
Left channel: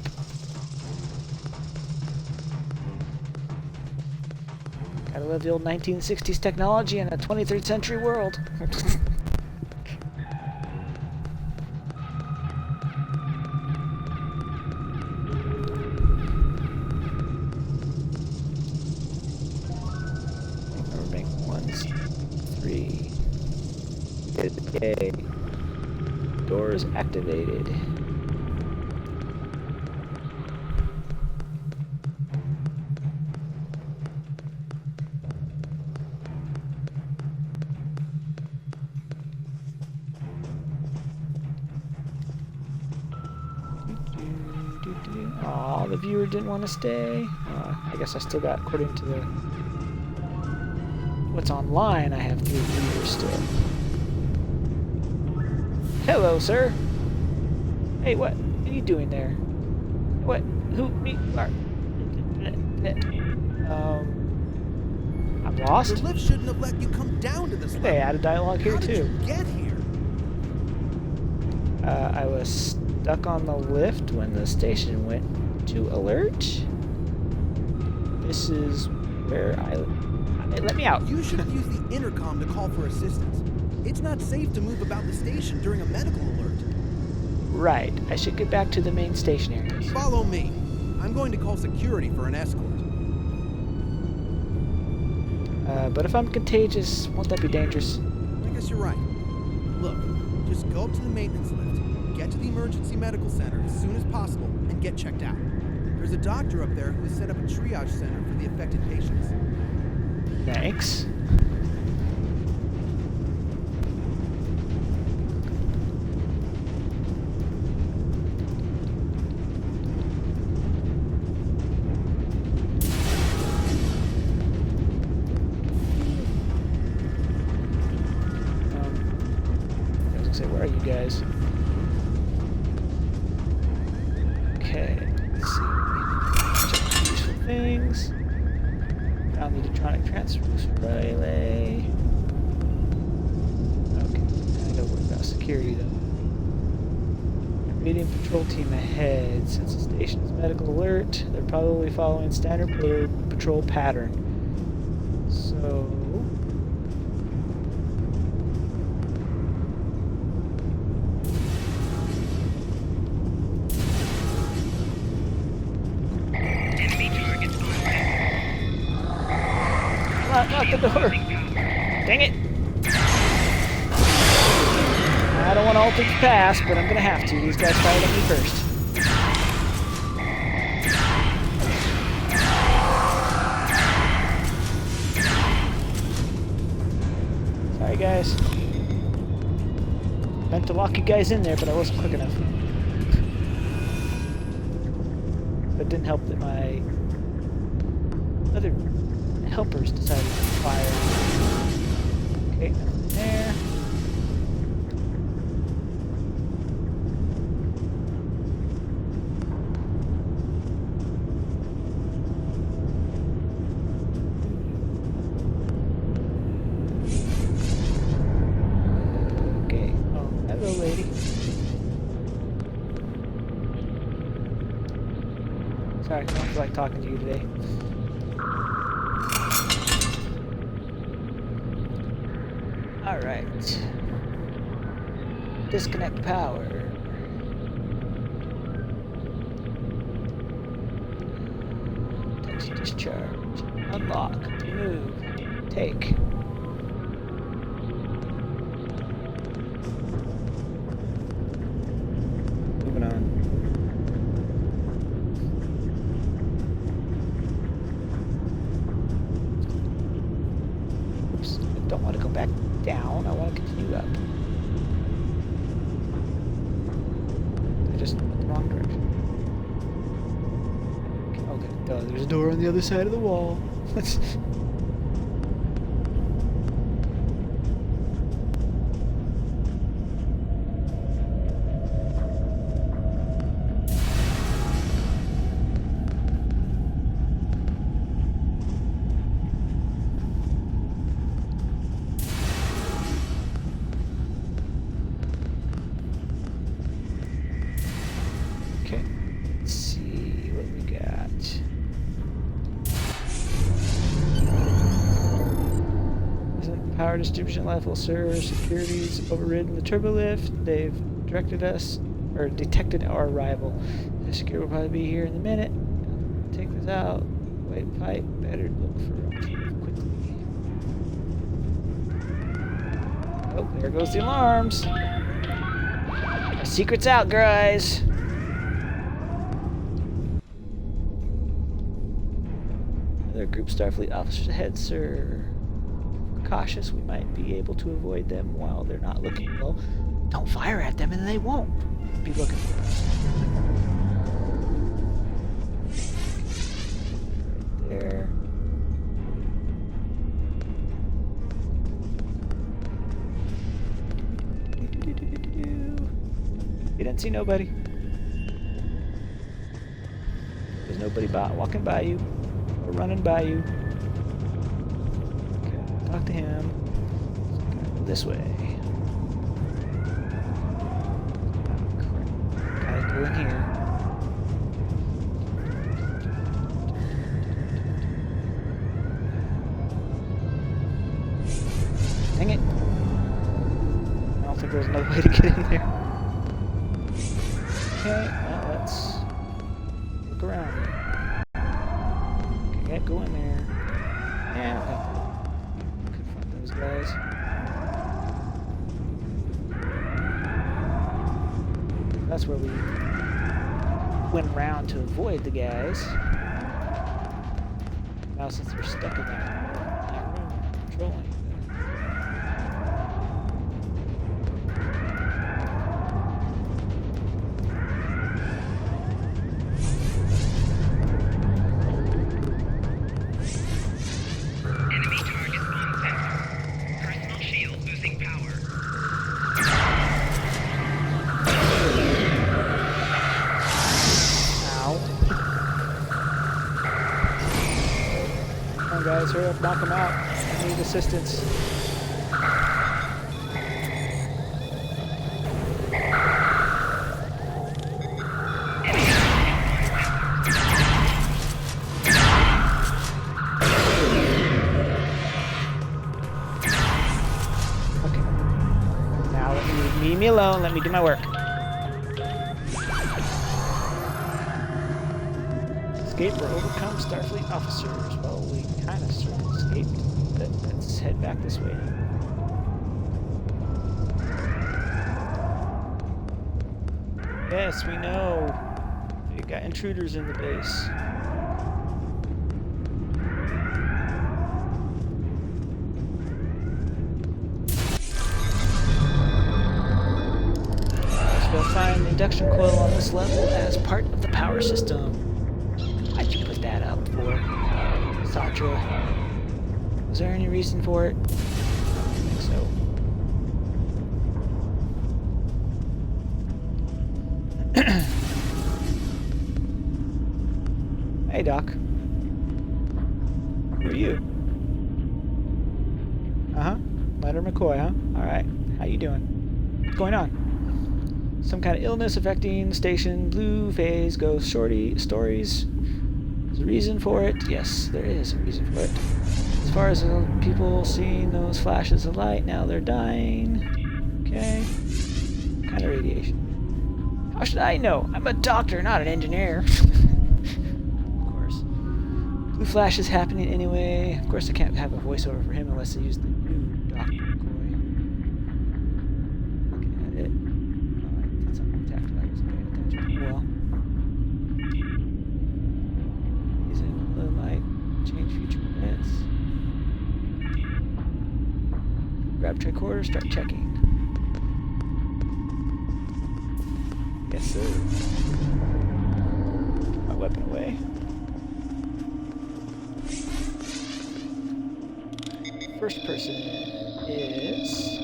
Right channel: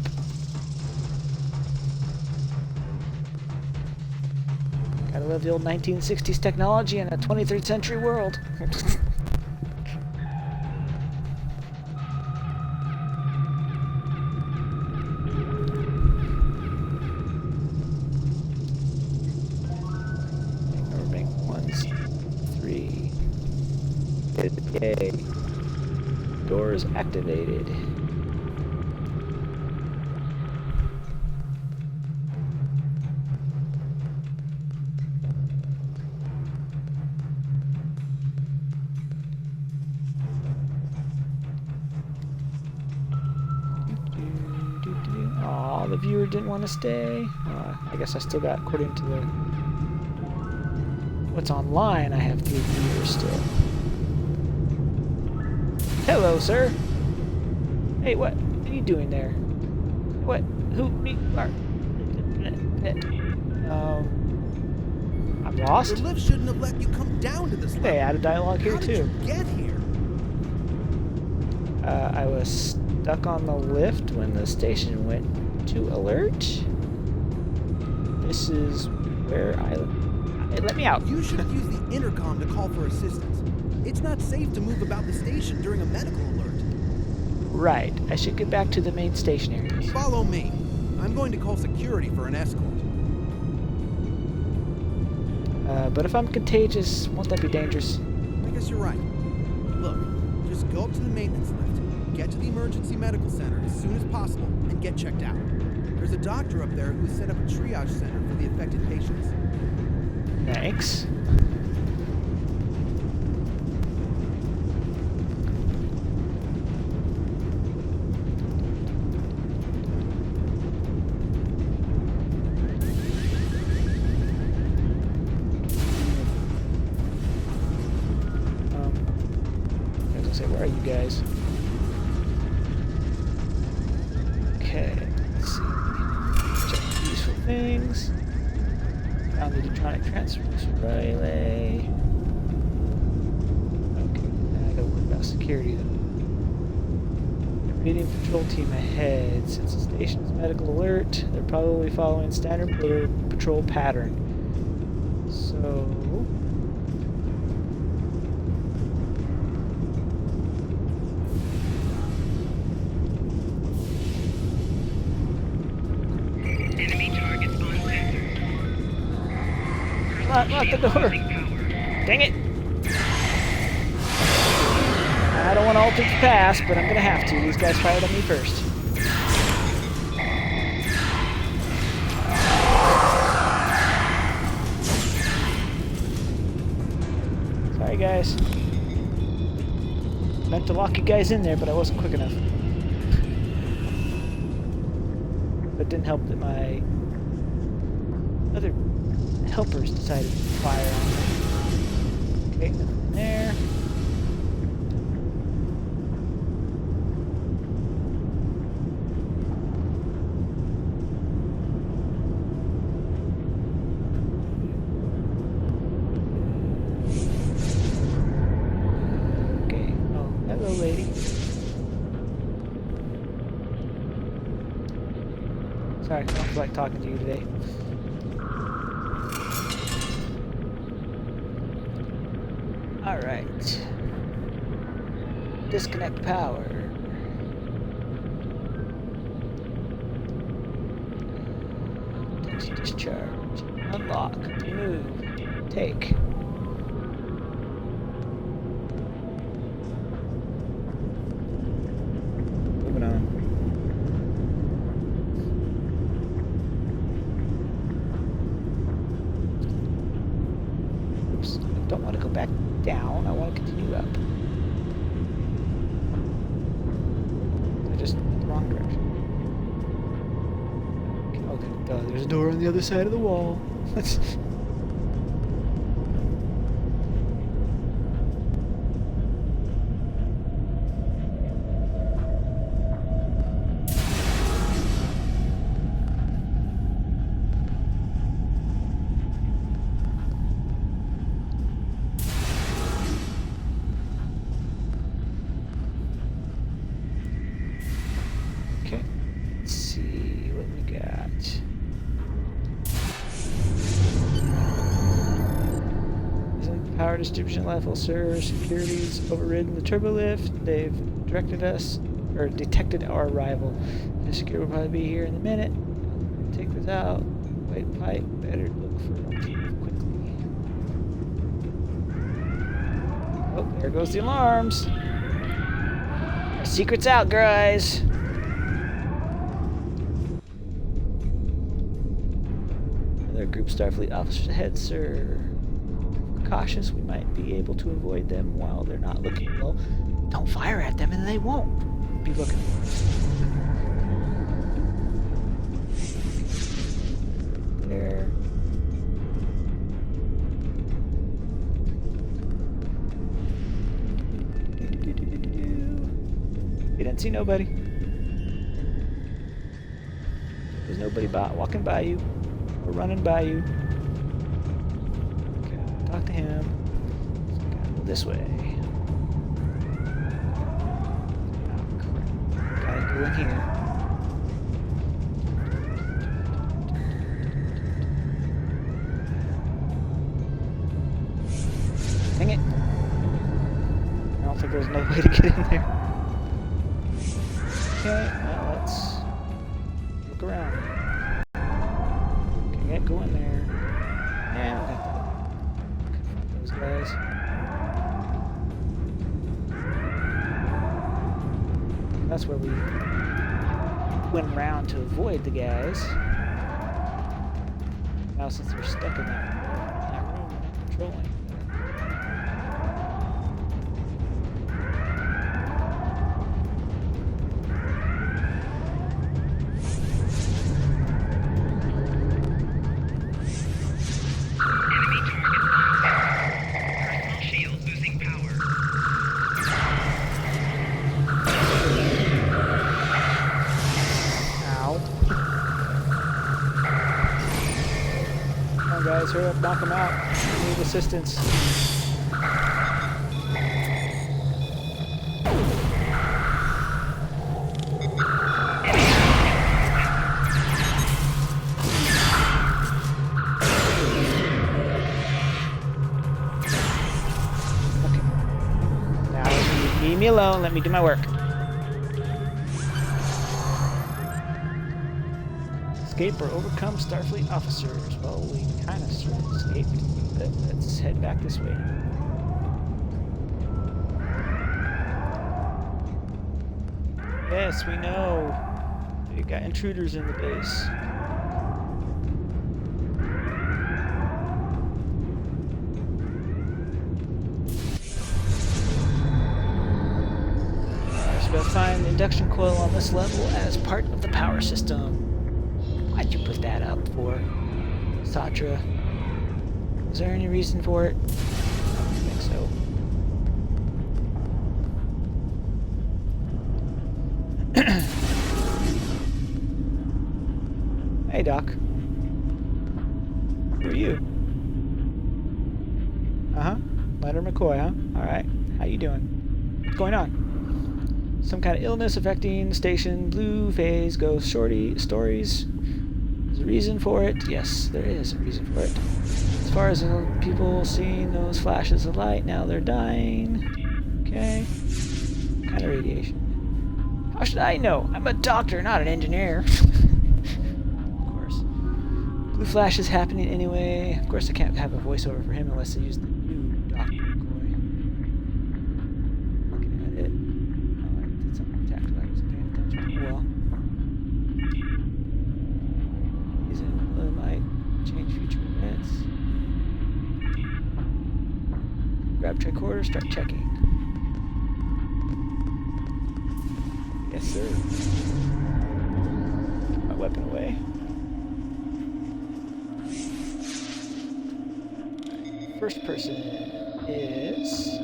Gotta love the old 1960s technology in a 23rd century world. Number bank 1's 3. Yay. Doors activated. Aw, the viewer didn't want to stay. I guess I still got, according to the what's online, I have 3 viewers still. Hello, sir. Hey, what are you doing there? What? Who? Me? Where? I'm lost. The lift shouldn't have let you come down to this level. They added dialogue here too. How did you get here? I was stuck on the lift when the station went to alert. This is where let me out. You should have used the intercom to call for assistance. It's not safe to move about the station during a medical alert. Right. I should get back to the main station areas. Follow me. I'm going to call security for an escort. But if I'm contagious, won't that be dangerous? I guess you're right. Look, just go up to the maintenance lift, get to the emergency medical center as soon as possible, and get checked out. There's a doctor up there who's set up a triage center for the affected patients. Thanks. I was gonna say, where are you guys? Okay, let's see. Check the useful things. Found the electronic transfer relay. Okay, now I gotta worry about security though. Reading patrol team ahead. Since the station is medical alert, they're probably following standard patrol pattern. So lock the door. Dang it. I don't want to alter the pass, but I'm going to have to. These guys fired on me first. Sorry, guys. Meant to lock you guys in there, but I wasn't quick enough. But it didn't help that my other helpers decided to fire on. Okay, nothing there. Sorry, I don't feel like talking to you today. Alright. Disconnect power. Discharge. Unlock. Remove. Take. Moving on. Oops. I don't want to go back down. I want to continue up. I just went the wrong direction. Okay, there's a door on the other side of the wall. Okay, let's see what we got. Isn't the power distribution level, sir? Security's overridden the turbo lift. They've directed us, or detected our arrival. The security will probably be here in a minute. Take this out. Wait, pipe. Better look for alternative quickly. Oh, there goes the alarms. Our secret's out, guys. Another group Starfleet officers ahead, sir. If we're cautious, we might be able to avoid them while they're not looking. Well, don't fire at them and they won't be looking for us. Right there. You didn't see nobody. There's nobody walking by you or running by you. Okay, talk to him. So gotta go this way. Oh, crap. Gotta go in here. Dang it. I don't think there's another way to get in there. Okay, well, let's look around here. Okay, yeah, go in there. Yeah, I'll have to confront those guys. That's where we went around to avoid the guys. Now, since we're stuck in that room, we're not controlling. Guys, hurry up, knock him out. I need assistance. Okay. Now leave me alone. Let me do my work. Escape or overcome Starfleet officers. Well, we kind of sort of escaped, but let's head back this way. Yes, we know. We got intruders in the base. So we'll find the induction coil on this level as part of the power system. Why'd you put that up for, Satra? Was there any reason for it? I don't think so. Hey, Doc. Who are you? Uh-huh. Leonard McCoy, huh? Alright. How you doing? What's going on? Some kind of illness affecting station. Blue phase goes shorty. Stories. There's a reason for it. Yes, there is a reason for it. As far as people seeing those flashes of light, now they're dying. Okay. What kind of radiation? How should I know? I'm a doctor, not an engineer. Of course. Blue flash is happening anyway. Of course, I can't have a voiceover for him unless I use the new Dr. McCoy. Looking at it. Oh, I did something tactical. I wasn't paying attention. Oh, well. He's in blue light. Change future events. Grab tricorder, start checking. Yes, sir. Put my weapon away. First person is...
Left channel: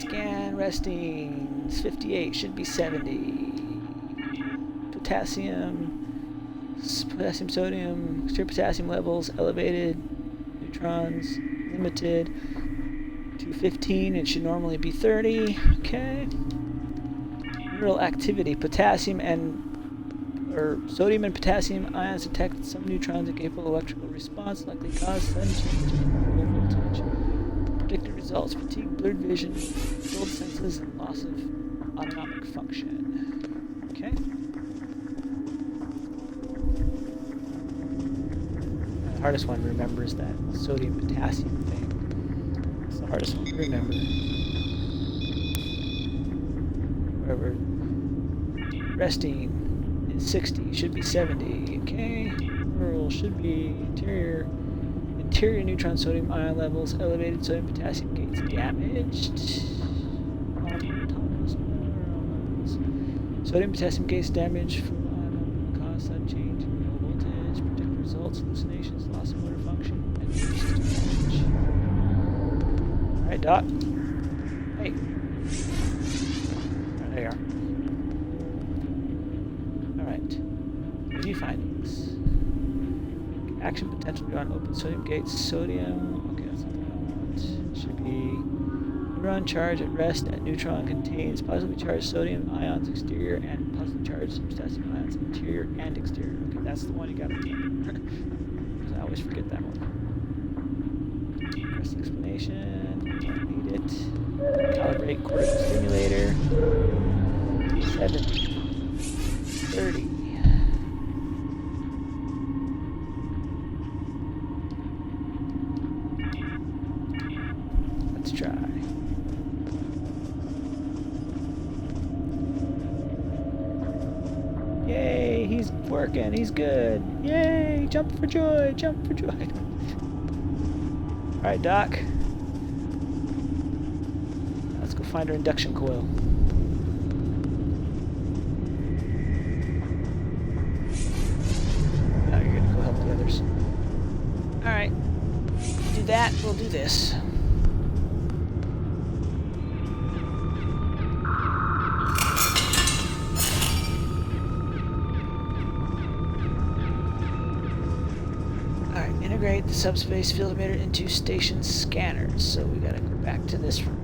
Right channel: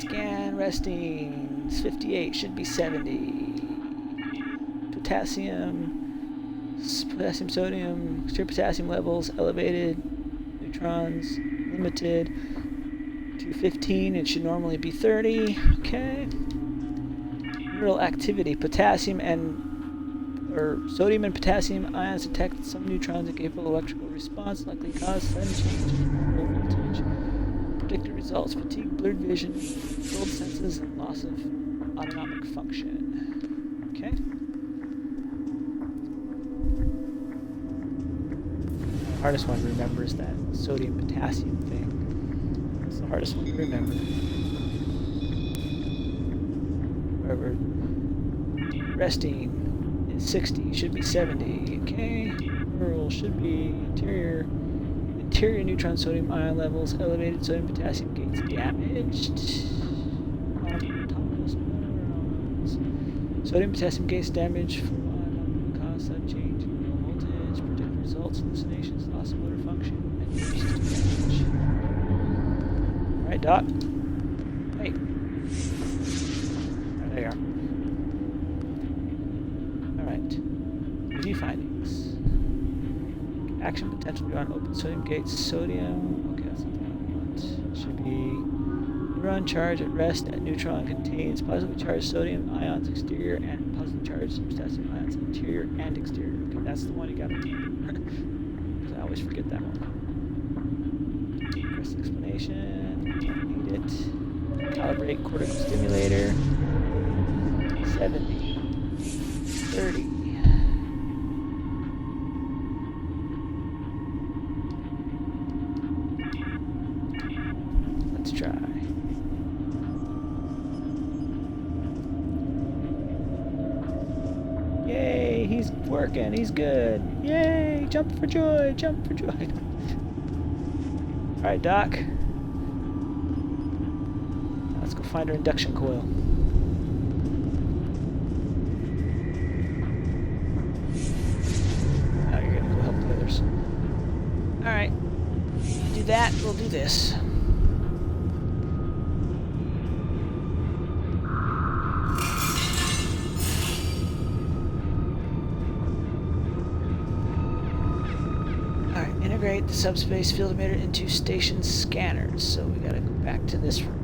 Scan resting. It's 58, should be 70. Potassium, sodium, extreme potassium levels elevated. Neutrons limited to 15. It should normally be 30. Okay. Mineral activity. Potassium and sodium and potassium ions detect some neutrons and capable electrical response, likely cause sudden change in low voltage. Predicted results: fatigue, blurred vision, dulled senses, and loss of autonomic function. Okay. The hardest one to remember is that sodium-potassium thing. It's the hardest one to remember. Wherever resting is 60, should be 70. Okay. Rural should be interior neutron sodium ion levels elevated, sodium potassium gates damaged. Autonomous neurons. Sodium potassium gates damaged from ion cause sudden change in low voltage. Predicted results: hallucinations, loss of motor function, and nervous system damage. Alright, Doc. Hey. Oh, there you are. Alright. Review findings. Action potential beyond open sodium gates. Sodium. Okay, that's not the one I want. It should be neuron charge at rest at neutron contains positively charged sodium ions exterior and positively charged potassium ions interior and exterior. Okay, that's the one you gotta remember. Because I always forget that one. Press explanation. Don't need it. Calibrate cortical stimulator. 70. 30. Let's try. Yay, he's working, he's good. Yay, jump for joy, jump for joy. Alright, Doc. Now let's go find our induction coil. Now you're gonna go help the others. Alright. Do that, we'll do this. Alright, integrate the subspace field emitter into station scanners. So we gotta go back to this room.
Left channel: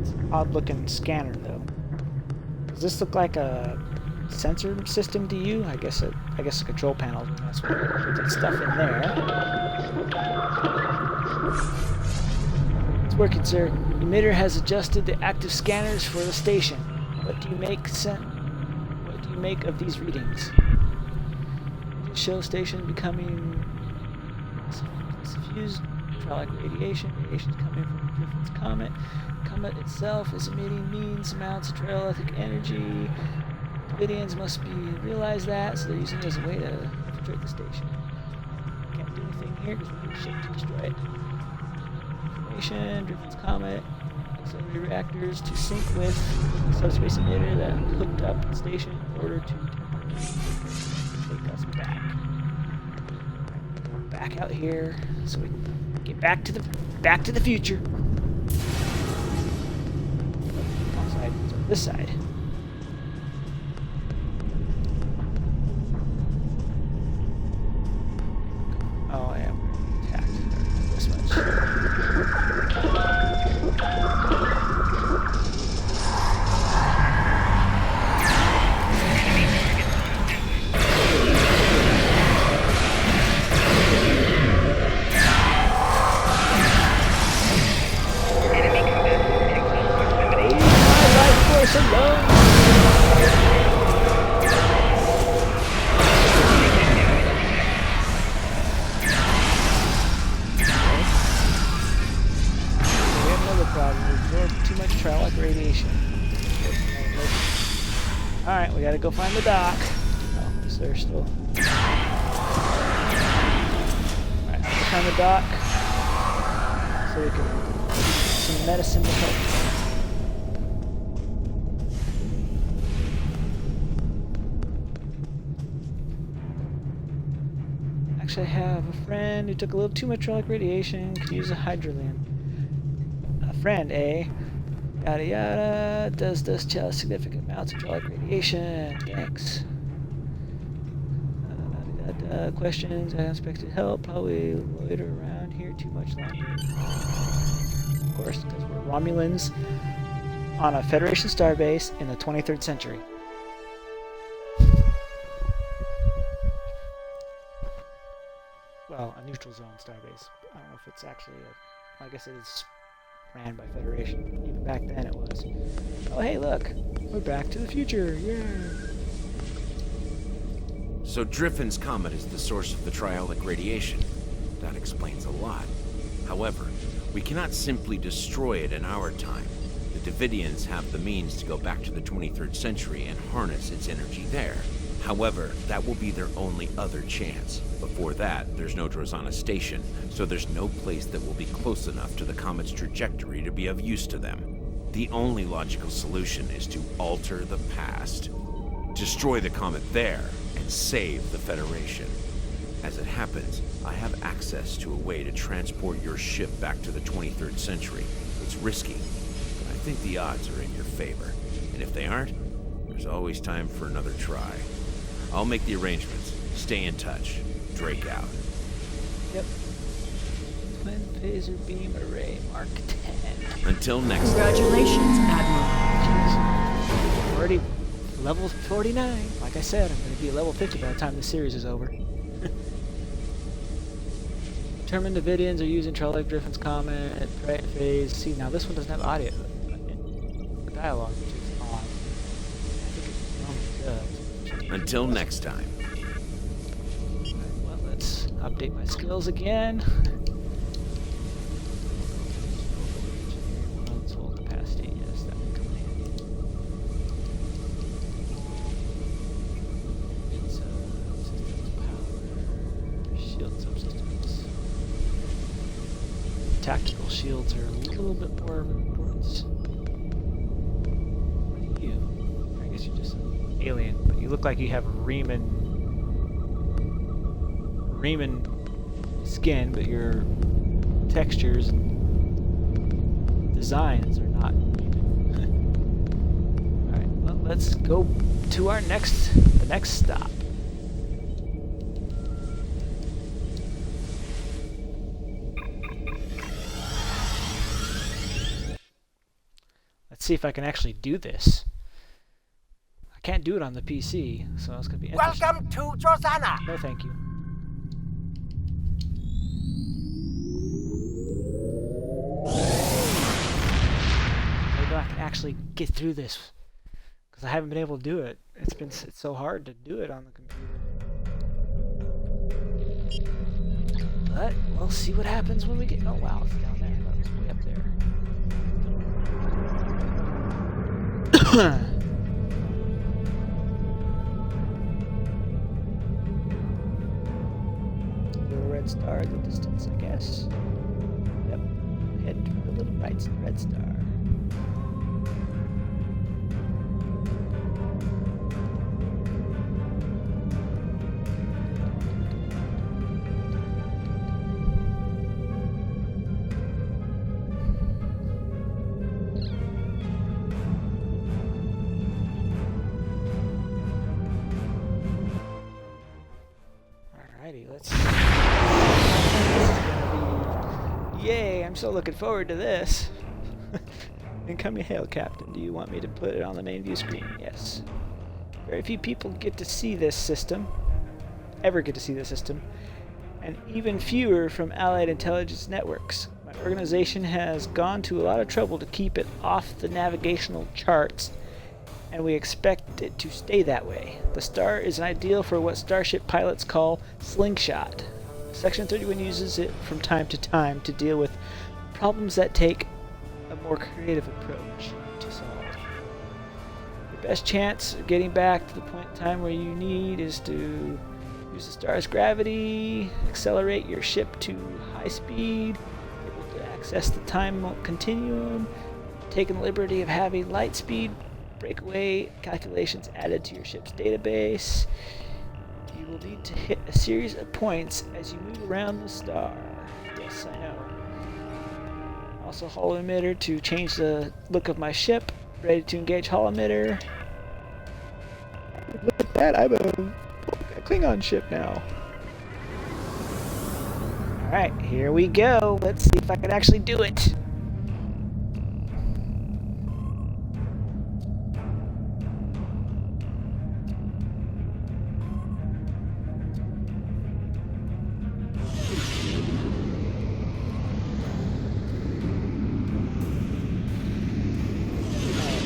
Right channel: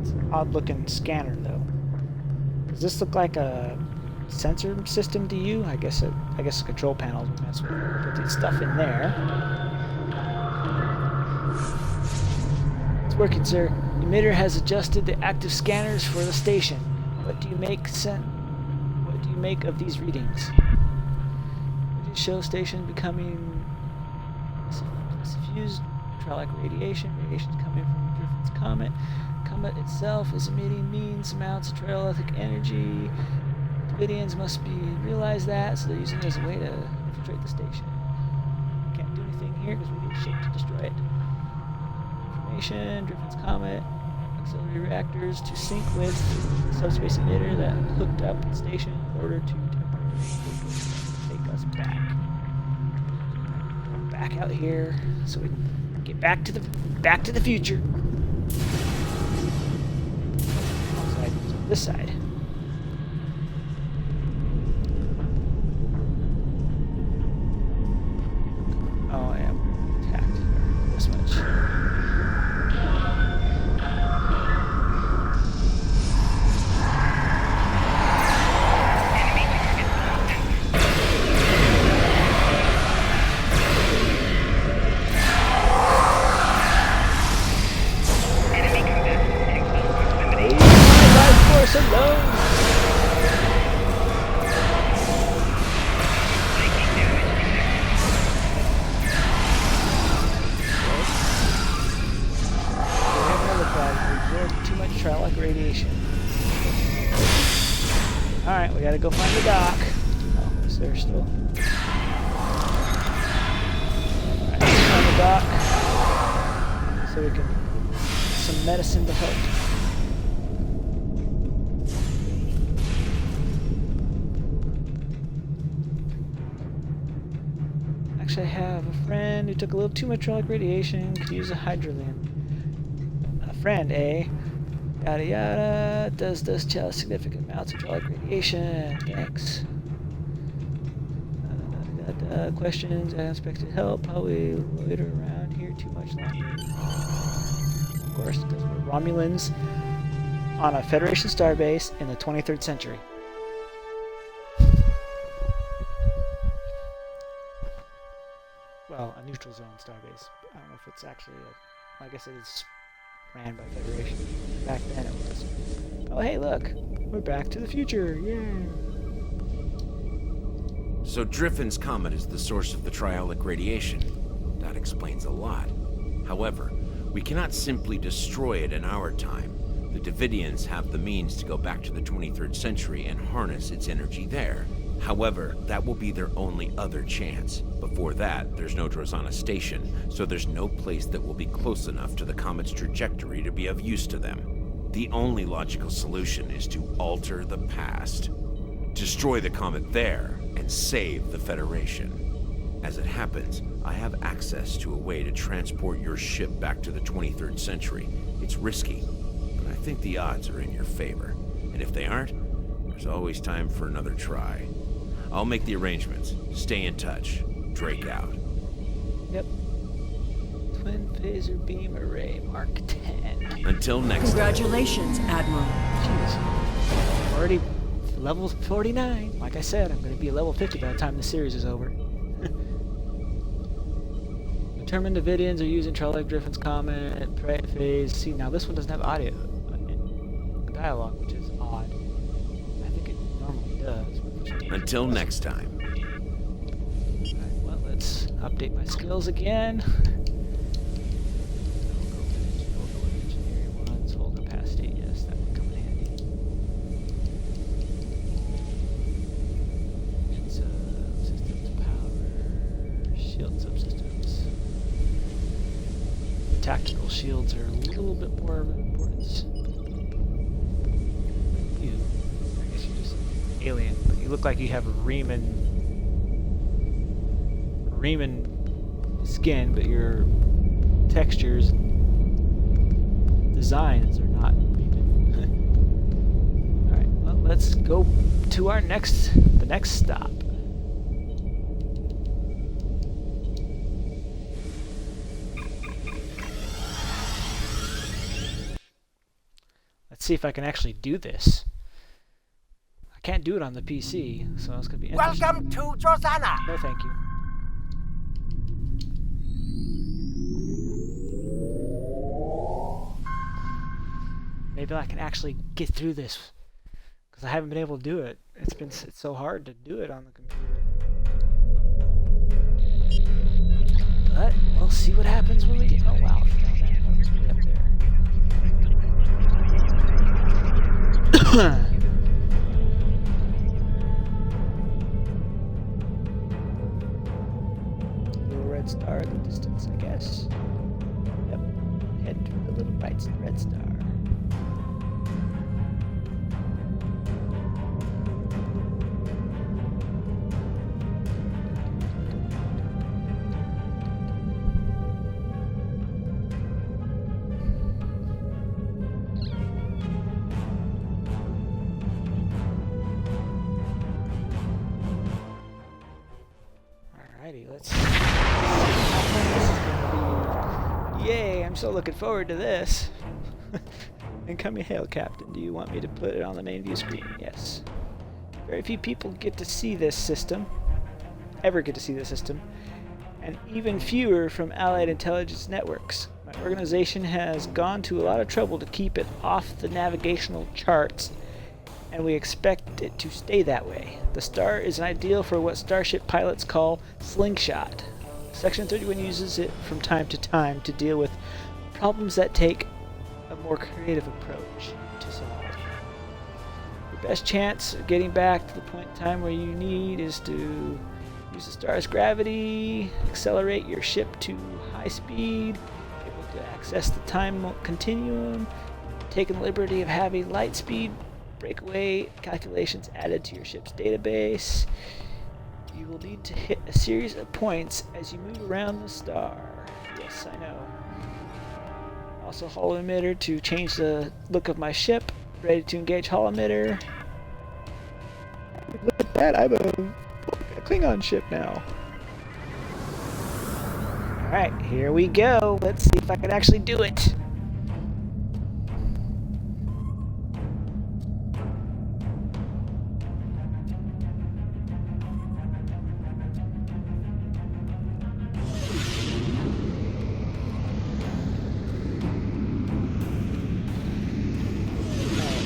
It's an odd looking scanner though. Does this look like a sensor system to you? I guess a control panel would mess with it. Put that stuff in there. It's working, sir. The emitter has adjusted the active scanners for the station. What do you make of these readings? It shows station becoming suffused hydraulic radiation. Radiation is coming from Griffin's comet. Comet itself is emitting means amounts of trialytic energy. Devidians must realize that, so they're using it as a way to infiltrate the station. Can't do anything here because we need a ship to destroy it. Information: Griffin's comet. Auxiliary reactors to sync with the subspace emitter that hooked up the station in order to temporarily take us back. We're back out here so we can get back to the future. Wrong side, so this side. Oh yeah, Too much traumatic radiation. Alright, we gotta go find the dock. Oh, is there still? Alright, let's find the dock so we can get some medicine to help. Actually, I have a friend who took a little too much traumatic radiation, could use a hydrogen. A friend, eh? Yada yada. Does this tell significant amounts of traumatic radiation? Thanks. Questions. Unexpected help. Probably loiter around here too much longer. Of course, because we're Romulans on a Federation starbase in the 23rd century. Well, a neutral zone starbase. I don't know if it's actually a... I guess it is ran by Federation. Back then it was. Oh, hey, look. We're back to the future. Yeah. So Driffin's comet is the source of the triolic radiation. That explains a lot. However, we cannot simply destroy it in our time. The Devidians have the means to go back to the 23rd century and harness its energy there. However, that will be their only other chance. Before that, there's no Drozana station, so there's no place that will be close enough to the comet's trajectory to be of use to them. The only logical solution is to alter the past. Destroy the comet there, and save the Federation. As it happens, I have access to a way to transport your ship back to the 23rd century. It's risky, but I think the odds are in your favor. And if they aren't, there's always time for another try. I'll make the arrangements. Stay in touch. Drake out. Yep. Twin phaser beam array Mark 10. Until next Congratulations, time. Admiral. Jeez. Already level 49. Like I said, I'm going to be level 50 by the time the series is over. Determined Devidians are using Trollic Griffin's comment phase. See, now this one doesn't have audio dialogue, which is odd. I think it normally does. Until next time. Alright, well, let's update my skills again. Engineering ones, hold capacity. Yes, that would come in handy. Subsystems, power, shield subsystems. Tactical shields are a little bit more of an importance. You, I guess you're just alien, but you look like you have Riemann skin, but your textures and designs are not Riemann. Alright, well, let's go to our the next stop. Let's see if I can actually do this. Can't do it on the PC, so it's gonna be interesting. Welcome to Drozana! No, thank you. Maybe I can actually get through this, because I haven't been able to do it. It's so hard to do it on the computer. But we'll see what happens when we get. Oh wow, it's down there. That was way up there. Red star in the distance, I guess. Yep. Heading to the little red star. Alrighty, let's. Yay, I'm so looking forward to this. Incoming hail, Captain. Do you want me to put it on the main view screen? Yes. Very few people get to see this system. Ever get to see this system. And even fewer from Allied intelligence networks. My organization has gone to a lot of trouble to keep it off the navigational charts and we expect it to stay that way. The star is an ideal for what starship pilots call slingshot. Section 31 uses it from time to time to deal with problems that take a more creative approach to solve. Your best chance of getting back to the point in time where you need is to use the star's gravity, accelerate your ship to high speed, able to access the time continuum, taking the liberty of having light speed breakaway calculations added to your ship's database. You will need to hit a series of points as you move around the star. Yes, I know. Also, holo emitter to change the look of my ship. Ready to engage holo emitter. Look at that, I'm a Klingon ship now. Alright, here we go. Let's see if I can actually do it.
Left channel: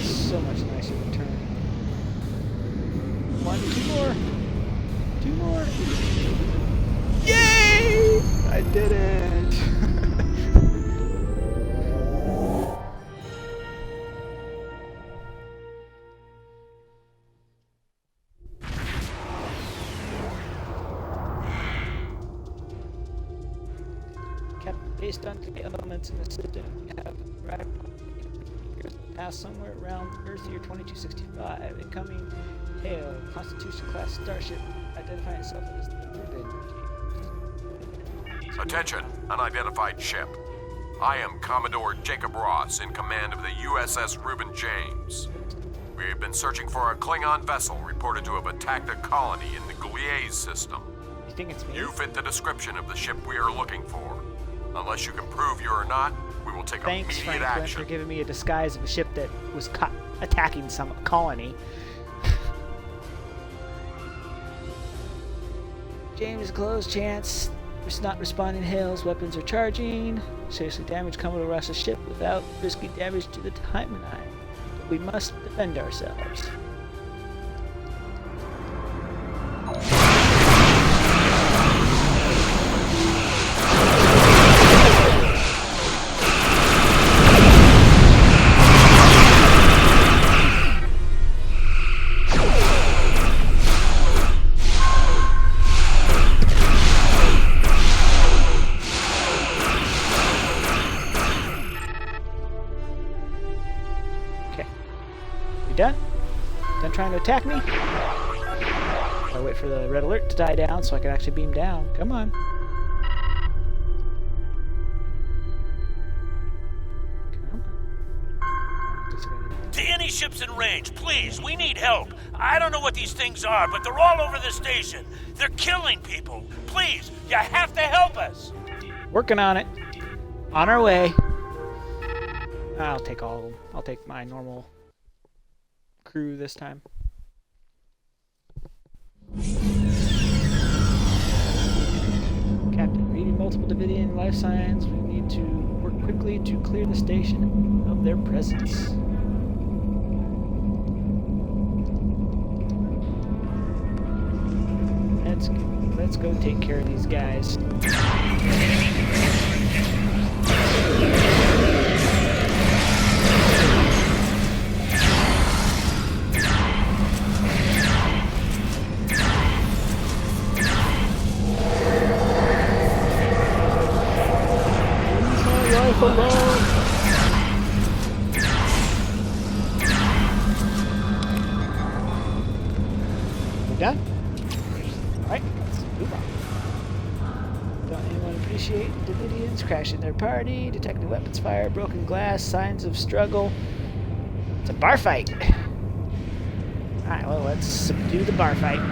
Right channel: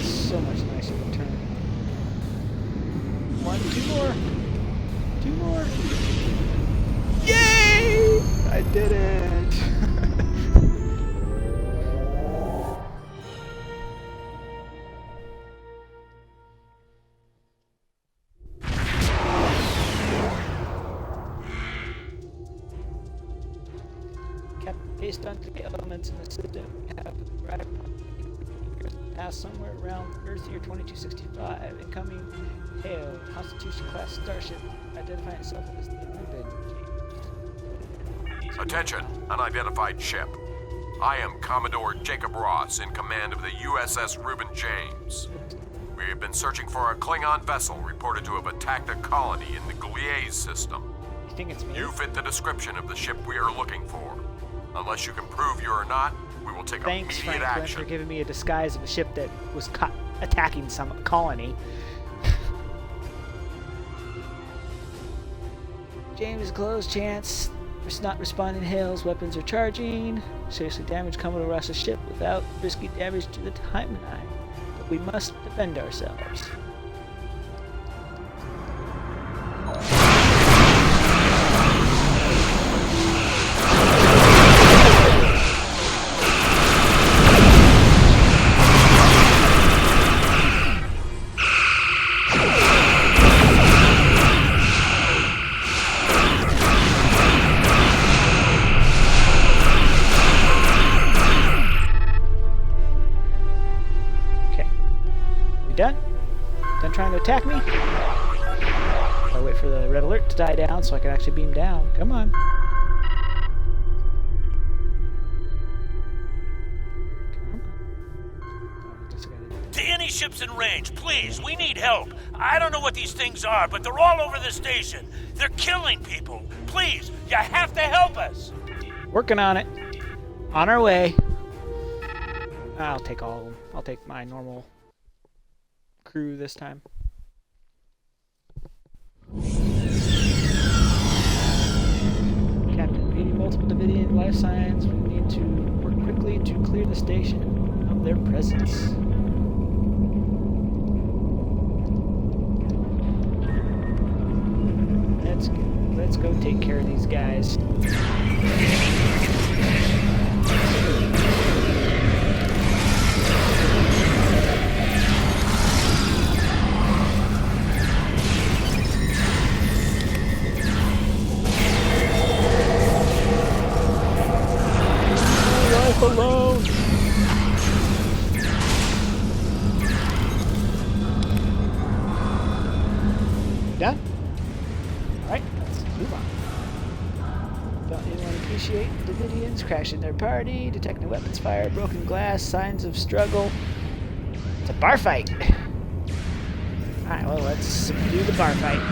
So much nicer to turn. Two more. Yay! I did it! Captain, based on the elements in the system, we have arrived past somewhere around Earth year 2265. Incoming hail, Constitution class starship, identifying itself as the Reuben. Attention, unidentified ship. I am Commodore Jacob Ross, in command of the USS Reuben James. We have been searching for a Klingon vessel reported to have attacked a colony in the Gliese system. You think it's me? You fit the description of the ship we are looking for. Unless you can prove you are not, we will take Thanks, immediate Franklin, action. for giving me a disguise of a ship that was attacking some colony. James, close chance. Not responding to hails. Weapons are charging. Seriously damage Commodore Ross's ship without risky damage to the timeline. But we must defend ourselves. Done? Done trying to attack me? I'll wait for the red alert to die down so I can actually beam down. Come on. Come on. To any ships in range, please, we need help. I don't know what these things are, but they're all over the station. They're killing people. Please, you have to help us. Working on it. On our way. I'll take all of them. I'll take my normal crew this time. Captain, reading multiple Devidian life signs. We need to work quickly to clear the station of their presence. Let's go take care of these guys. Alone. We're done? Alright, let's move on. Don't anyone appreciate the Devidians crashing their party, detecting weapons fire, broken glass, signs of struggle? It's a bar fight. Alright, well, let's subdue the bar fight.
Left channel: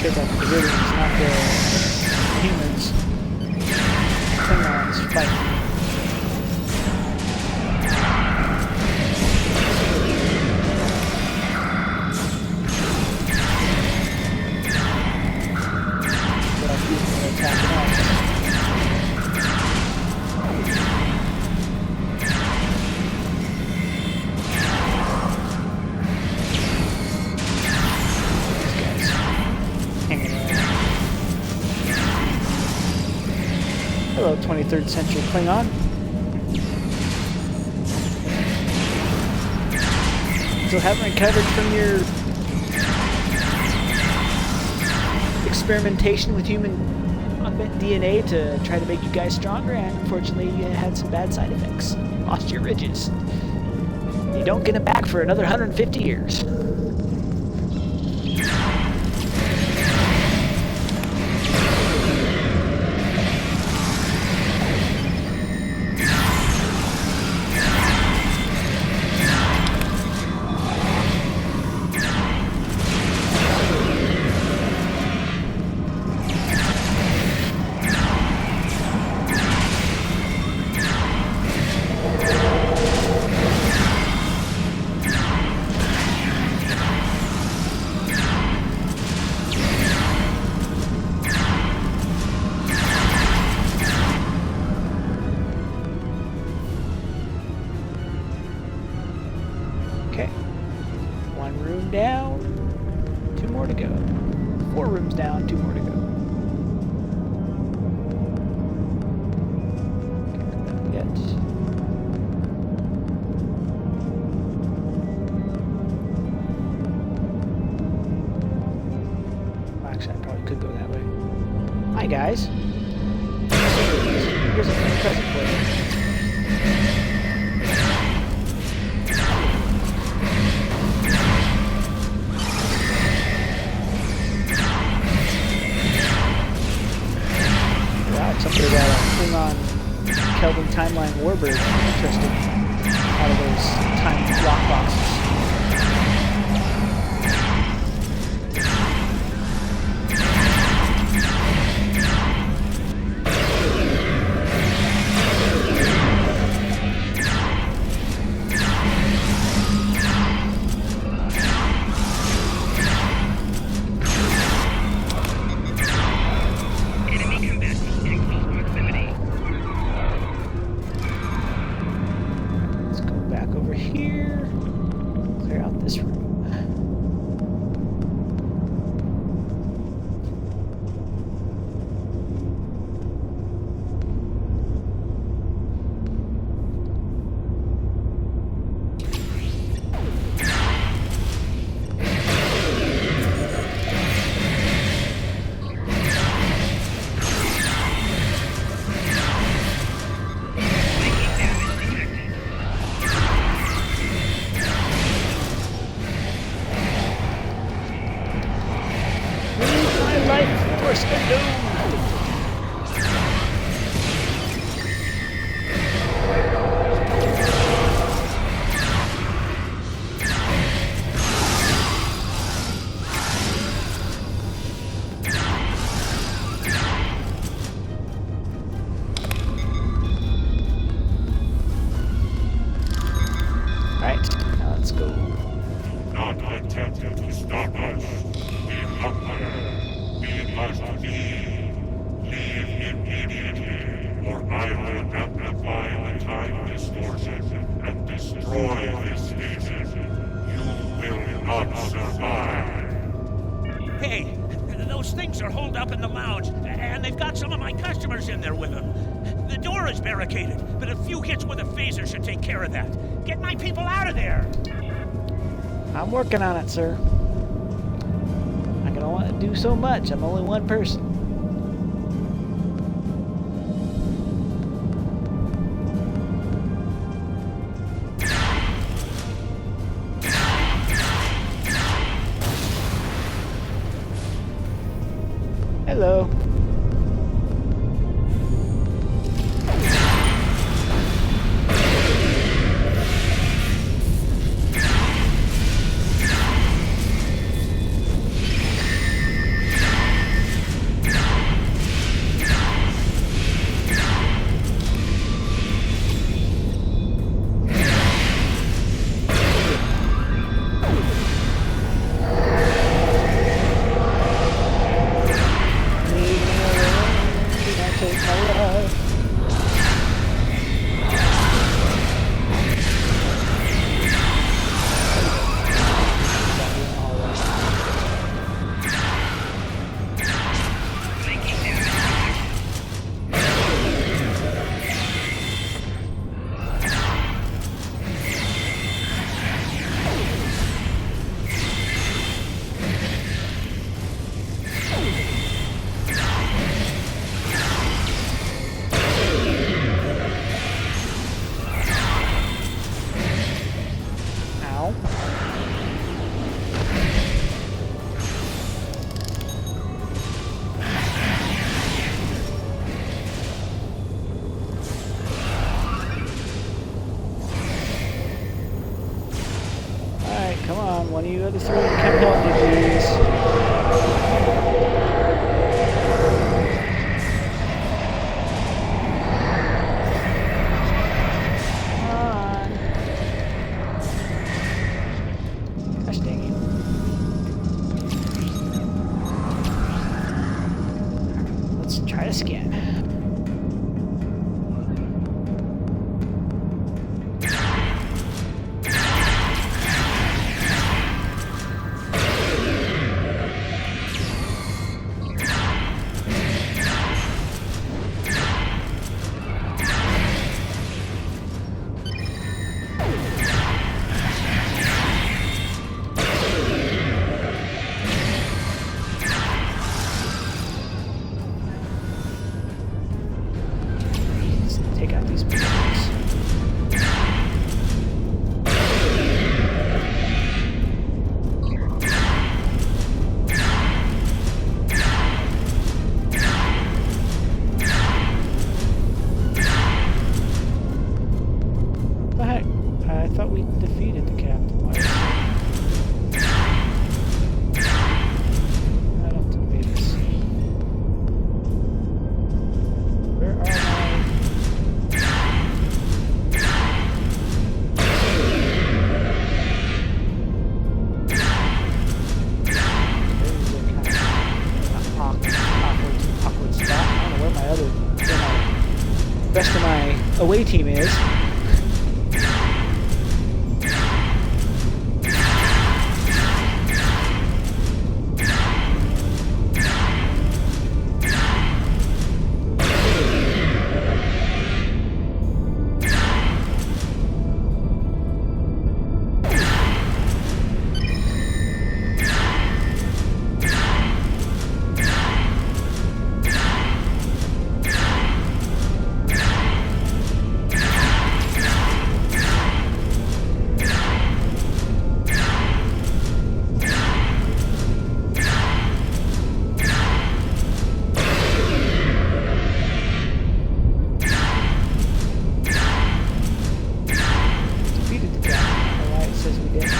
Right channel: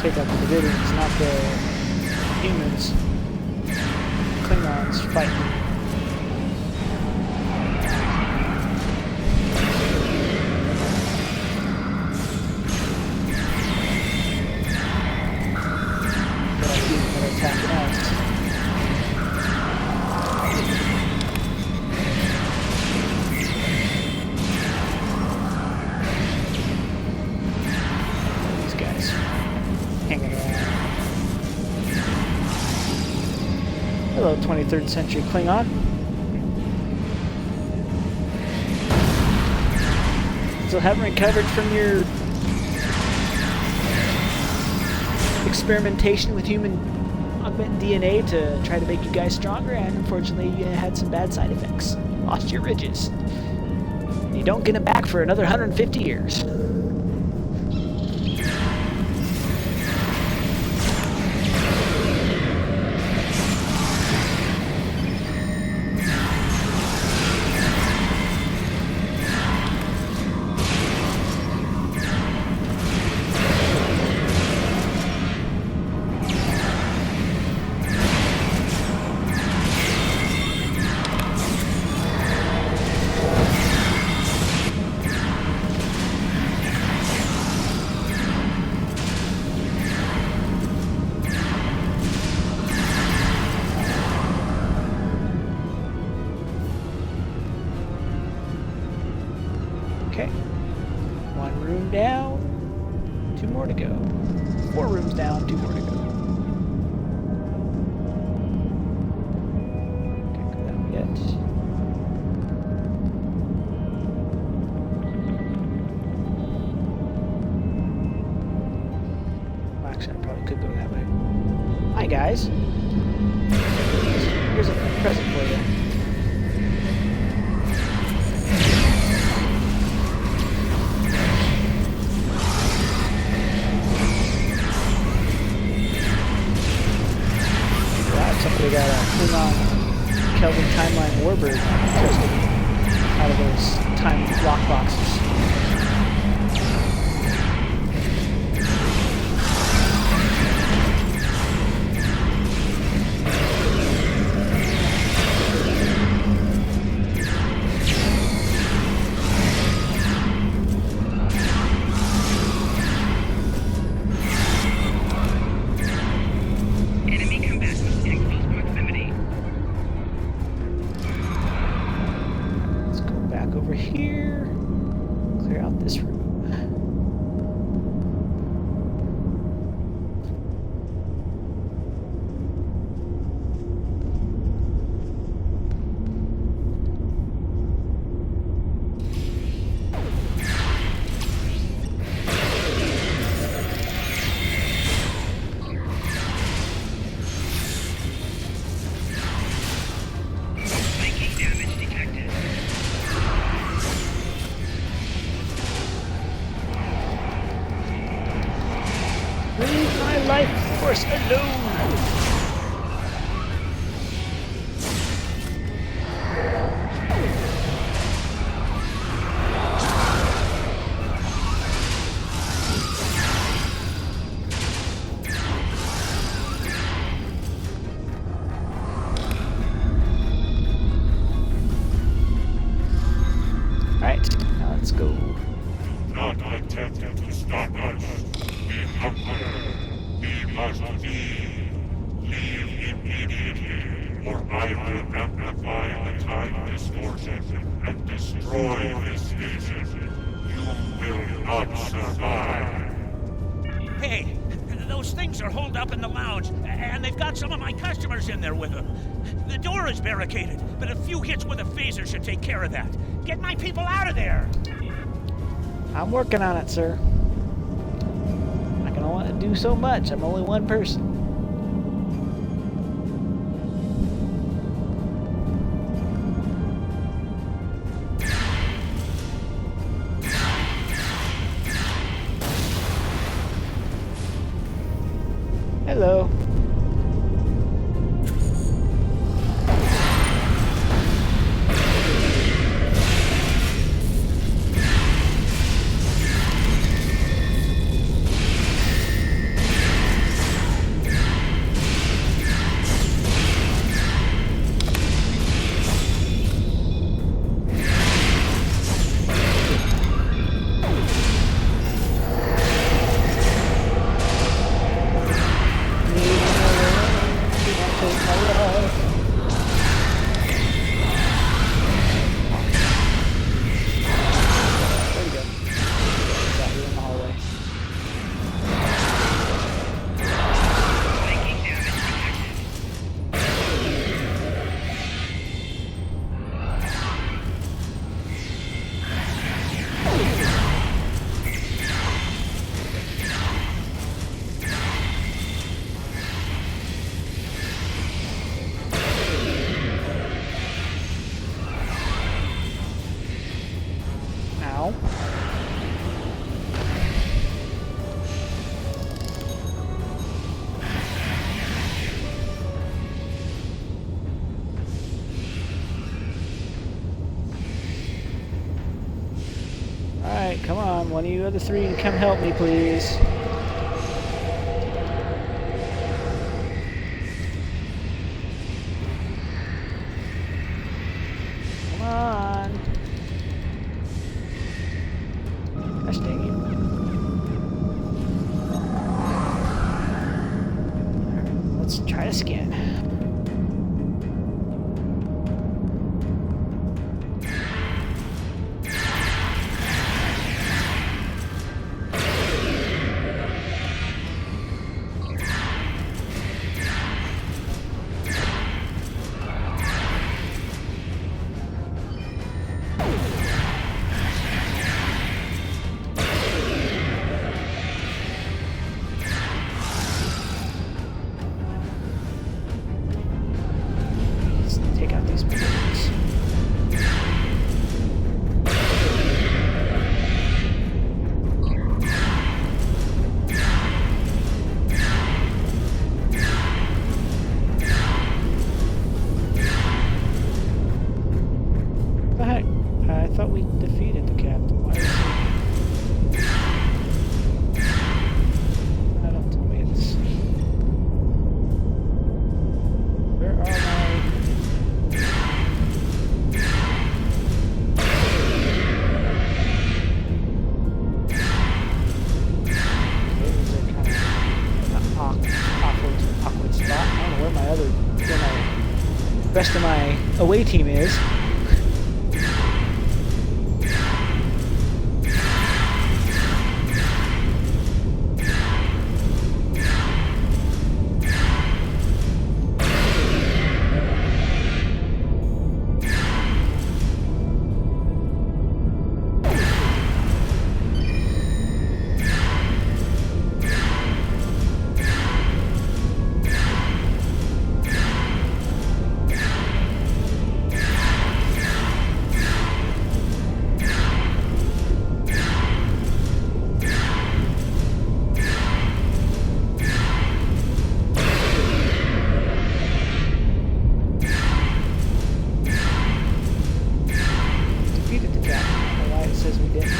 Take out the Devidians, not the humans. Klingons fighting. Hello, 23rd century Klingon. Still haven't recovered from your experimentation with human augmented DNA to try to make you guys stronger, and unfortunately you had some bad side effects. Lost your ridges. And you don't get them back for another 150 years. Okay. 1 room down, 2 more to go. 4 rooms down, 2 more to go. Can't go down yet. Well, actually, I probably could go that way. Hi, guys. Here's a present for you. Somebody got a Klingon Kelvin Timeline Warbird. Interesting. Out of those time lock boxes. Over here, clear out this room. Force alone. Alright, now let's go. Do not attempt to stop us. We hunger. We must leave. Leave immediately, or I will amplify the time distortion and destroy this station. You will not survive. Hey, those things are holed up in the lounge, and they've got some of my customers in there with them. The door is barricaded, but a few hits with a phaser should take care of that. Get my people out of there! I'm working on it, sir. I can only do so much. I'm only one person. Hello. Come on, one of you other three, come help me, please. Come on. Gosh dang it. Alright, let's try this again. Take out these buildings. What the heck? I thought we defeated the captain. Why is it? I don't tell me this. Where are my... awkward spot. I don't know where the rest of my away team is. Defeated the captain. I don't know why it says we didn't.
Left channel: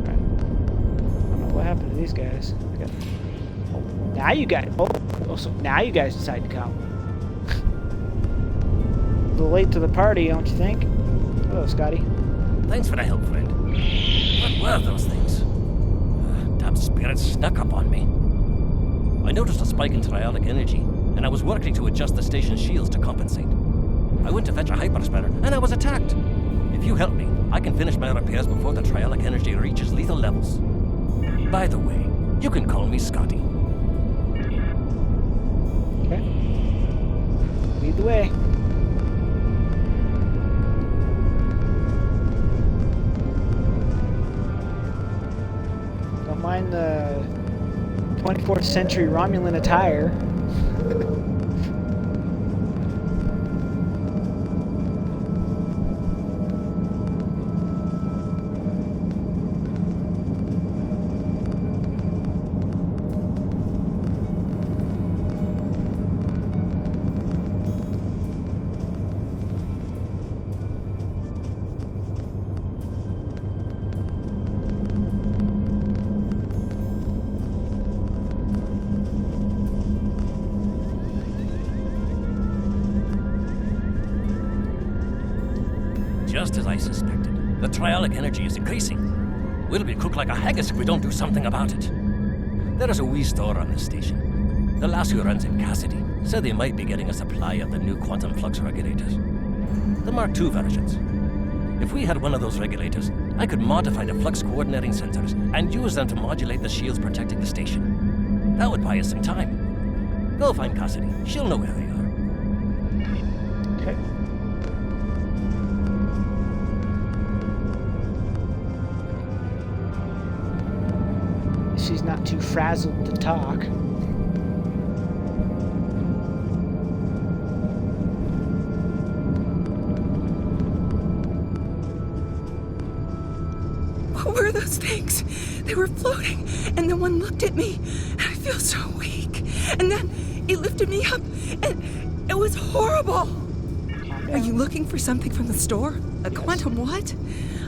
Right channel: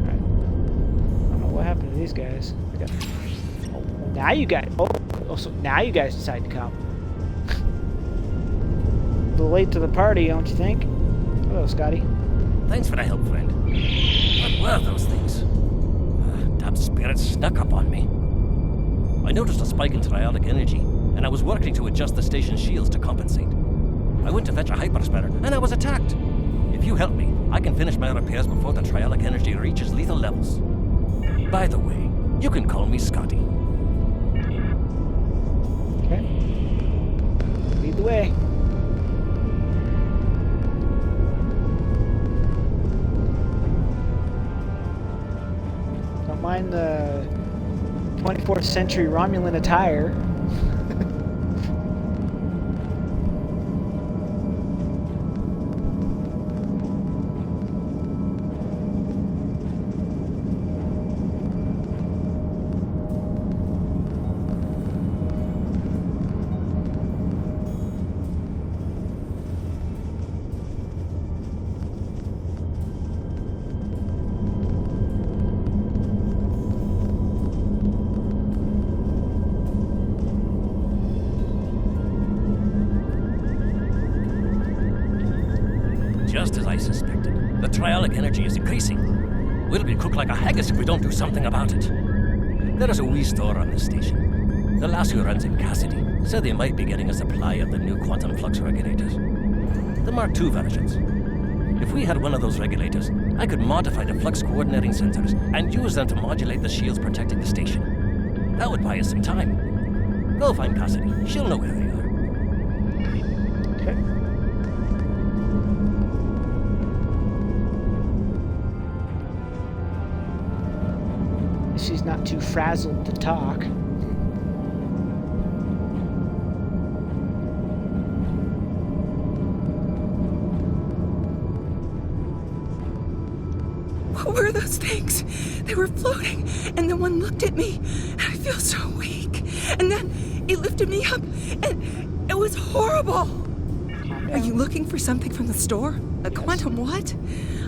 Alright. I don't know what happened to these guys. I got... Oh, now you guys... Oh, so now you guys decide to come. A little late to the party, don't you think? Hello, Scotty. Thanks for the help, friend. What were those things? Damn spirits snuck up on me. I noticed a spike in trialic energy, and I was working to adjust the station's shields to compensate. I went to fetch a hyperspatter, and I was attacked. If you help me, I can finish my repairs before the trialic energy reaches lethal levels. By the way, you can call me Scotty. Okay. Lead the way. Don't mind the 24th century Romulan attire. Just as I suspected, the trialic energy is increasing. We'll be cooked like a haggis if we don't do something about it. There is a wee store on this station. The lass who runs it, Cassidy, said they might be getting a supply of the new quantum flux regulators. The Mark II versions. If we had one of those regulators, I could modify the flux coordinating sensors and use them to modulate the shields protecting the station. That would buy us some time. Go find Cassidy. She'll know where they are. Okay. She's not too frazzled to talk. What were those things? They were floating, and then one looked at me, and I feel so weak. And then He lifted me up, and it was horrible. Are you looking for something from the store? A quantum what?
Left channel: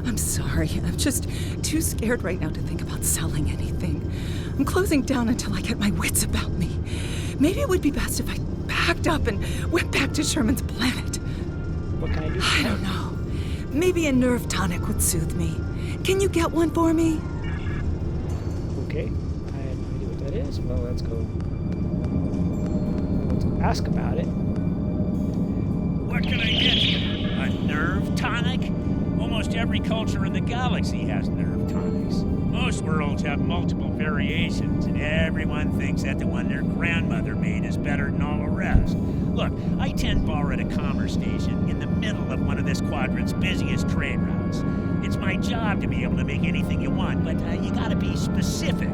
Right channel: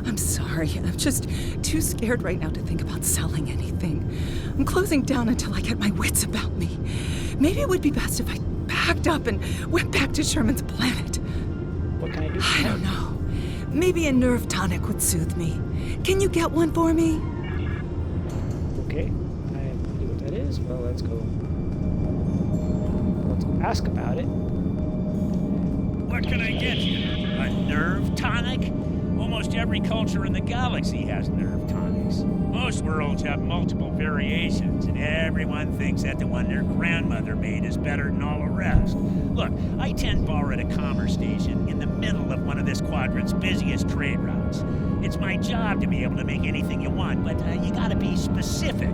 I'm sorry. I'm just too scared right now to think about selling anything. I'm closing down until I get my wits about me. Maybe it would be best if I packed up and went back to Sherman's planet. What can I do? I don't know. Maybe a nerve tonic would soothe me. Can you get one for me? Okay. I have no idea what that is. Well, let's go ask about it. What can I get you? A nerve tonic? Almost every culture in the galaxy has nerve tonics. Most worlds have multiple variations, and everyone thinks that the one their grandmother made is better than all the rest. Look, I-10 borrowed a commerce station in the middle of one of this quadrant's busiest trade routes. It's my job to be able to make anything you want, but you gotta be specific.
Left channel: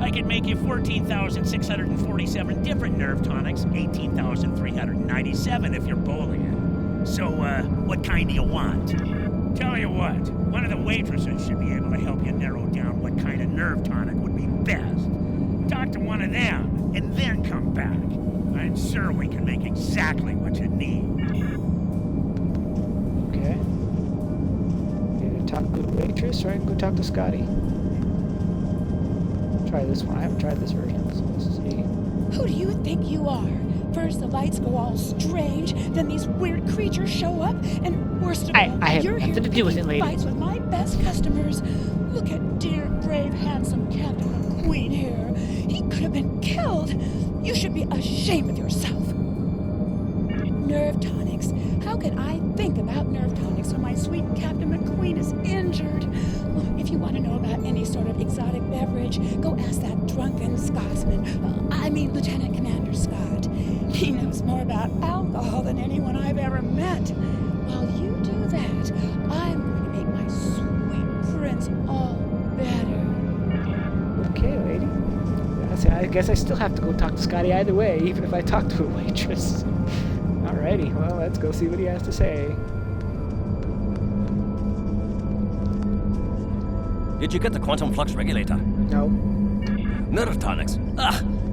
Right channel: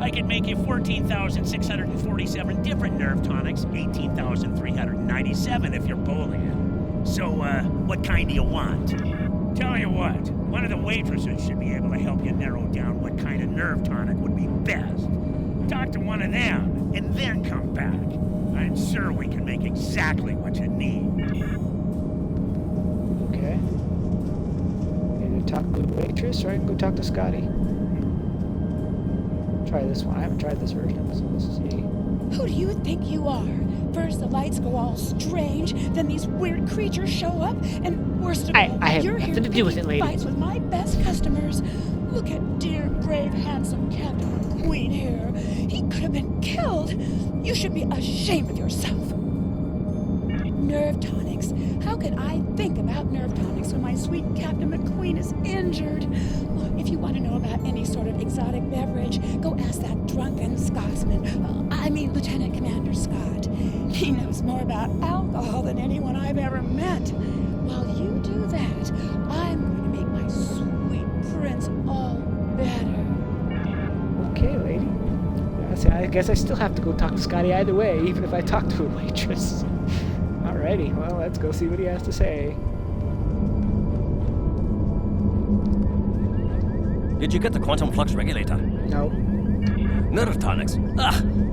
I could make you 14,647 different nerve tonics, 18,397 if you're bowling. So, what kind do you want? Tell you what, one of the waitresses should be able to help you narrow down what kind of nerve tonic would be best. Talk to one of them, and then come back. I'm sure we can make exactly what you need. Okay. Either talk to the waitress, or I can go talk to Scotty. Try this one. I haven't tried this version of this, so let's see. Who do you think you are? First the lights go all strange, then these weird creatures show up, and worst of all, I have you're nothing here to do with it, picking lady. fights with my best customers. Look at dear, brave, handsome Captain McQueen here. He could have been killed. You should be ashamed of yourself. Nerve tonics. How can I think about nerve tonics when my sweet Captain McQueen is injured? Well, if you want to know about any sort of exotic beverage, go ask that drunken Scotsman. Lieutenant Commander Scott. He knows more about alcohol than anyone I've ever met. While you do that, I'm going to make my sweet prince all better. Okay, lady. I guess I still have to go talk to Scotty either way, even if I talk to a waitress. Alrighty, well, let's go see what he has to say. Did you get the quantum flux regulator? No. Nerve tonics?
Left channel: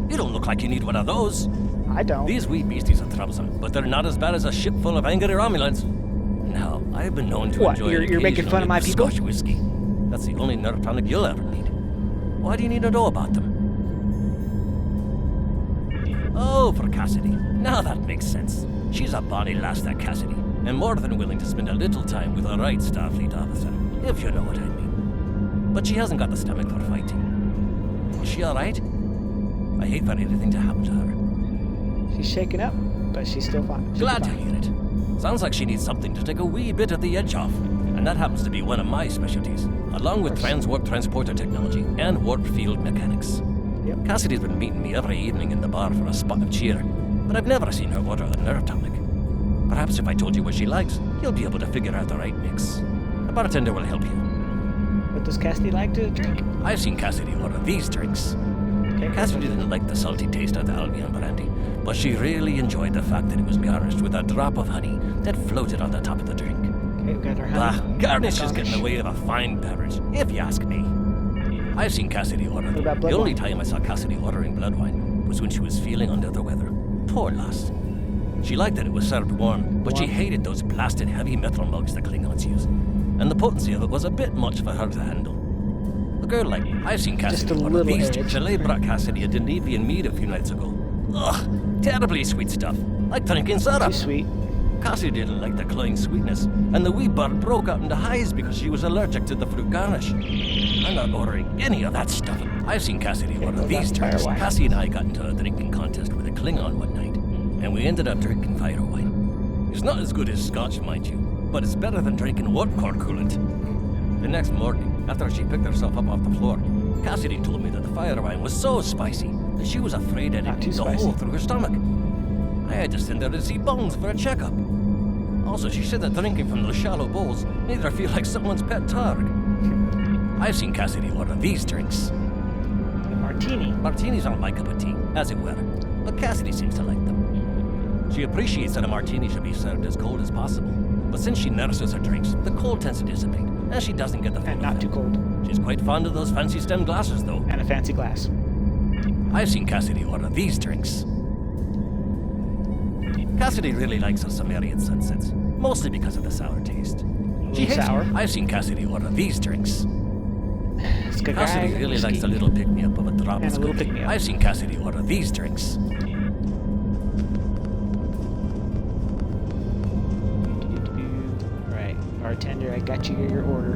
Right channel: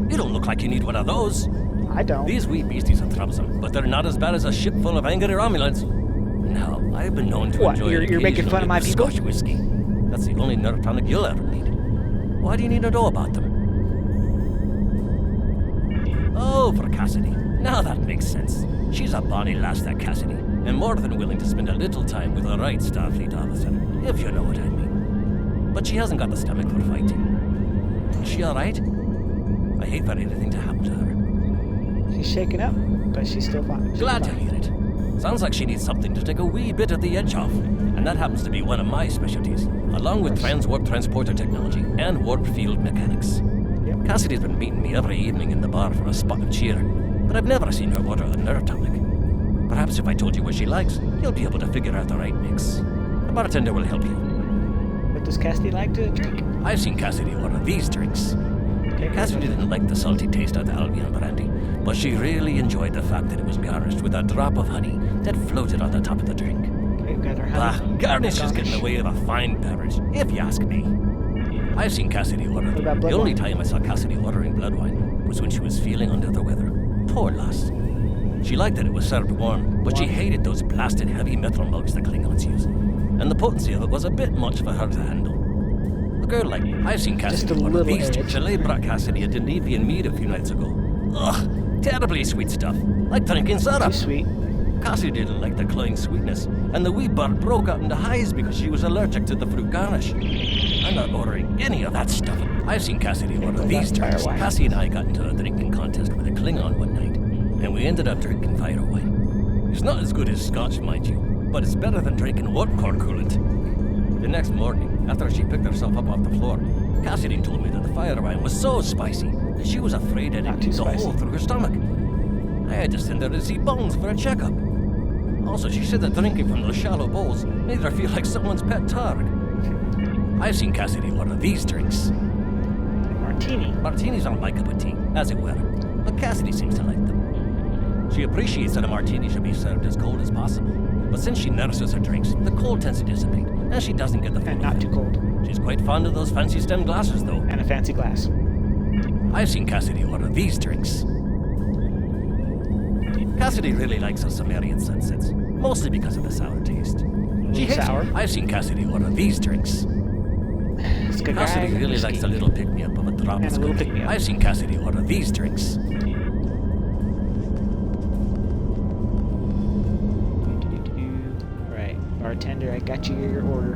You don't look like you need one of those. I don't. These wee beasties are troublesome, but they're not as bad as a ship full of angry Romulans. Now, I've been known to enjoy You're making fun of my people? Scotch whiskey. That's the only nerve tonic you'll ever need. Why do you need to know about them? Oh, for Cassidy. Now that makes sense. She's a bonny lass, that Cassidy, and more than willing to spend a little time with a right Starfleet officer, if you know what I mean. But she hasn't got the stomach for fighting. Is she alright? I hate for anything to happen to her. She's shaken up, but she's still fine. Glad to hear it. Sounds like she needs something to take a wee bit of the edge off, and that happens to be one of my specialties, along with transwarp transporter technology and warp field mechanics. Yep. Cassidy's been meeting me every evening in the bar for a spot of cheer, but I've never seen her order a nerve tonic. Perhaps if I told you what she likes, you'll be able to figure out the right mix. The bartender will help you. What does Cassidy like to drink? I've seen Cassidy order these drinks. Okay, Cassidy didn't like the salty taste of the Albion brandy, but she really enjoyed the fact that it was garnished with a drop of honey that floated on the top of the drink. Okay, we got our honey. Garnish is getting in the way of a fine beverage, if you ask me. I've seen Cassidy order. What about The blood only wine? time I saw Cassidy ordering blood wine was when she was feeling under the weather. Poor lass. She liked that it was served warm, but she hated those blasted heavy metal mugs the Klingons use, and the potency of it was a bit much for her to handle. A girl like I've seen Cassidy order these. Chalet brought Cassidy a Devidian mead a few nights ago. Ugh, terribly sweet stuff, like drinking syrup. Too sweet. Cassie didn't like the cloying sweetness, and the wee bird broke out into highs because she was allergic to the fruit garnish. I'm not ordering any of that stuff. I've seen Cassidy order these drinks. Cassie and I got into a drinking contest with a Klingon one night, and we ended up drinking fire wine. It's not as good as scotch, mind you, but it's better than drinking warp core coolant. The next morning, after she picked herself up off the floor, Cassidy told me that the fire wine was so spicy that she was afraid that it'd eat the hole through her stomach. I had to send her to see Bones for a checkup. Also, she said that drinking from those shallow bowls made her feel like someone's pet targ. I've seen Cassidy order these drinks. Martini. Martinis aren't my cup of tea, as it were, but Cassidy seems to like them. She appreciates that a martini should be served as cold as possible, but since she nurses her drinks, the cold tends to dissipate, and she doesn't get the full And not too cold. She's quite fond of those fancy stem glasses, though. And a fancy glass. I've seen Cassidy order these drinks. Cassidy really likes her Sumerian sunsets, mostly because of the sour taste. She hates sour. I've seen Cassidy order these drinks. It's good Cassidy guy, really whiskey. likes a little pick-me-up of a drop And of a little Scooby. pick-me-up. I've seen Cassidy order these drinks. Alright, bartender, I got you your order.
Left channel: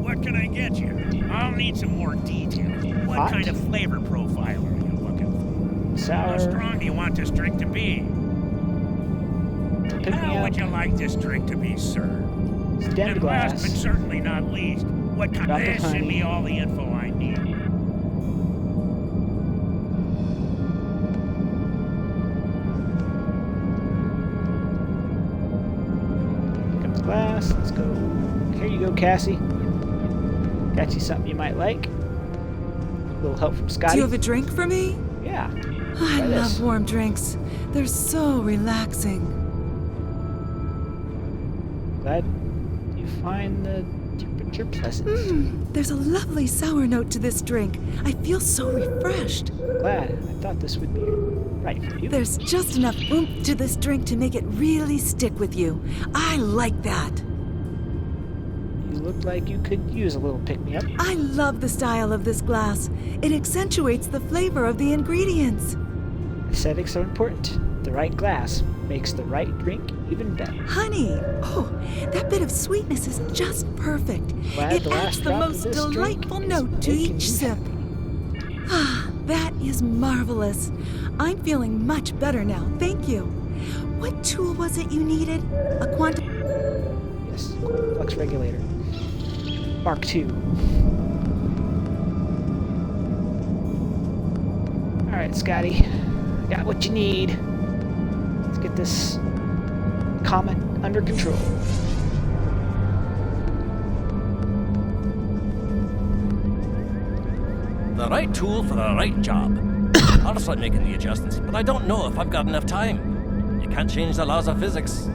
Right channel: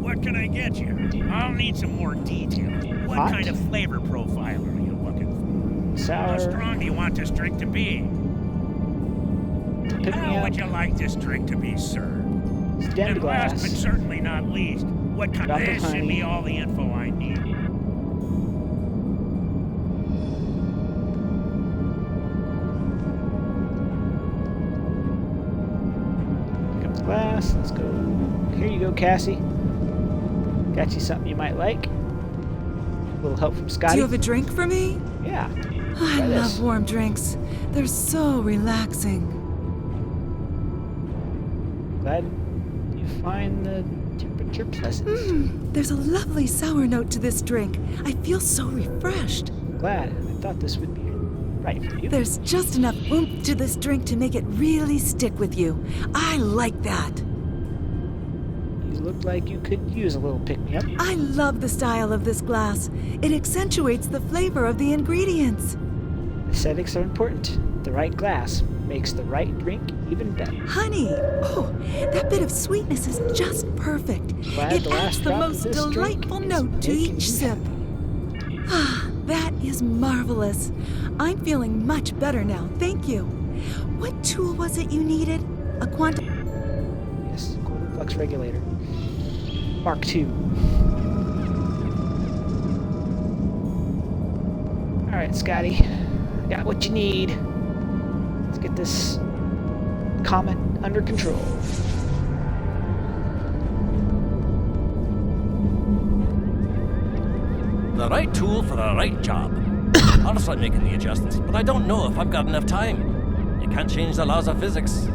What can I get you? I'll need some more detail. What Hot? kind of flavor profile are you looking for? Sour. How strong do you want this drink to be? Pick me How up. would you like this drink to be served? Stemmed And glass. last but certainly not least, what kind Drop of this should honey. be all the info I need. Pick up the glass. Let's go. Here you go, Cassie. Got you something you might like. A little help from Scotty. Do you have a drink for me? Yeah. I Try love this. warm drinks. They're so relaxing. Glad you find the temperature pleasant. There's a lovely sour note to this drink. I feel so refreshed. Glad. I thought this would be right for you. There's just enough oomph to this drink to make it really stick with you. I like that. You look like you could use a little pick-me-up. I love the style of this glass. It accentuates the flavor of the ingredients. Aesthetics are important. The right glass makes the right drink even better. Honey! Oh, that bit of sweetness is just perfect. Glad It the last adds the drop of most this drink delightful is note to making each you sip. Ah, that is marvelous. I'm feeling much better now, thank you. What tool was it you needed? A quantum... Yes, flux regulator. Mark II. Alright, Scotty. I got what you need. Let's get this comet under control. The right tool for the right job. I'll start making the adjustments, but I don't know if I've got enough time. You can't change the laws of physics.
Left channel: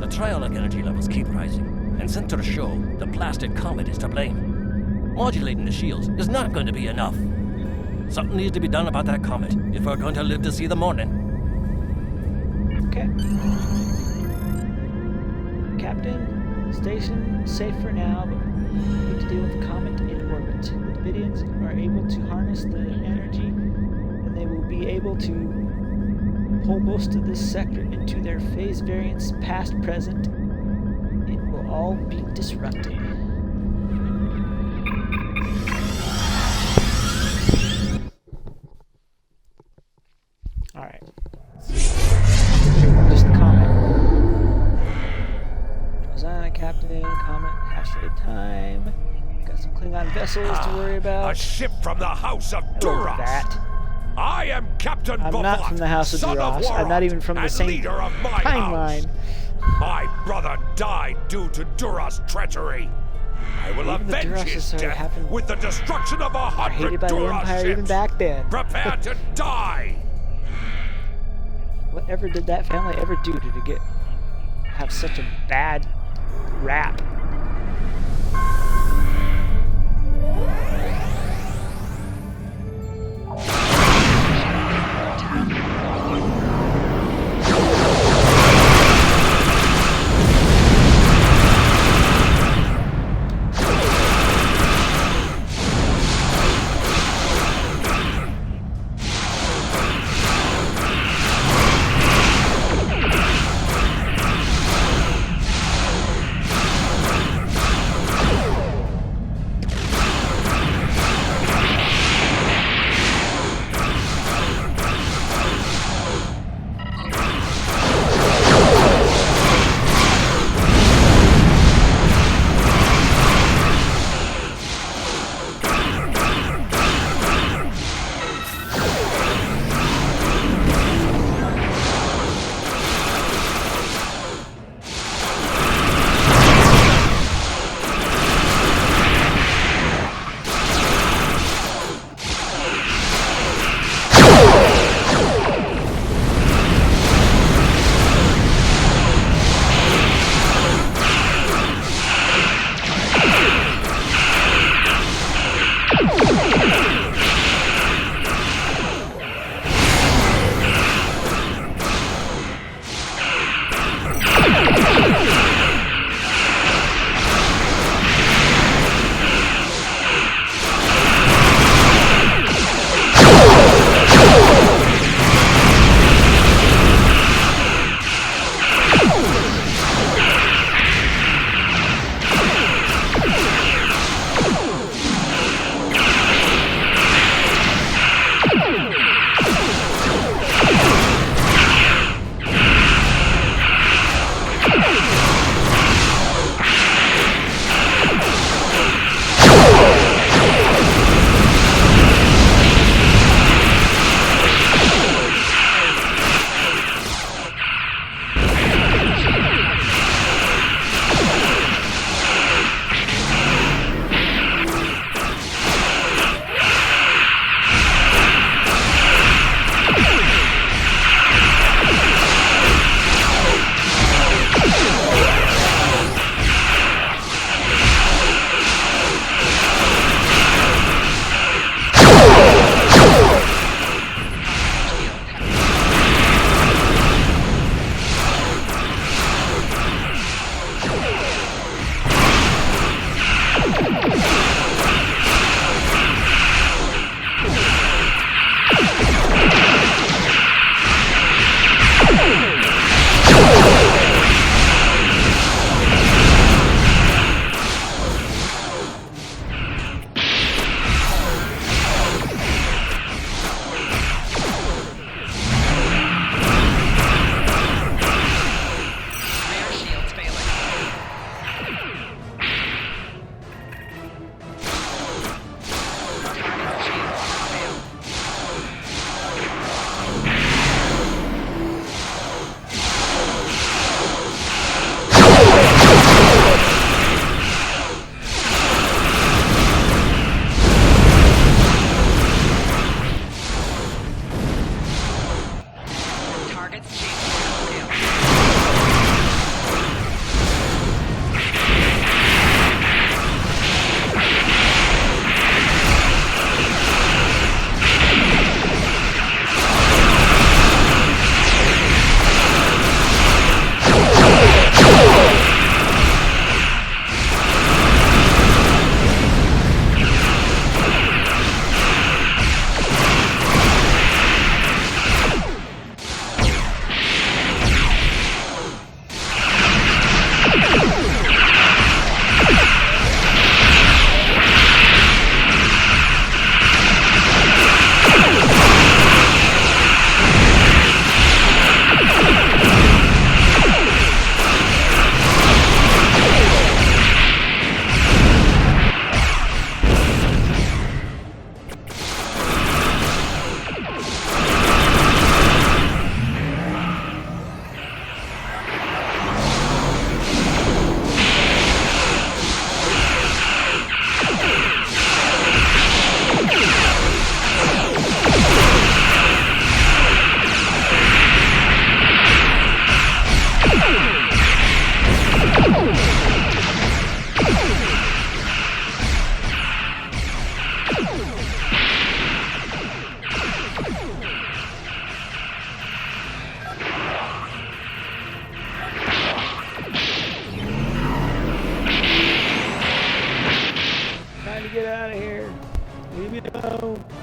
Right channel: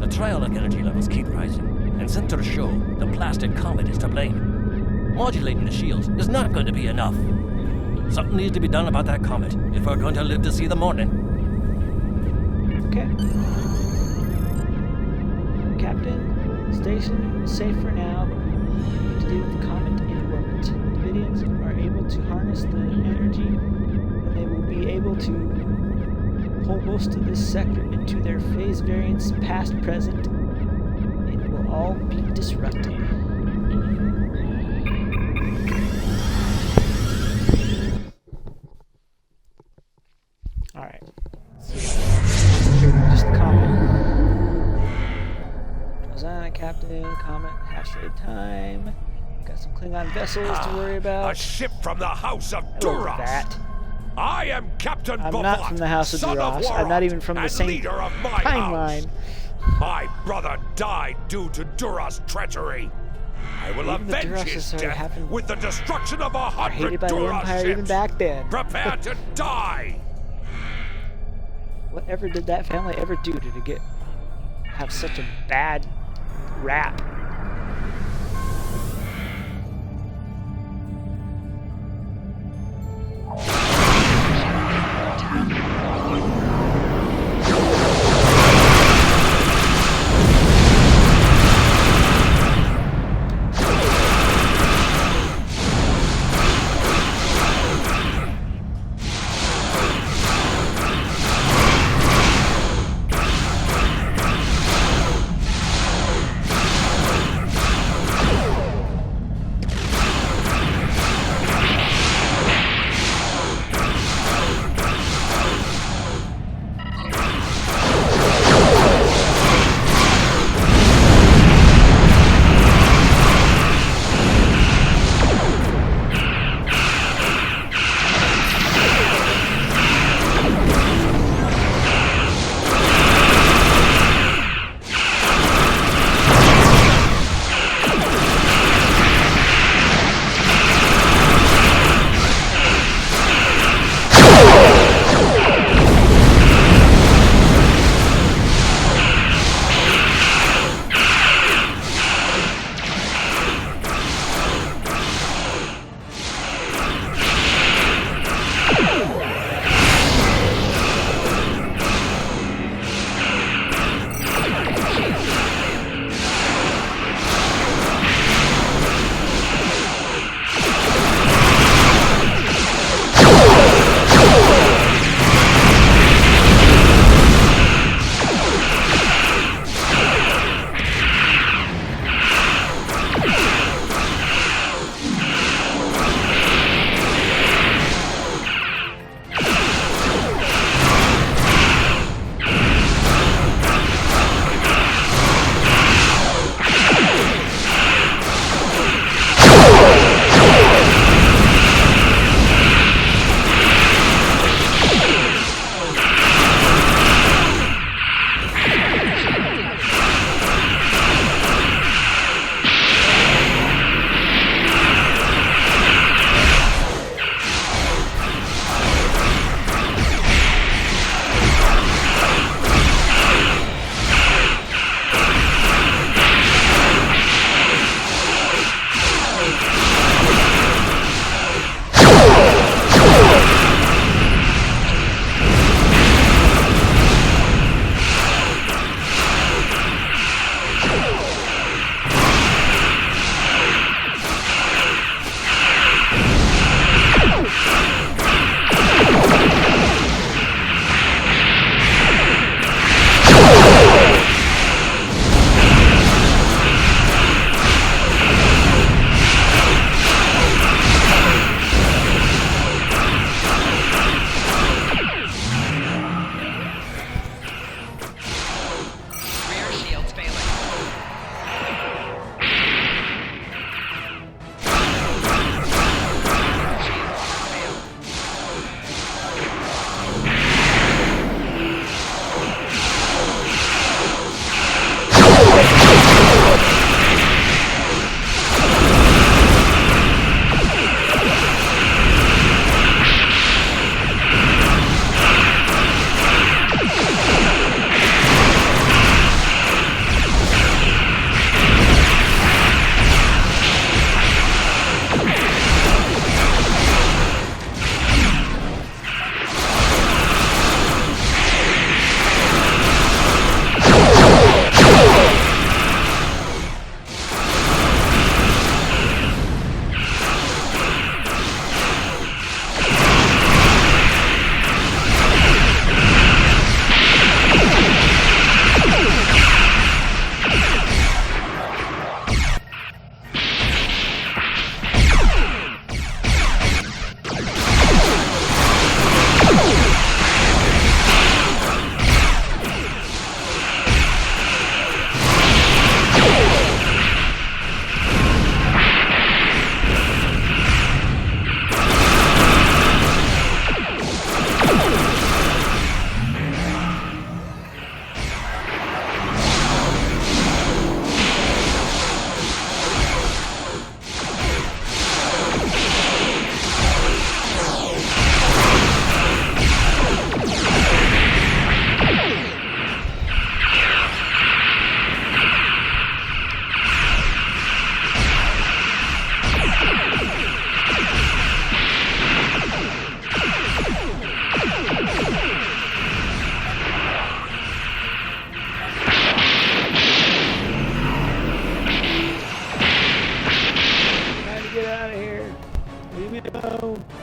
The triolic energy levels keep rising, and sensors show the blasted comet is to blame. Modulating the shields is not going to be enough. Something needs to be done about that comet if we're going to live to see the morning. Okay. Captain, station safe for now, but we need to deal with the comet in orbit. Devidians are able to harness the energy, and they will be able to pull most of this sector into their phase variants past present. It will all be disrupted. Alright. Concentrate on just the comet. Rosanna, Captain, Comet, half-shade time. Got some Klingon vessels to worry about. A ship from the House of I love Duras. that. I am Captain I'm Bovot, not from the House of son Duras. I'm not even from the and same leader of my timeline. house. My brother died due to Duras' treachery. I will Even the avenge his Durases are death having- with the destruction of Are 100 hated by the Duras Empire ships. even back then. Prepare to die. Whatever did that family ever do to have such a bad rap?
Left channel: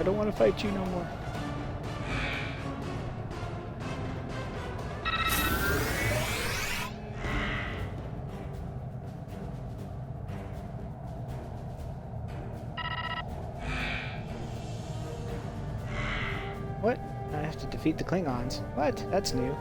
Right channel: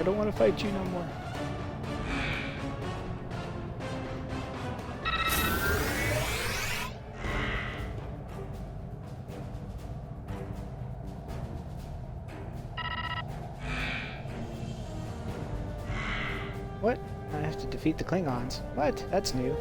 I don't want to fight you no more. What? I have to defeat the Klingons. What? That's new.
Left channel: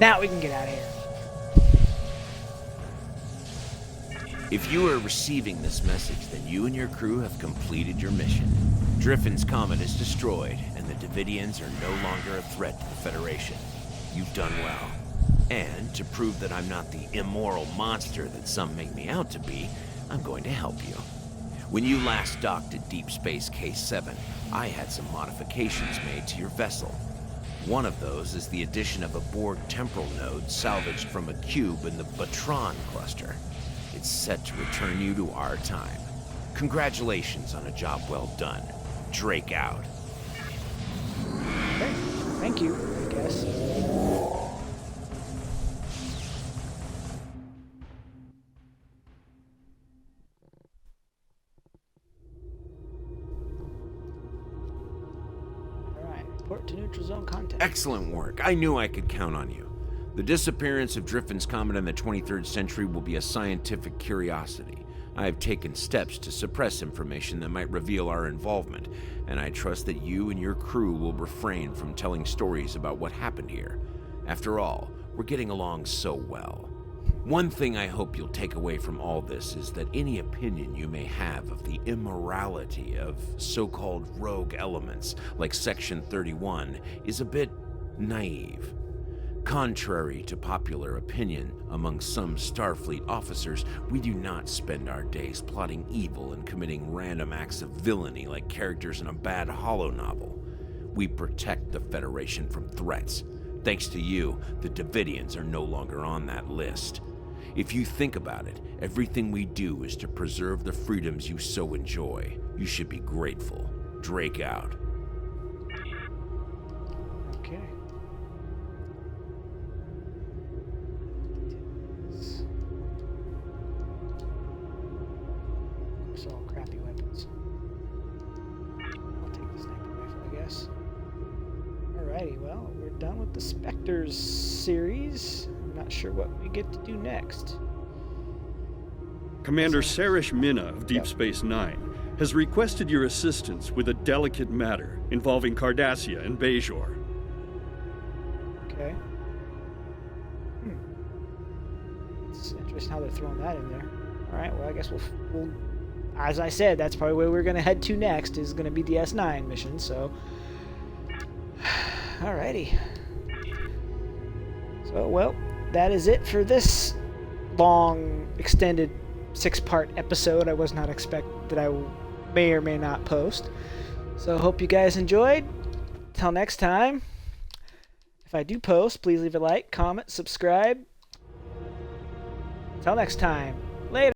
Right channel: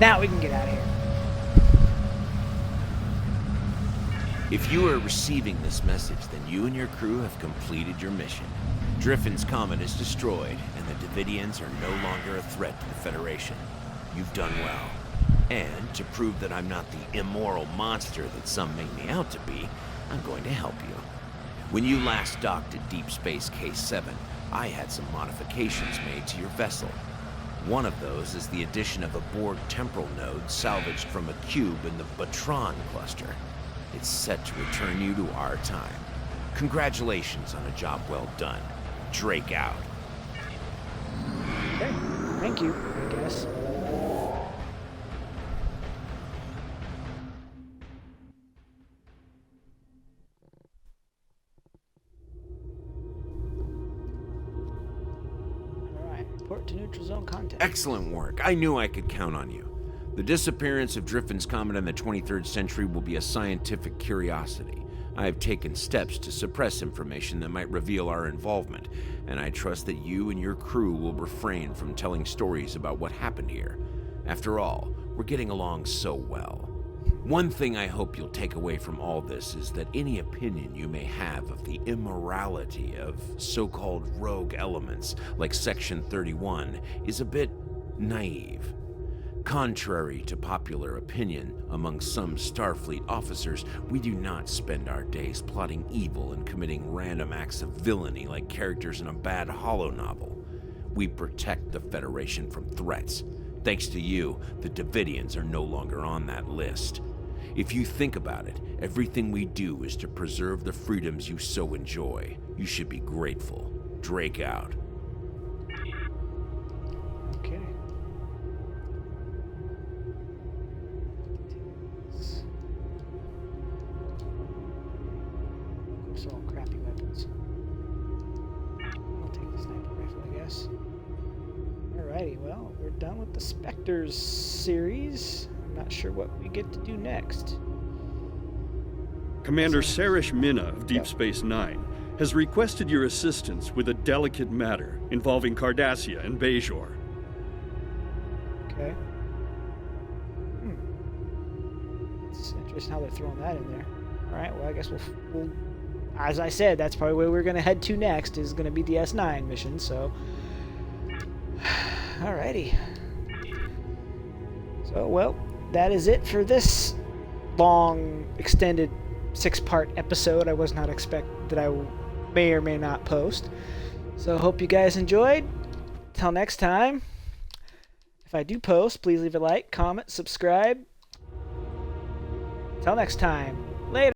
Now we can get out of here. If you are receiving this message, then you and your crew have completed your mission. Driffin's comet is destroyed, and the Devidians are no longer a threat to the Federation. You've done well. And to prove that I'm not the immoral monster that some make me out to be, I'm going to help you. When you last docked at Deep Space K7, I had some modifications made to your vessel. One of those is the addition of a Borg temporal node salvaged from a cube in the Batron cluster. It's set to return you to our time. Congratulations on a job well done. Drake out. Okay, thank you, I guess. Alright, report to neutral zone contact. Excellent work. I knew I could count on you. The disappearance of Driffin's comet in the 23rd century will be a scientific curiosity. I have taken steps to suppress information that might reveal our involvement, and I trust that you and your crew will refrain from telling stories about what happened here. After all, we're getting along so well. One thing I hope you'll take away from all this is that any opinion you may have of the immorality of so-called rogue elements like Section 31 is a bit naive. Contrary to popular opinion among some Starfleet officers, we do not spend our days plotting evil and committing random acts of villainy like characters in a bad holo novel. We protect the Federation from threats. Thanks to you, the Devidians are no longer on that list. If you think about it, everything we do is to preserve the freedoms you so enjoy. You should be grateful. Drake out. Okay. They're all crappy weapons. I'll take the sniper rifle, I guess. Alrighty, well, we're done with the Spectres series. I'm not sure what we get to do next. Commander Sarish Minna of Deep Space Nine has requested your assistance with a delicate matter involving Cardassia and Bajor. Okay. It's interesting how they're throwing that in there. Alright, well, I guess we'll as I said, that's probably where we're going to head to next, is going to be the S9 mission, so... Alrighty. So, well, that is it for this long, extended 6-part episode I was not expect that I may or may not post. So, hope you guys enjoyed. Till next time, if I do post, please leave a like, comment, subscribe. Till next time.